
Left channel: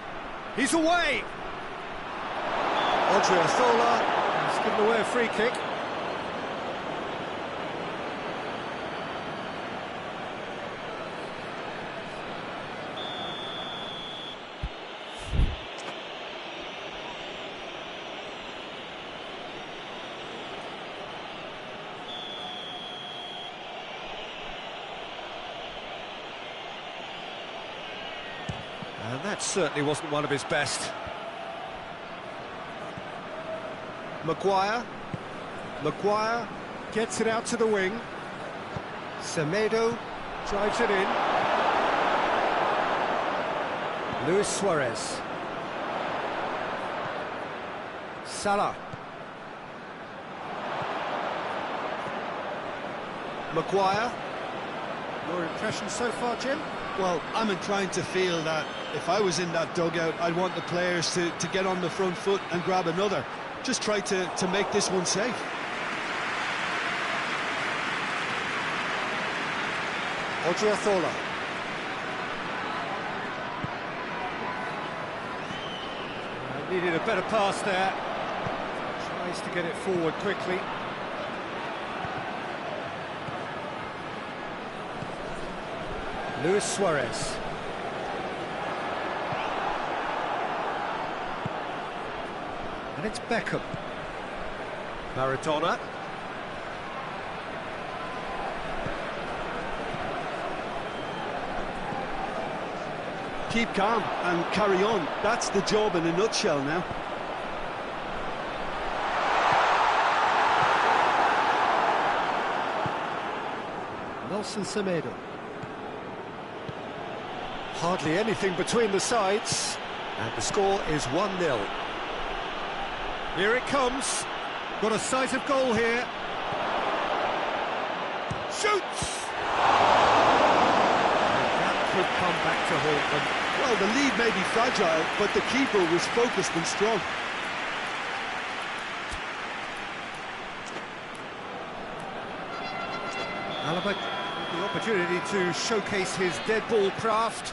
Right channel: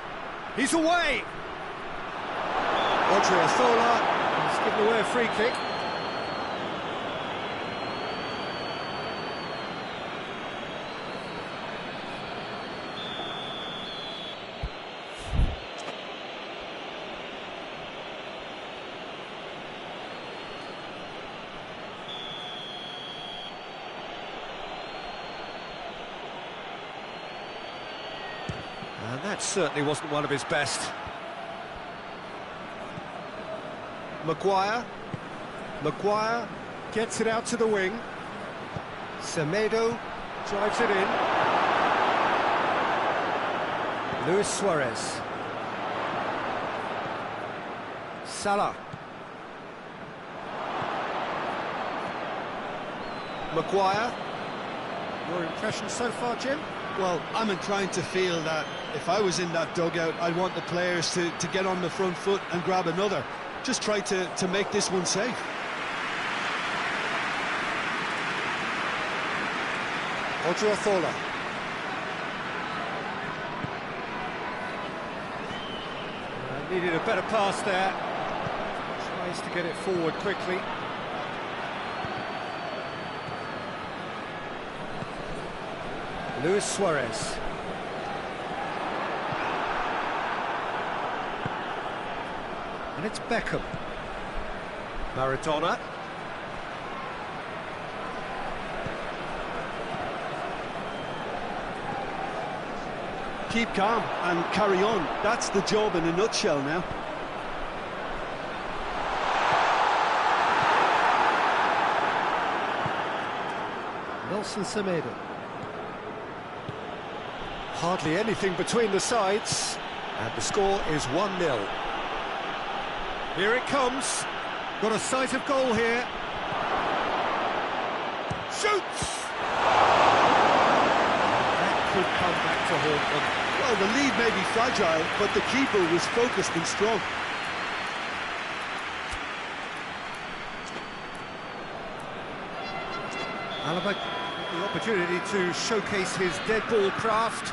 he's away! Odriozola has given away a free kick. And that certainly wasn't one of his best. Maguire gets it out to the wing. Semedo drives it in. Luis Suarez. Salah. Maguire. Your impression so far, Jim? Well, I'm inclined to feel that if I was in that dugout, I'd want the players to get on the front foot and grab another. Just try to make this one safe. Odriozola. Needed a better pass there. Tries to get it forward quickly. Luis Suarez. And it's Beckham. Maradona. Keep calm and carry on. That's the job in a nutshell now. Nelson Semedo. Hardly anything between the sides, and the score is 1-0. Here it comes. Got a sight of goal here. Shoots! And that could come back to haunt them. Well, the lead may be fragile, but the keeper was focused and strong. Alaba with the opportunity to showcase his dead ball craft.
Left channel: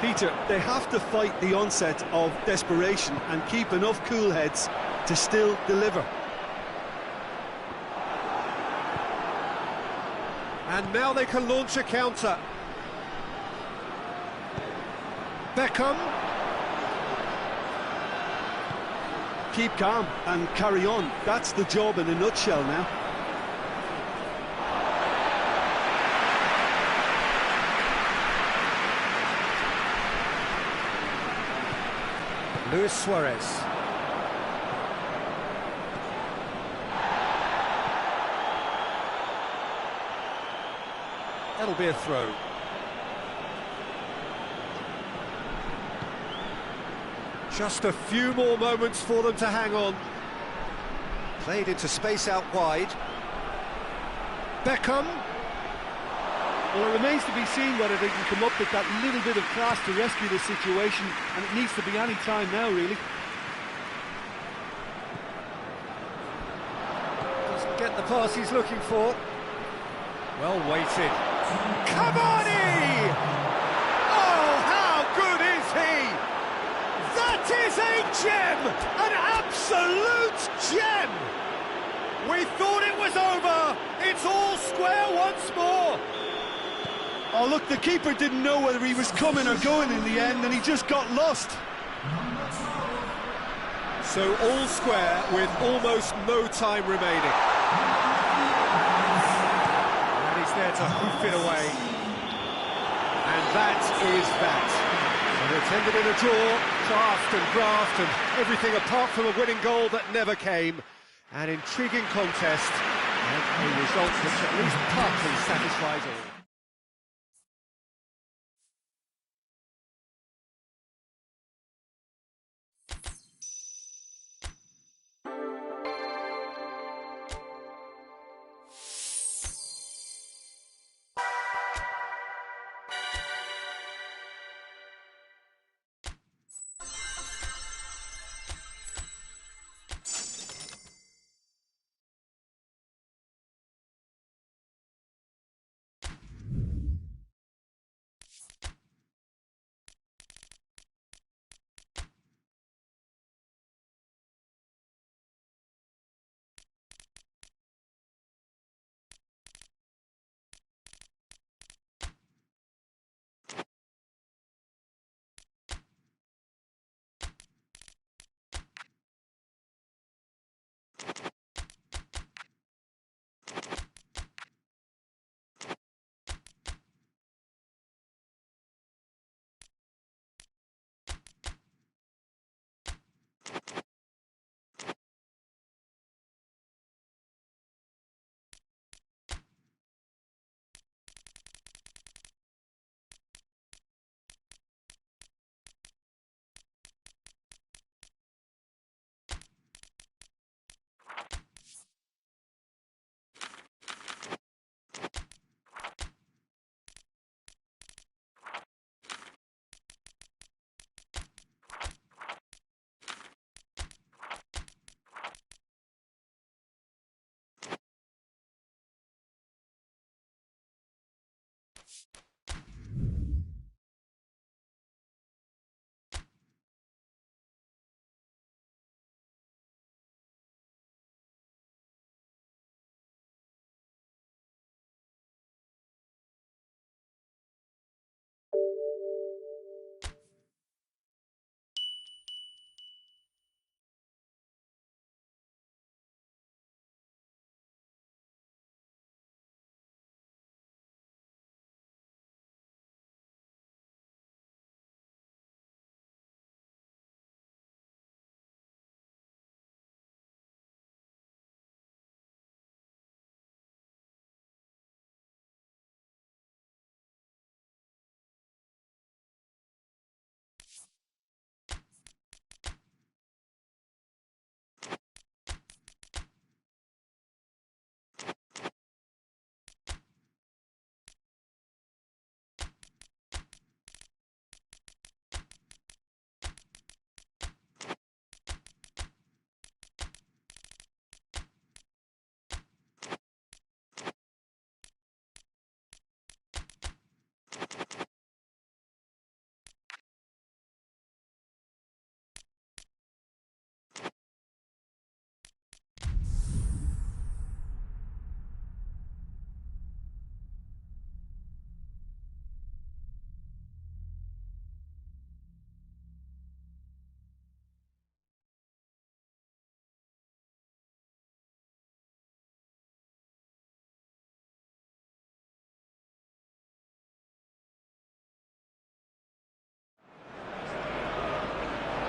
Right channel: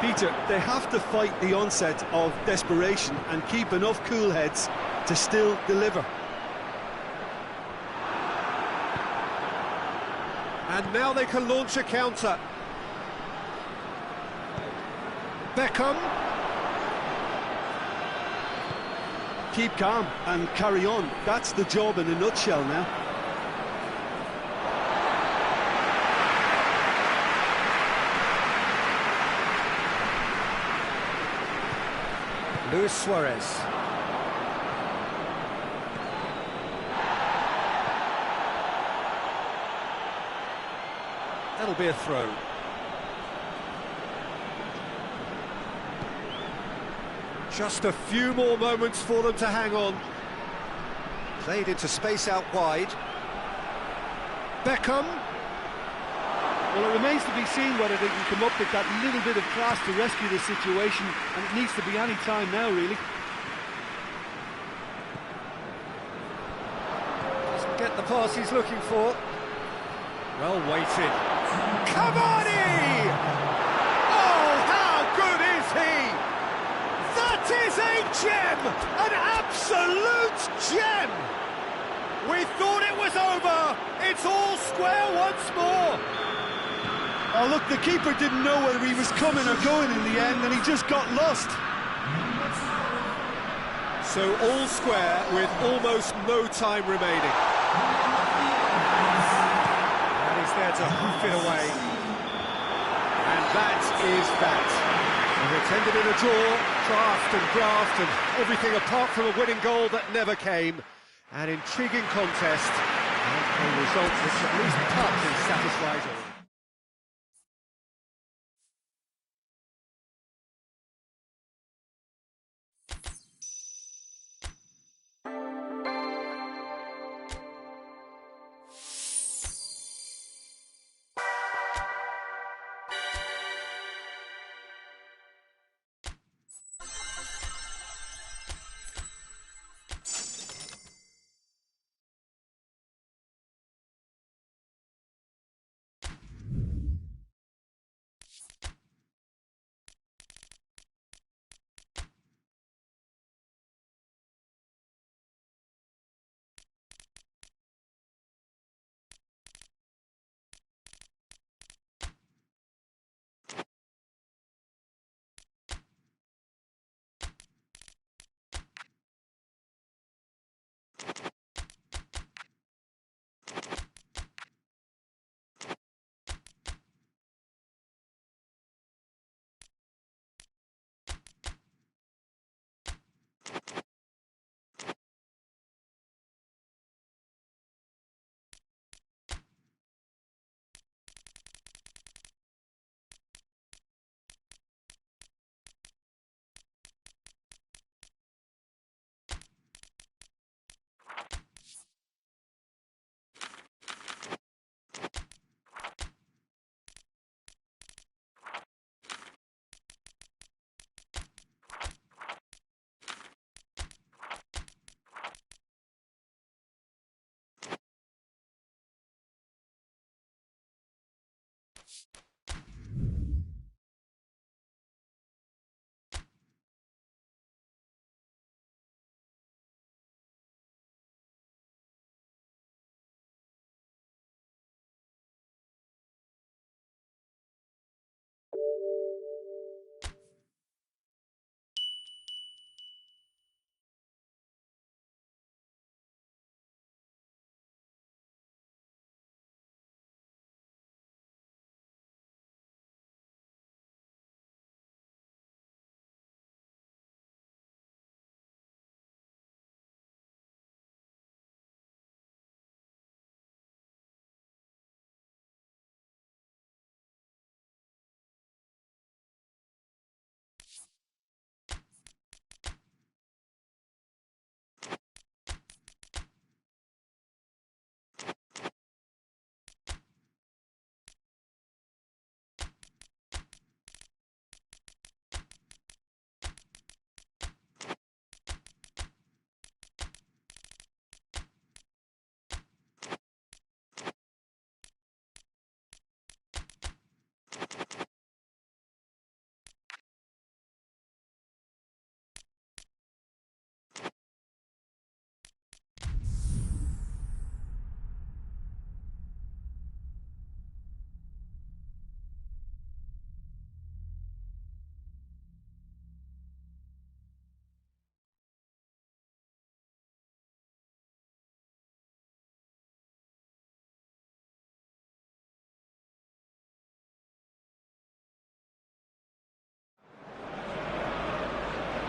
Peter, they have to fight the onset of desperation and keep enough cool heads to still deliver. And now they can launch a counter. Beckham. Keep calm and carry on. That's the job in a nutshell now. Luis Suarez. That'll be a throw. Just a few more moments for them to hang on. Played into space out wide. Beckham. Well, it remains to be seen whether they can come up with that little bit of class to rescue the situation, and it needs to be any time now, really. Doesn't get the pass he's looking for. Well weighted. Cavani! Oh, how good is he? That is a gem! An absolute gem! We thought it was over. It's all square once more. Oh, look, the keeper didn't know whether he was coming or going in the end, and he just got lost. So all square with almost no time remaining. And he's there to hoof it away. And that is that. So it's ended in a draw, craft and graft and everything apart from a winning goal that never came. An intriguing contest and a result which at least partly satisfies all.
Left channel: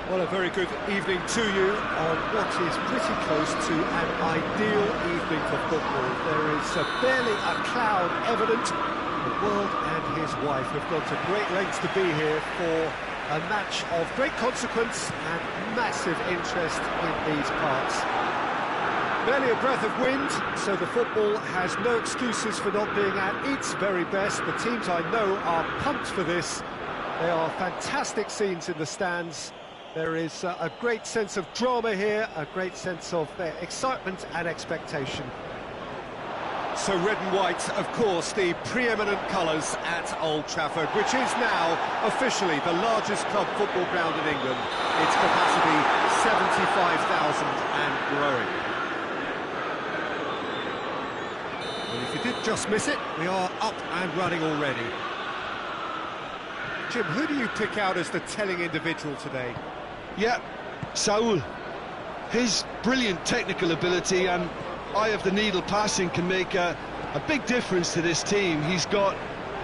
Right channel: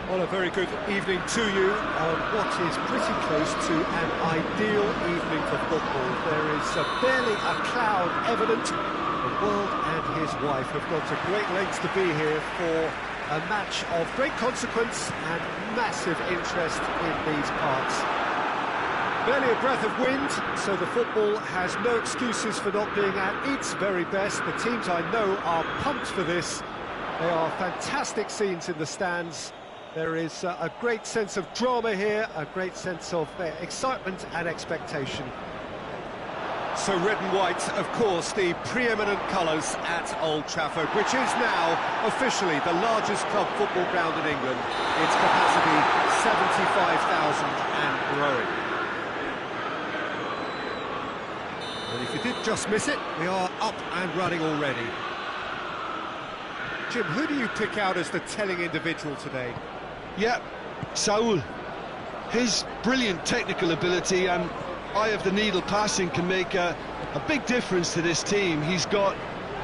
Well, a very good evening to you on what is pretty close to an ideal evening for football. There is barely a cloud evident. The world and his wife have gone to great lengths to be here for a match of great consequence and massive interest in these parts. Barely a breath of wind, so the football has no excuses for not being at its very best. The teams I know are pumped for this. They are fantastic scenes in the stands. There is a great sense of drama here, a great sense of excitement and expectation. So red and white, of course, the preeminent colours at Old Trafford, which is now officially the largest club football ground in England. Its capacity 75,000 and growing. And if you did just miss it, we are up and running already. Jim, who do you pick out as the telling individual today? Yeah, Saul. His brilliant technical ability and eye of the needle passing can make a big difference to this team. He's got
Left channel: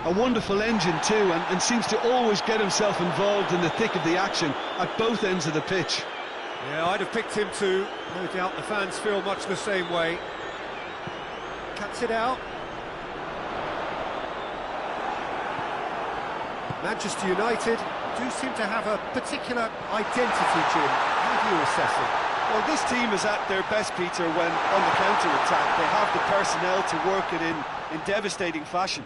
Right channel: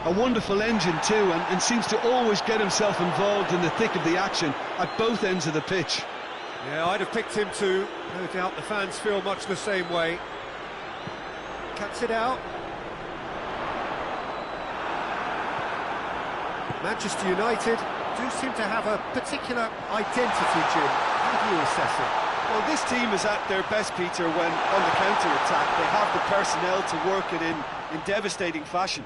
a wonderful engine too and seems to always get himself involved in the thick of the action at both ends of the pitch. Yeah, I'd have picked him too. No doubt the fans feel much the same way. Cuts it out. Manchester United do seem to have a particular identity, Jim. How do you assess it? Well, this team is at their best, Peter, when on the counter-attack. They have the personnel to work it in devastating fashion.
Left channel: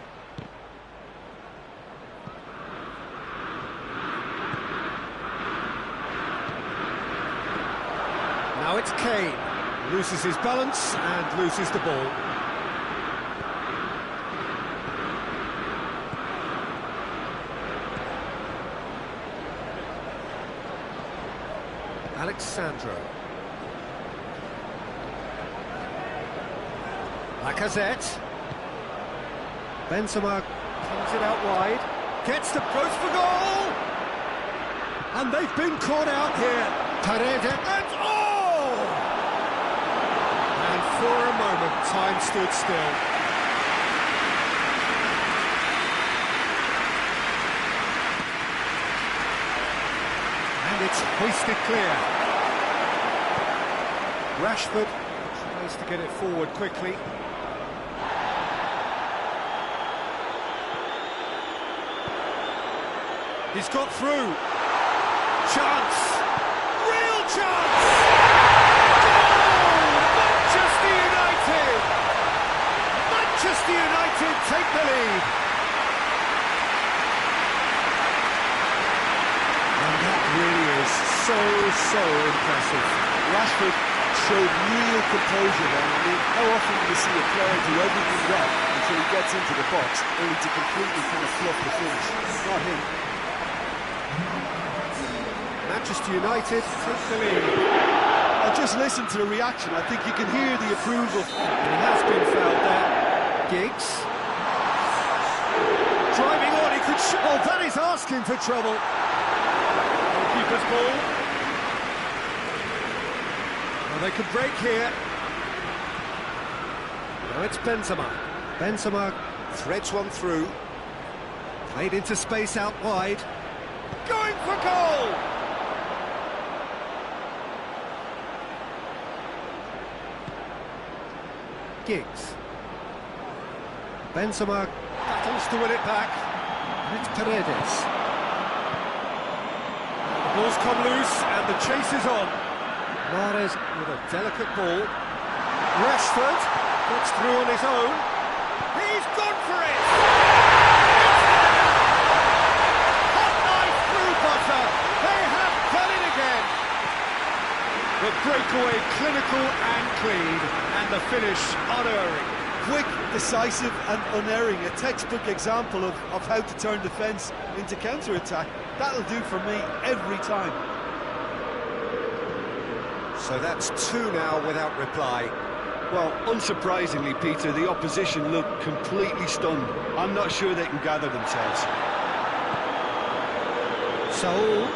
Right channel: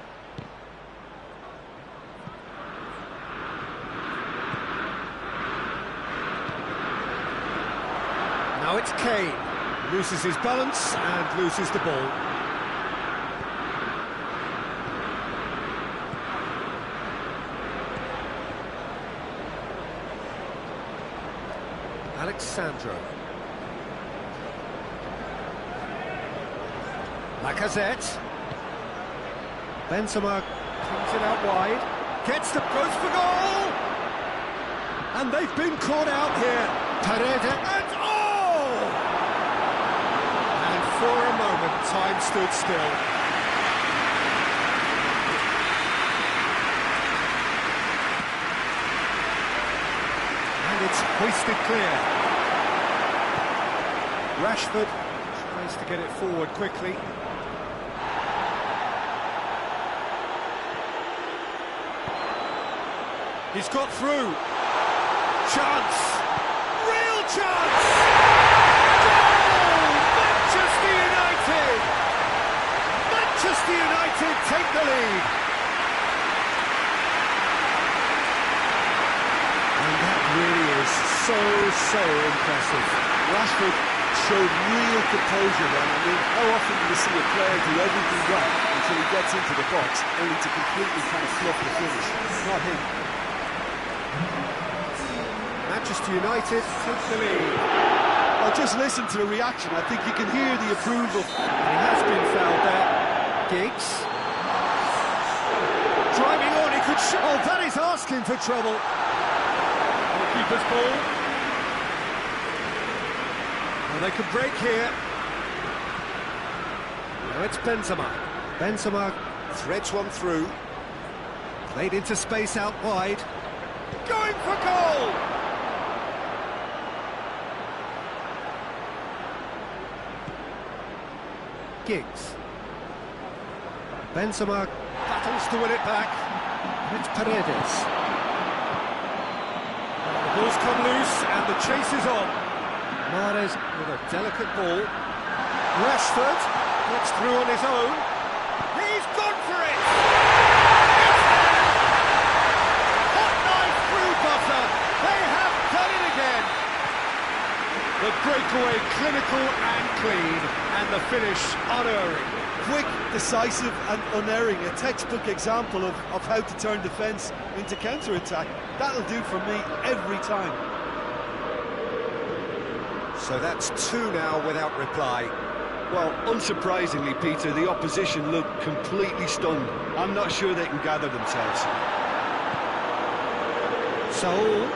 Now it's Kane. Loses his balance and loses the ball. Alexandro. Lacazette. Benzema pings it out wide. Gets the goes for goal! And they've been caught out here. Paredes and oh! And for a moment, time stood still. And it's hoisted clear. Rashford tries to get it forward quickly. He's got through. Chance! Real chance! Goal! Manchester United! Manchester United take the lead. And that really is so impressive. Rashford showed real composure then. I mean, how often do you see a player do everything right until he gets into the box, only to completely kind of fluff the finish? Not him. Manchester United take the lead. Oh, just listen to the reaction. I think you can hear the approval. And he has been fouled there. Giggs. Driving on, he could oh, that is asking for trouble. Goalkeeper's ball. Well, they could break here. Now it's Benzema. Benzema threads one through. Played into space out wide. Going for goal! Giggs. Benzema battles to win it back. And it's Paredes. The ball's come loose and the chase is on. Mahrez with a delicate ball. Rashford gets through on his own. He's gone for it! It's there! Hot knife through butter. They have done it again. The breakaway clinical and clean, and the finish unerring. Quick, decisive and unerring. A textbook example of how to turn defence into counter-attack. That'll do for me every time. So that's two now without reply. Well, unsurprisingly, Peter, the opposition look completely stunned. I'm not sure they can gather themselves. Saul.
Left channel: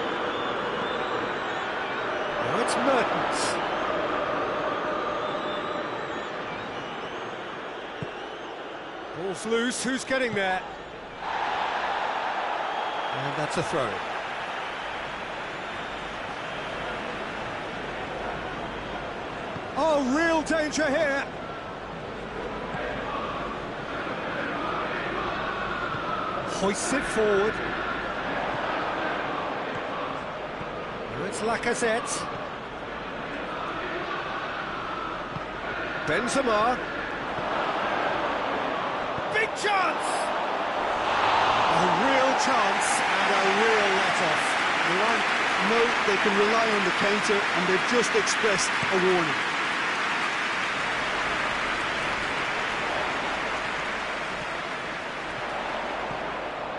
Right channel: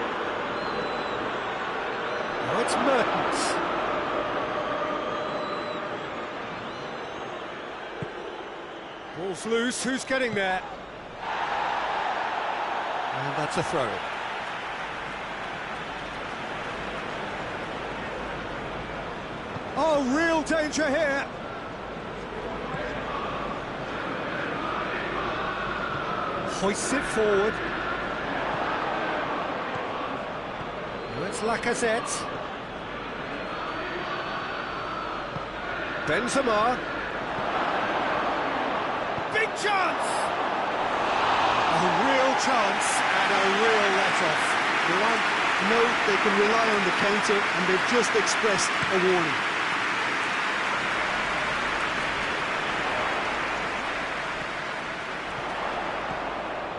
Now it's Mertens. Ball's loose, who's getting there? And that's a throw-in. Oh, real danger here. Hoists it forward. Now it's Lacazette. Benzema. Big chance! A real chance and a real let-off. Milan know they can rely on the counter, and they've just expressed a warning.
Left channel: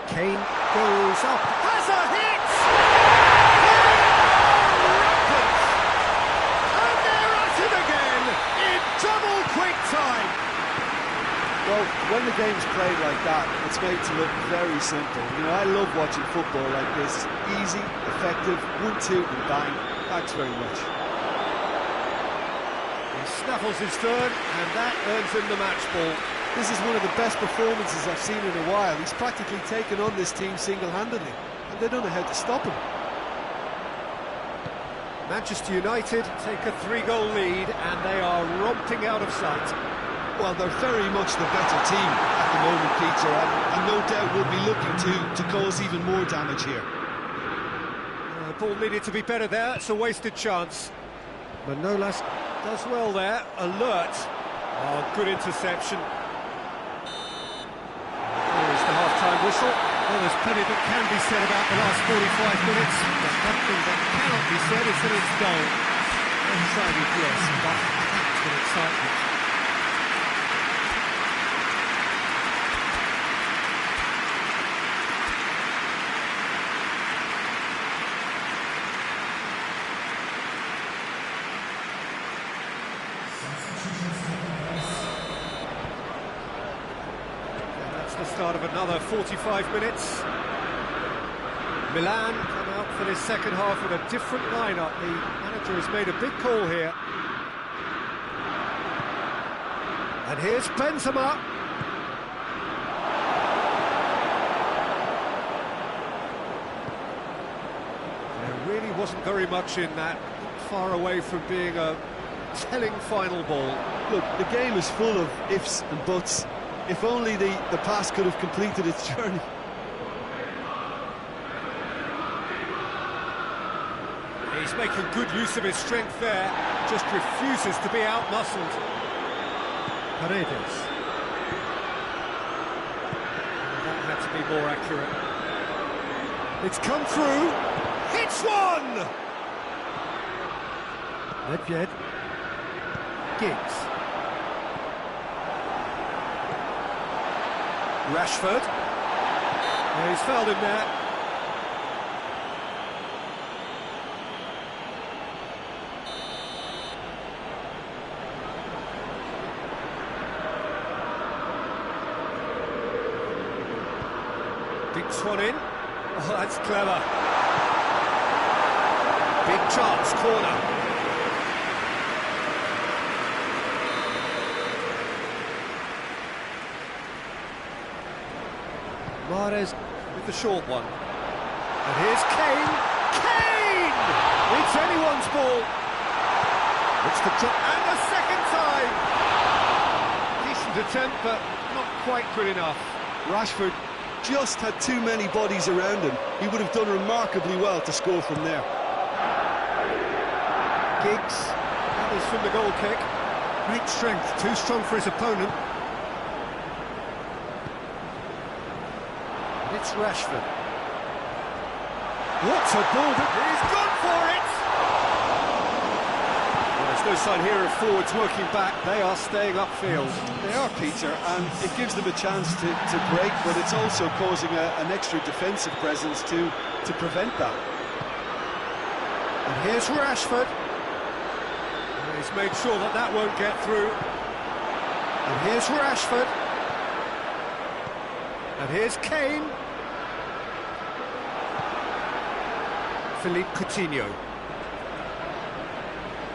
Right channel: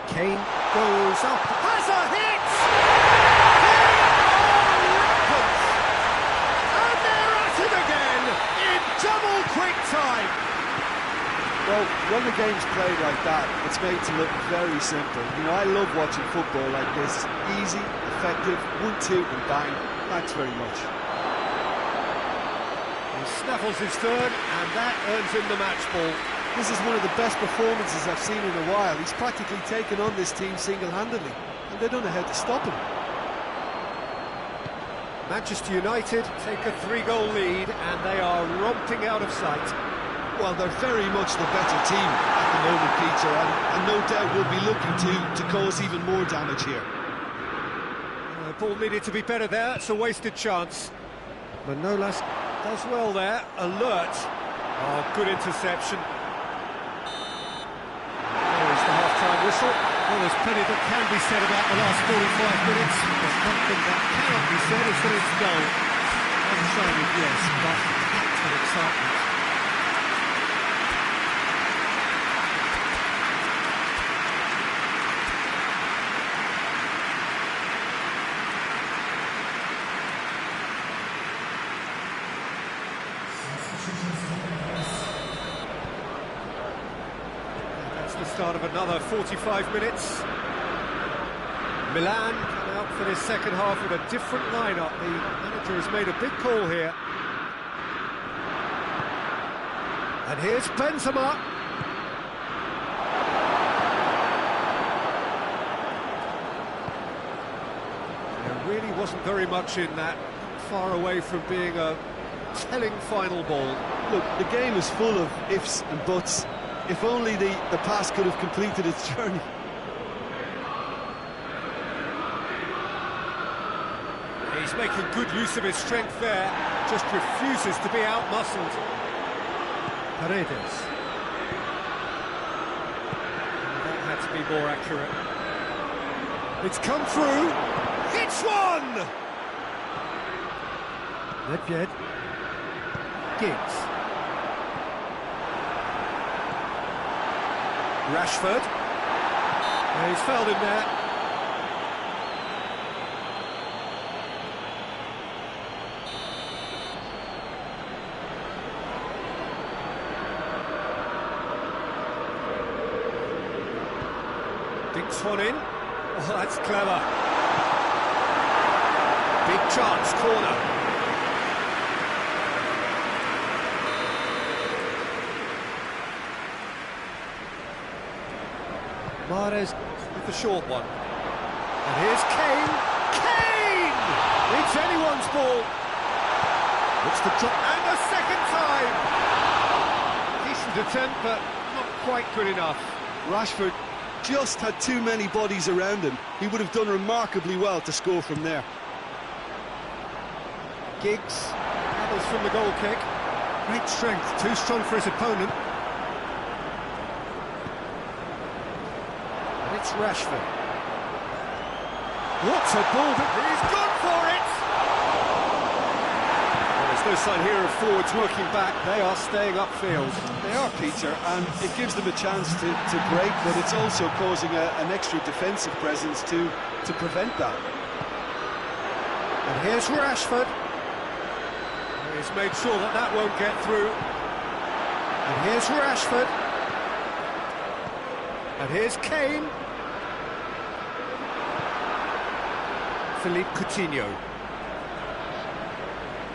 Kane goes up, has a hit! They are rampant! And they're at it again in double quick time! Well, when the game's played like that, it's made to look very simple. You know, I love watching football like this. Easy, effective, 1-2 and bang. Thanks very much. He snaffles his third, and that earns him the match ball. This is one of the best performances I've seen in a while. He's practically taken on this team single-handedly, and they don't know how to stop him. Manchester United take a 3-goal lead, and they are romping out of sight. Well, they're very much the better team at the moment, Peter, and no doubt will be looking to cause even more damage here. The ball needed to be better there, it's a wasted chance. Manolas does well there, alert. Oh, good interception. There is the half-time whistle. Well, there's plenty that can be said about the last 45 minutes, but one thing that cannot be said is that it's dull. One-sided, yes, but packed with excitement. The start of another 45 minutes. Milan come out for this second half with a different lineup. The manager has made a big call here. And here's Benzema. There really wasn't very much in that, not far away from being a telling final ball. Look, the game is full of ifs and buts. If only the pass could have completed its journey. He's making good use of his strength there, just refuses to be out-muscled. Paredes. That had to be more accurate. It's come through. Hits one! Nedved. Giggs. Rashford. Yeah, he's fouled him there. Dinks one in. Oh, that's clever. Big chance, corner. Mahrez with the short one. And here's Kane. Kane! It's anyone's ball. Looks to drop, and a second time! Decent attempt, but not quite good enough. Rashford just had too many bodies around him. He would have done remarkably well to score from there. Giggs gathers from the goal kick. Great strength, too strong for his opponent. And it's Rashford. What a ball! He's gone for it! Well, there's no sign here of forwards working back. They are staying upfield. They are, Peter, and it gives them a chance to break, but it's also causing an extra defensive presence to prevent that. And here's Rashford. He's made sure that that won't get through. And here's Rashford. And here's Kane. Philippe Coutinho.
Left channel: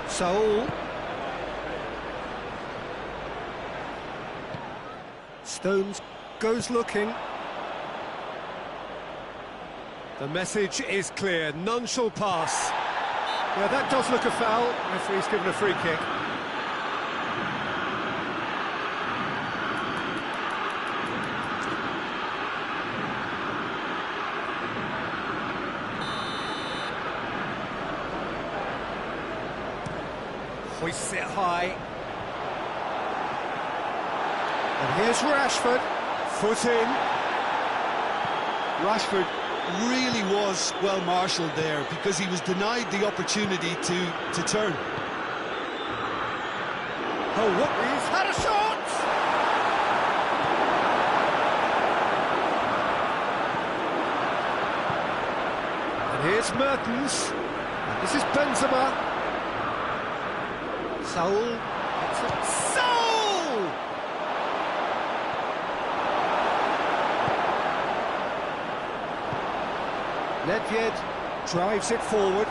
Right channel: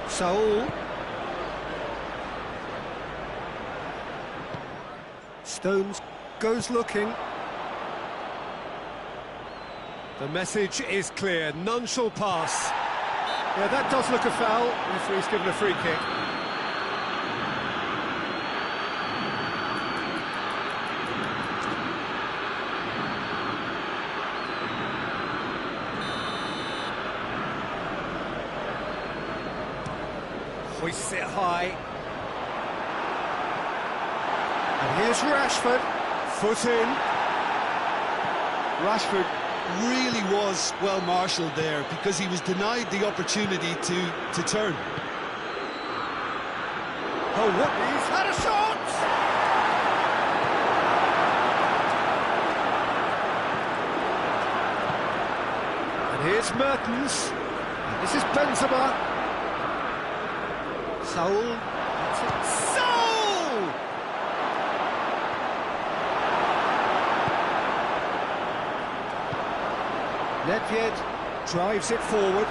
Saul. Stones goes looking. The message is clear, none shall pass. Yeah, that does look a foul. Referee's given a free kick. Hoists it high. And here's Rashford. Foot in. Rashford really was well marshalled there because he was denied the opportunity to turn. Oh, what? He's had a shot! And here's Mertens. And this is Benzema. Saul. That's it. Saul! Nedved drives it forward.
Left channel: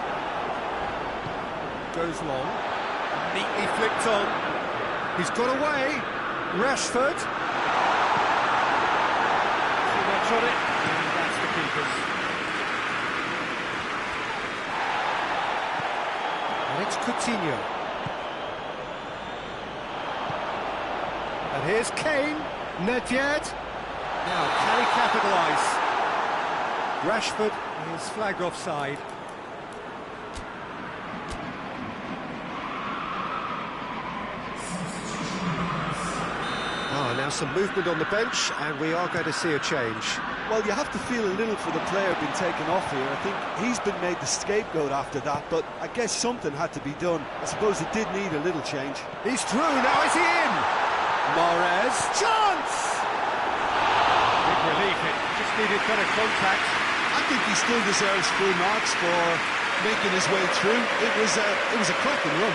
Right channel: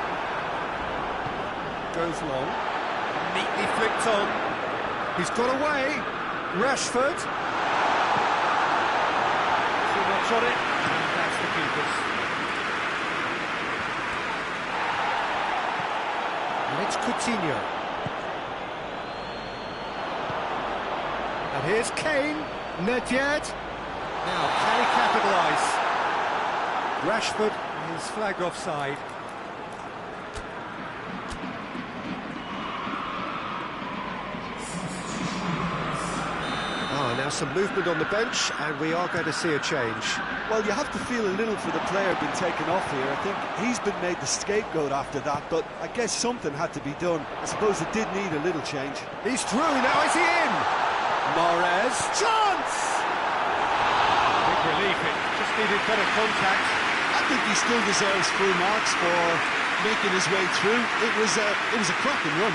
Goes long. Neatly flicked on. He's got away. Rashford. Too much on it. And that's the keeper's. And it's Coutinho. And here's Kane. Nedved. Now, can he capitalise? Rashford is flagged offside. Now some movement on the bench, and we are going to see a change. Well, you have to feel a little for the player being taken off here. I think he's been made the scapegoat after that, but I guess something had to be done. I suppose it did need a little change. He's through, now is he in? Mahrez, chance! Big relief, it just needed better contact. I think he still deserves full marks for making his way through. It was a cracking run.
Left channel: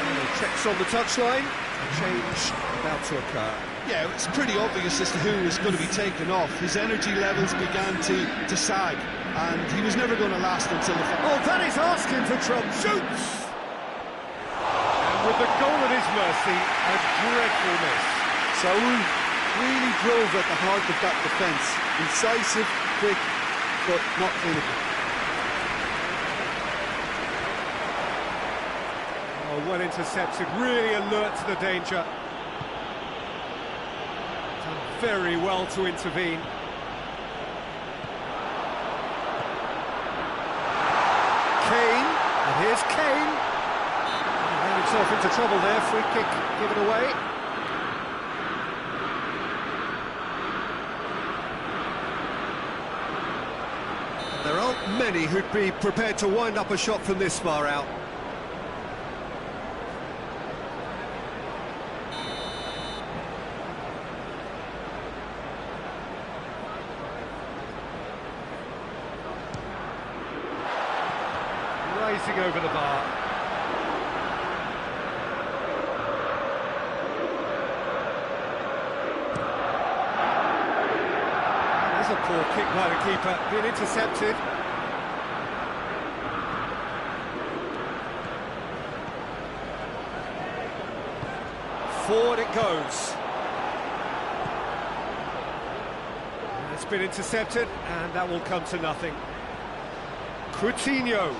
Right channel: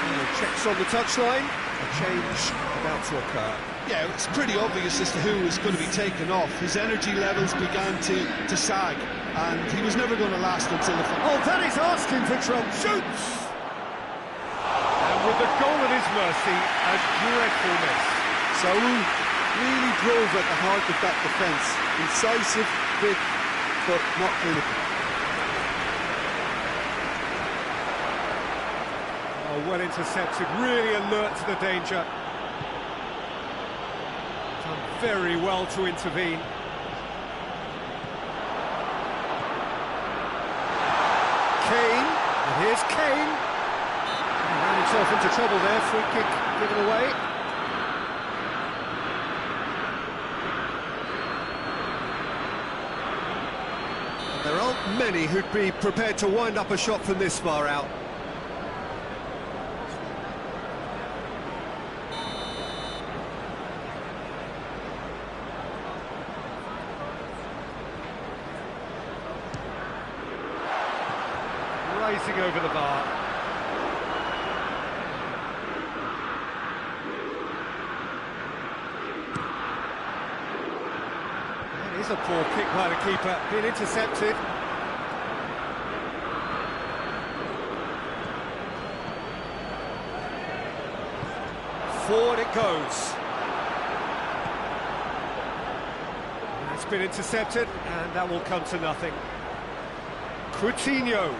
And he checks on the touchline. A change about to occur. Yeah, it's pretty obvious as to who was going to be taken off. His energy levels began to sag, and he was never going to last until the final. Oh, that is asking for trouble. Shoots! And with the goal at his mercy, a dreadful miss. Saul really drove at the heart of that defence. Incisive, quick, but not clinical. Oh, well intercepted, really alert to the danger. Done very well to intervene. Kane, and here's Kane. He ran himself into trouble there, free kick given away. There aren't many who'd be prepared to wind up a shot from this far out. rising over the bar. That is a poor kick by the keeper, being intercepted. Forward it goes. It's been intercepted, and that will come to nothing. Coutinho.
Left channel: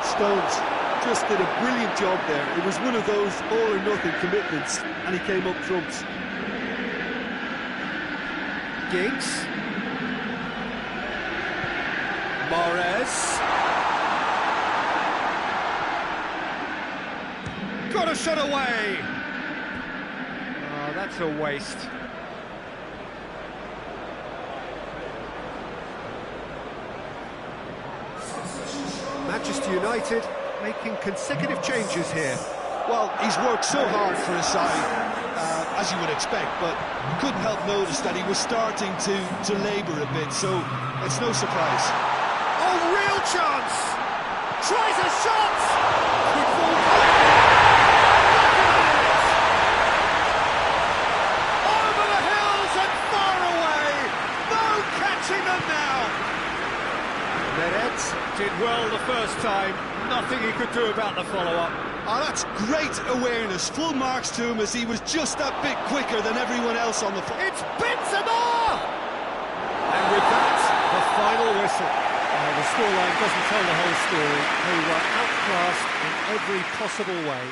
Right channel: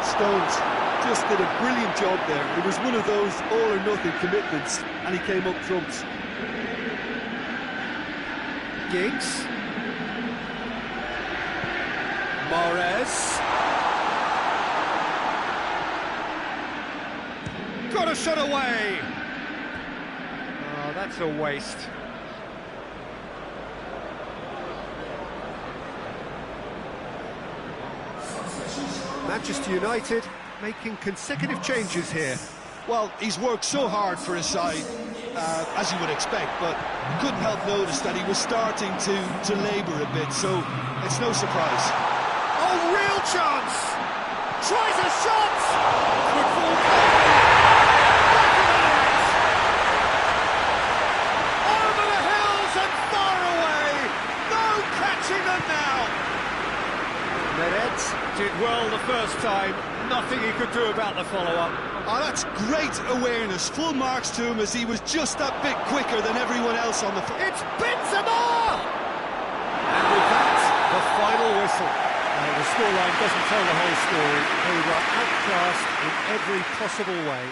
Stones just did a brilliant job there. It was one of those all-or-nothing commitments, and he came up trumps. Giggs. Mahrez. Got a shot away! Oh, that's a waste. Manchester United making consecutive changes here. Well, he's worked so hard for his side, as you would expect, but you couldn't help notice that he was starting to labour a bit, so it's no surprise. Oh, real chance! Tries a shot! Could fall back of the net! Over the hills and far away! No catching them now! Neres did well the first time, nothing he could do about the follow-up. Oh, that's great awareness. Full marks to him as he was just that bit quicker than everyone else on the field. It's Benzema! And with that, the final whistle. The scoreline doesn't tell the whole story. They were outclassed in every possible way.